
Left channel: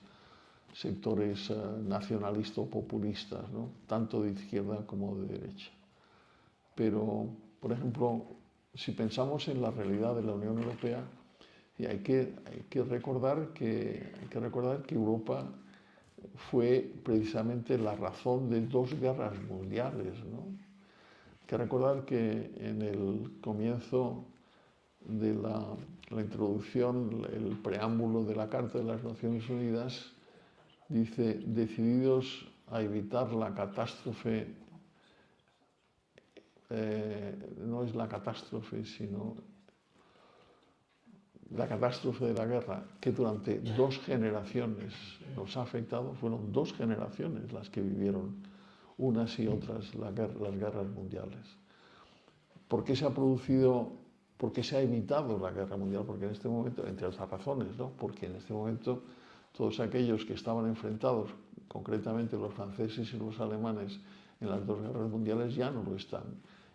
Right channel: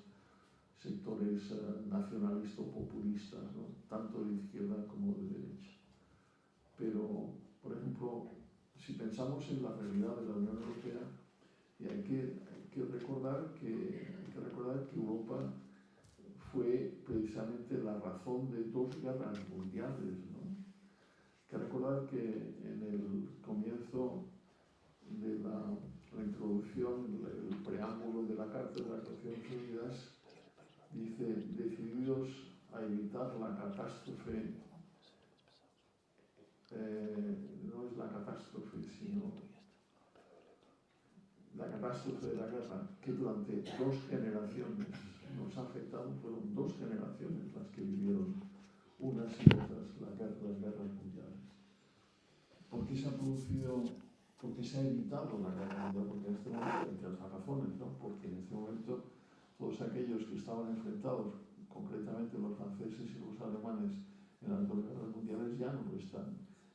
sectores nacionalistas o populistas, ¿no? Tanto de izquierda como de derecha. Pero, por ejemplo, si pensamos en la realidad de la Unión Europea, hay que recordar que Europa fue precisamente la razón de dos guerras mundiales, ¿no? que recordar que en el comienzo de la introducción, el preámbulo de la Carta de las Naciones Unidas dice: decididos a evitar la catástrofe, no es la catástrofe, sino la catástrofe de la guerra, que durante 2 generaciones nos ha afectado. Fueron 2 generaciones las que vivieron unas y otras las guerras mundiales. ¿Por qué se ha producido, por qué se ha evitado la guerra mundial? Porque en este momento, entre otras razones, ¿no? Porque en este momento todos aquellos que estaban enfrentados, concretamente los franceses y los alemanes, en las 2 guerras mundiales ya no lo están.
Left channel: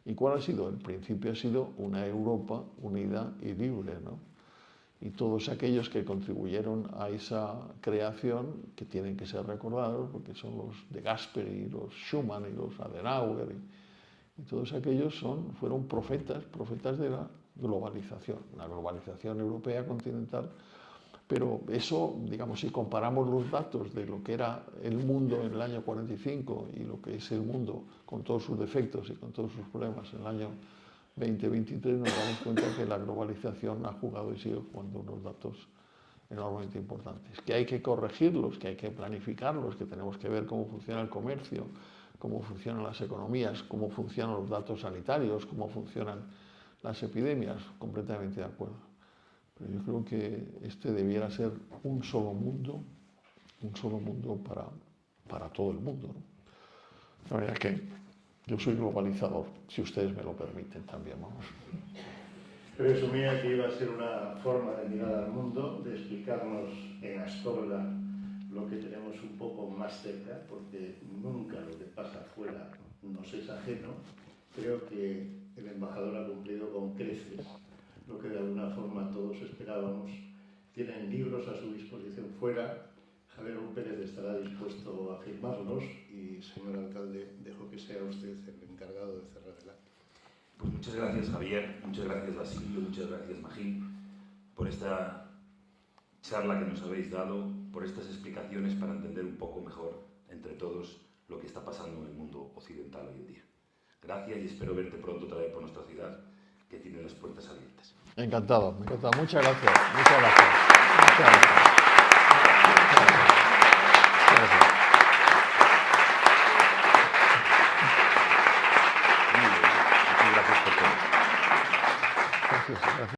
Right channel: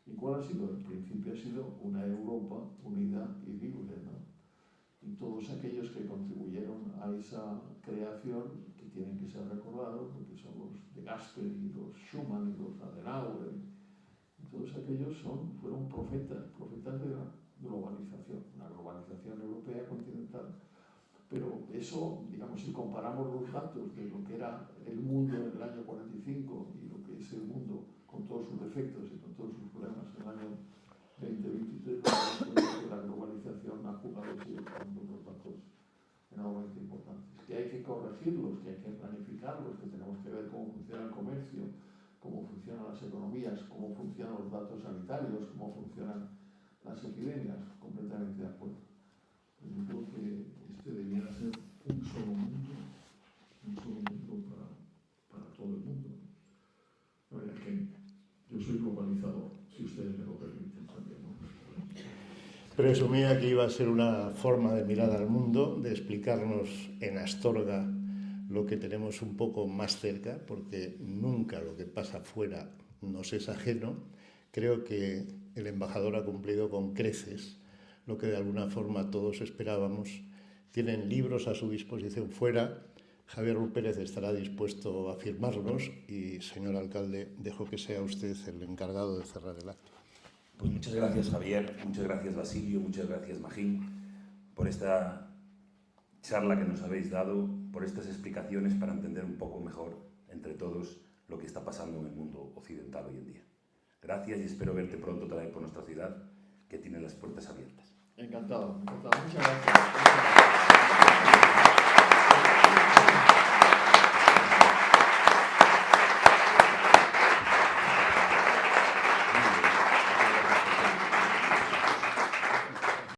¿Y cuál ha sido? El principio ha sido una Europa unida y libre, ¿no? Y todos aquellos que contribuyeron a esa creación, que tienen que ser recordados, porque son los de Gasperi, los Schuman y los Adenauer, y todos aquellos fueron profetas de la globalización, una globalización europea continental. Pero eso, digamos, si comparamos los datos de lo que era el mundo en el año 45 y lo que es el mundo con todos sus defectos y con todos sus problemas en el año 2023, nos damos cuenta que la globalización ha jugado y sigue jugando unos datos enormemente importantes, que hay que corregirlos, que hay que planificarlos, que tenemos que ver cómo funciona el comercio, cómo funcionan las economías, cómo funcionan los datos sanitarios, cómo funcionan las epidemias. Completamente de acuerdo. Pero yo creo que este debiera ser un solo mundo para todo el mundo, ¿no? La verdad es que yo soy globalizador, si ustedes me lo permiten también, vamos. Presumía que iba a ser una forma de mirar al mundo, de explicarnos en Astorga lo que tenemos un poco más cerca, porque nunca lo que pasa fuera nos es ajeno. Creo que el embajador ha cumplido con creces lo que de alguna forma todos esperábamos. Tienen libros a su disposición fuera. Javier Rull Pérez estará dispuesto a firmarlos y, señor alcalde, dejo que sea usted el encargado de cerrar el acto. Pues muchas gracias, Javier, muchas gracias, Basilio, muchas gracias, Magín, por esta charla que nos habéis dado, por estas explicaciones para entender un poco mejor entre todos lo que está pasando en el mundo occidental hoy en día. Gracias y espero verte pronto otra vez por nuestra ciudad, que tiene las puertas abiertas. Encantado, me encantado. Muchas gracias. Muchas gracias. Muchas gracias.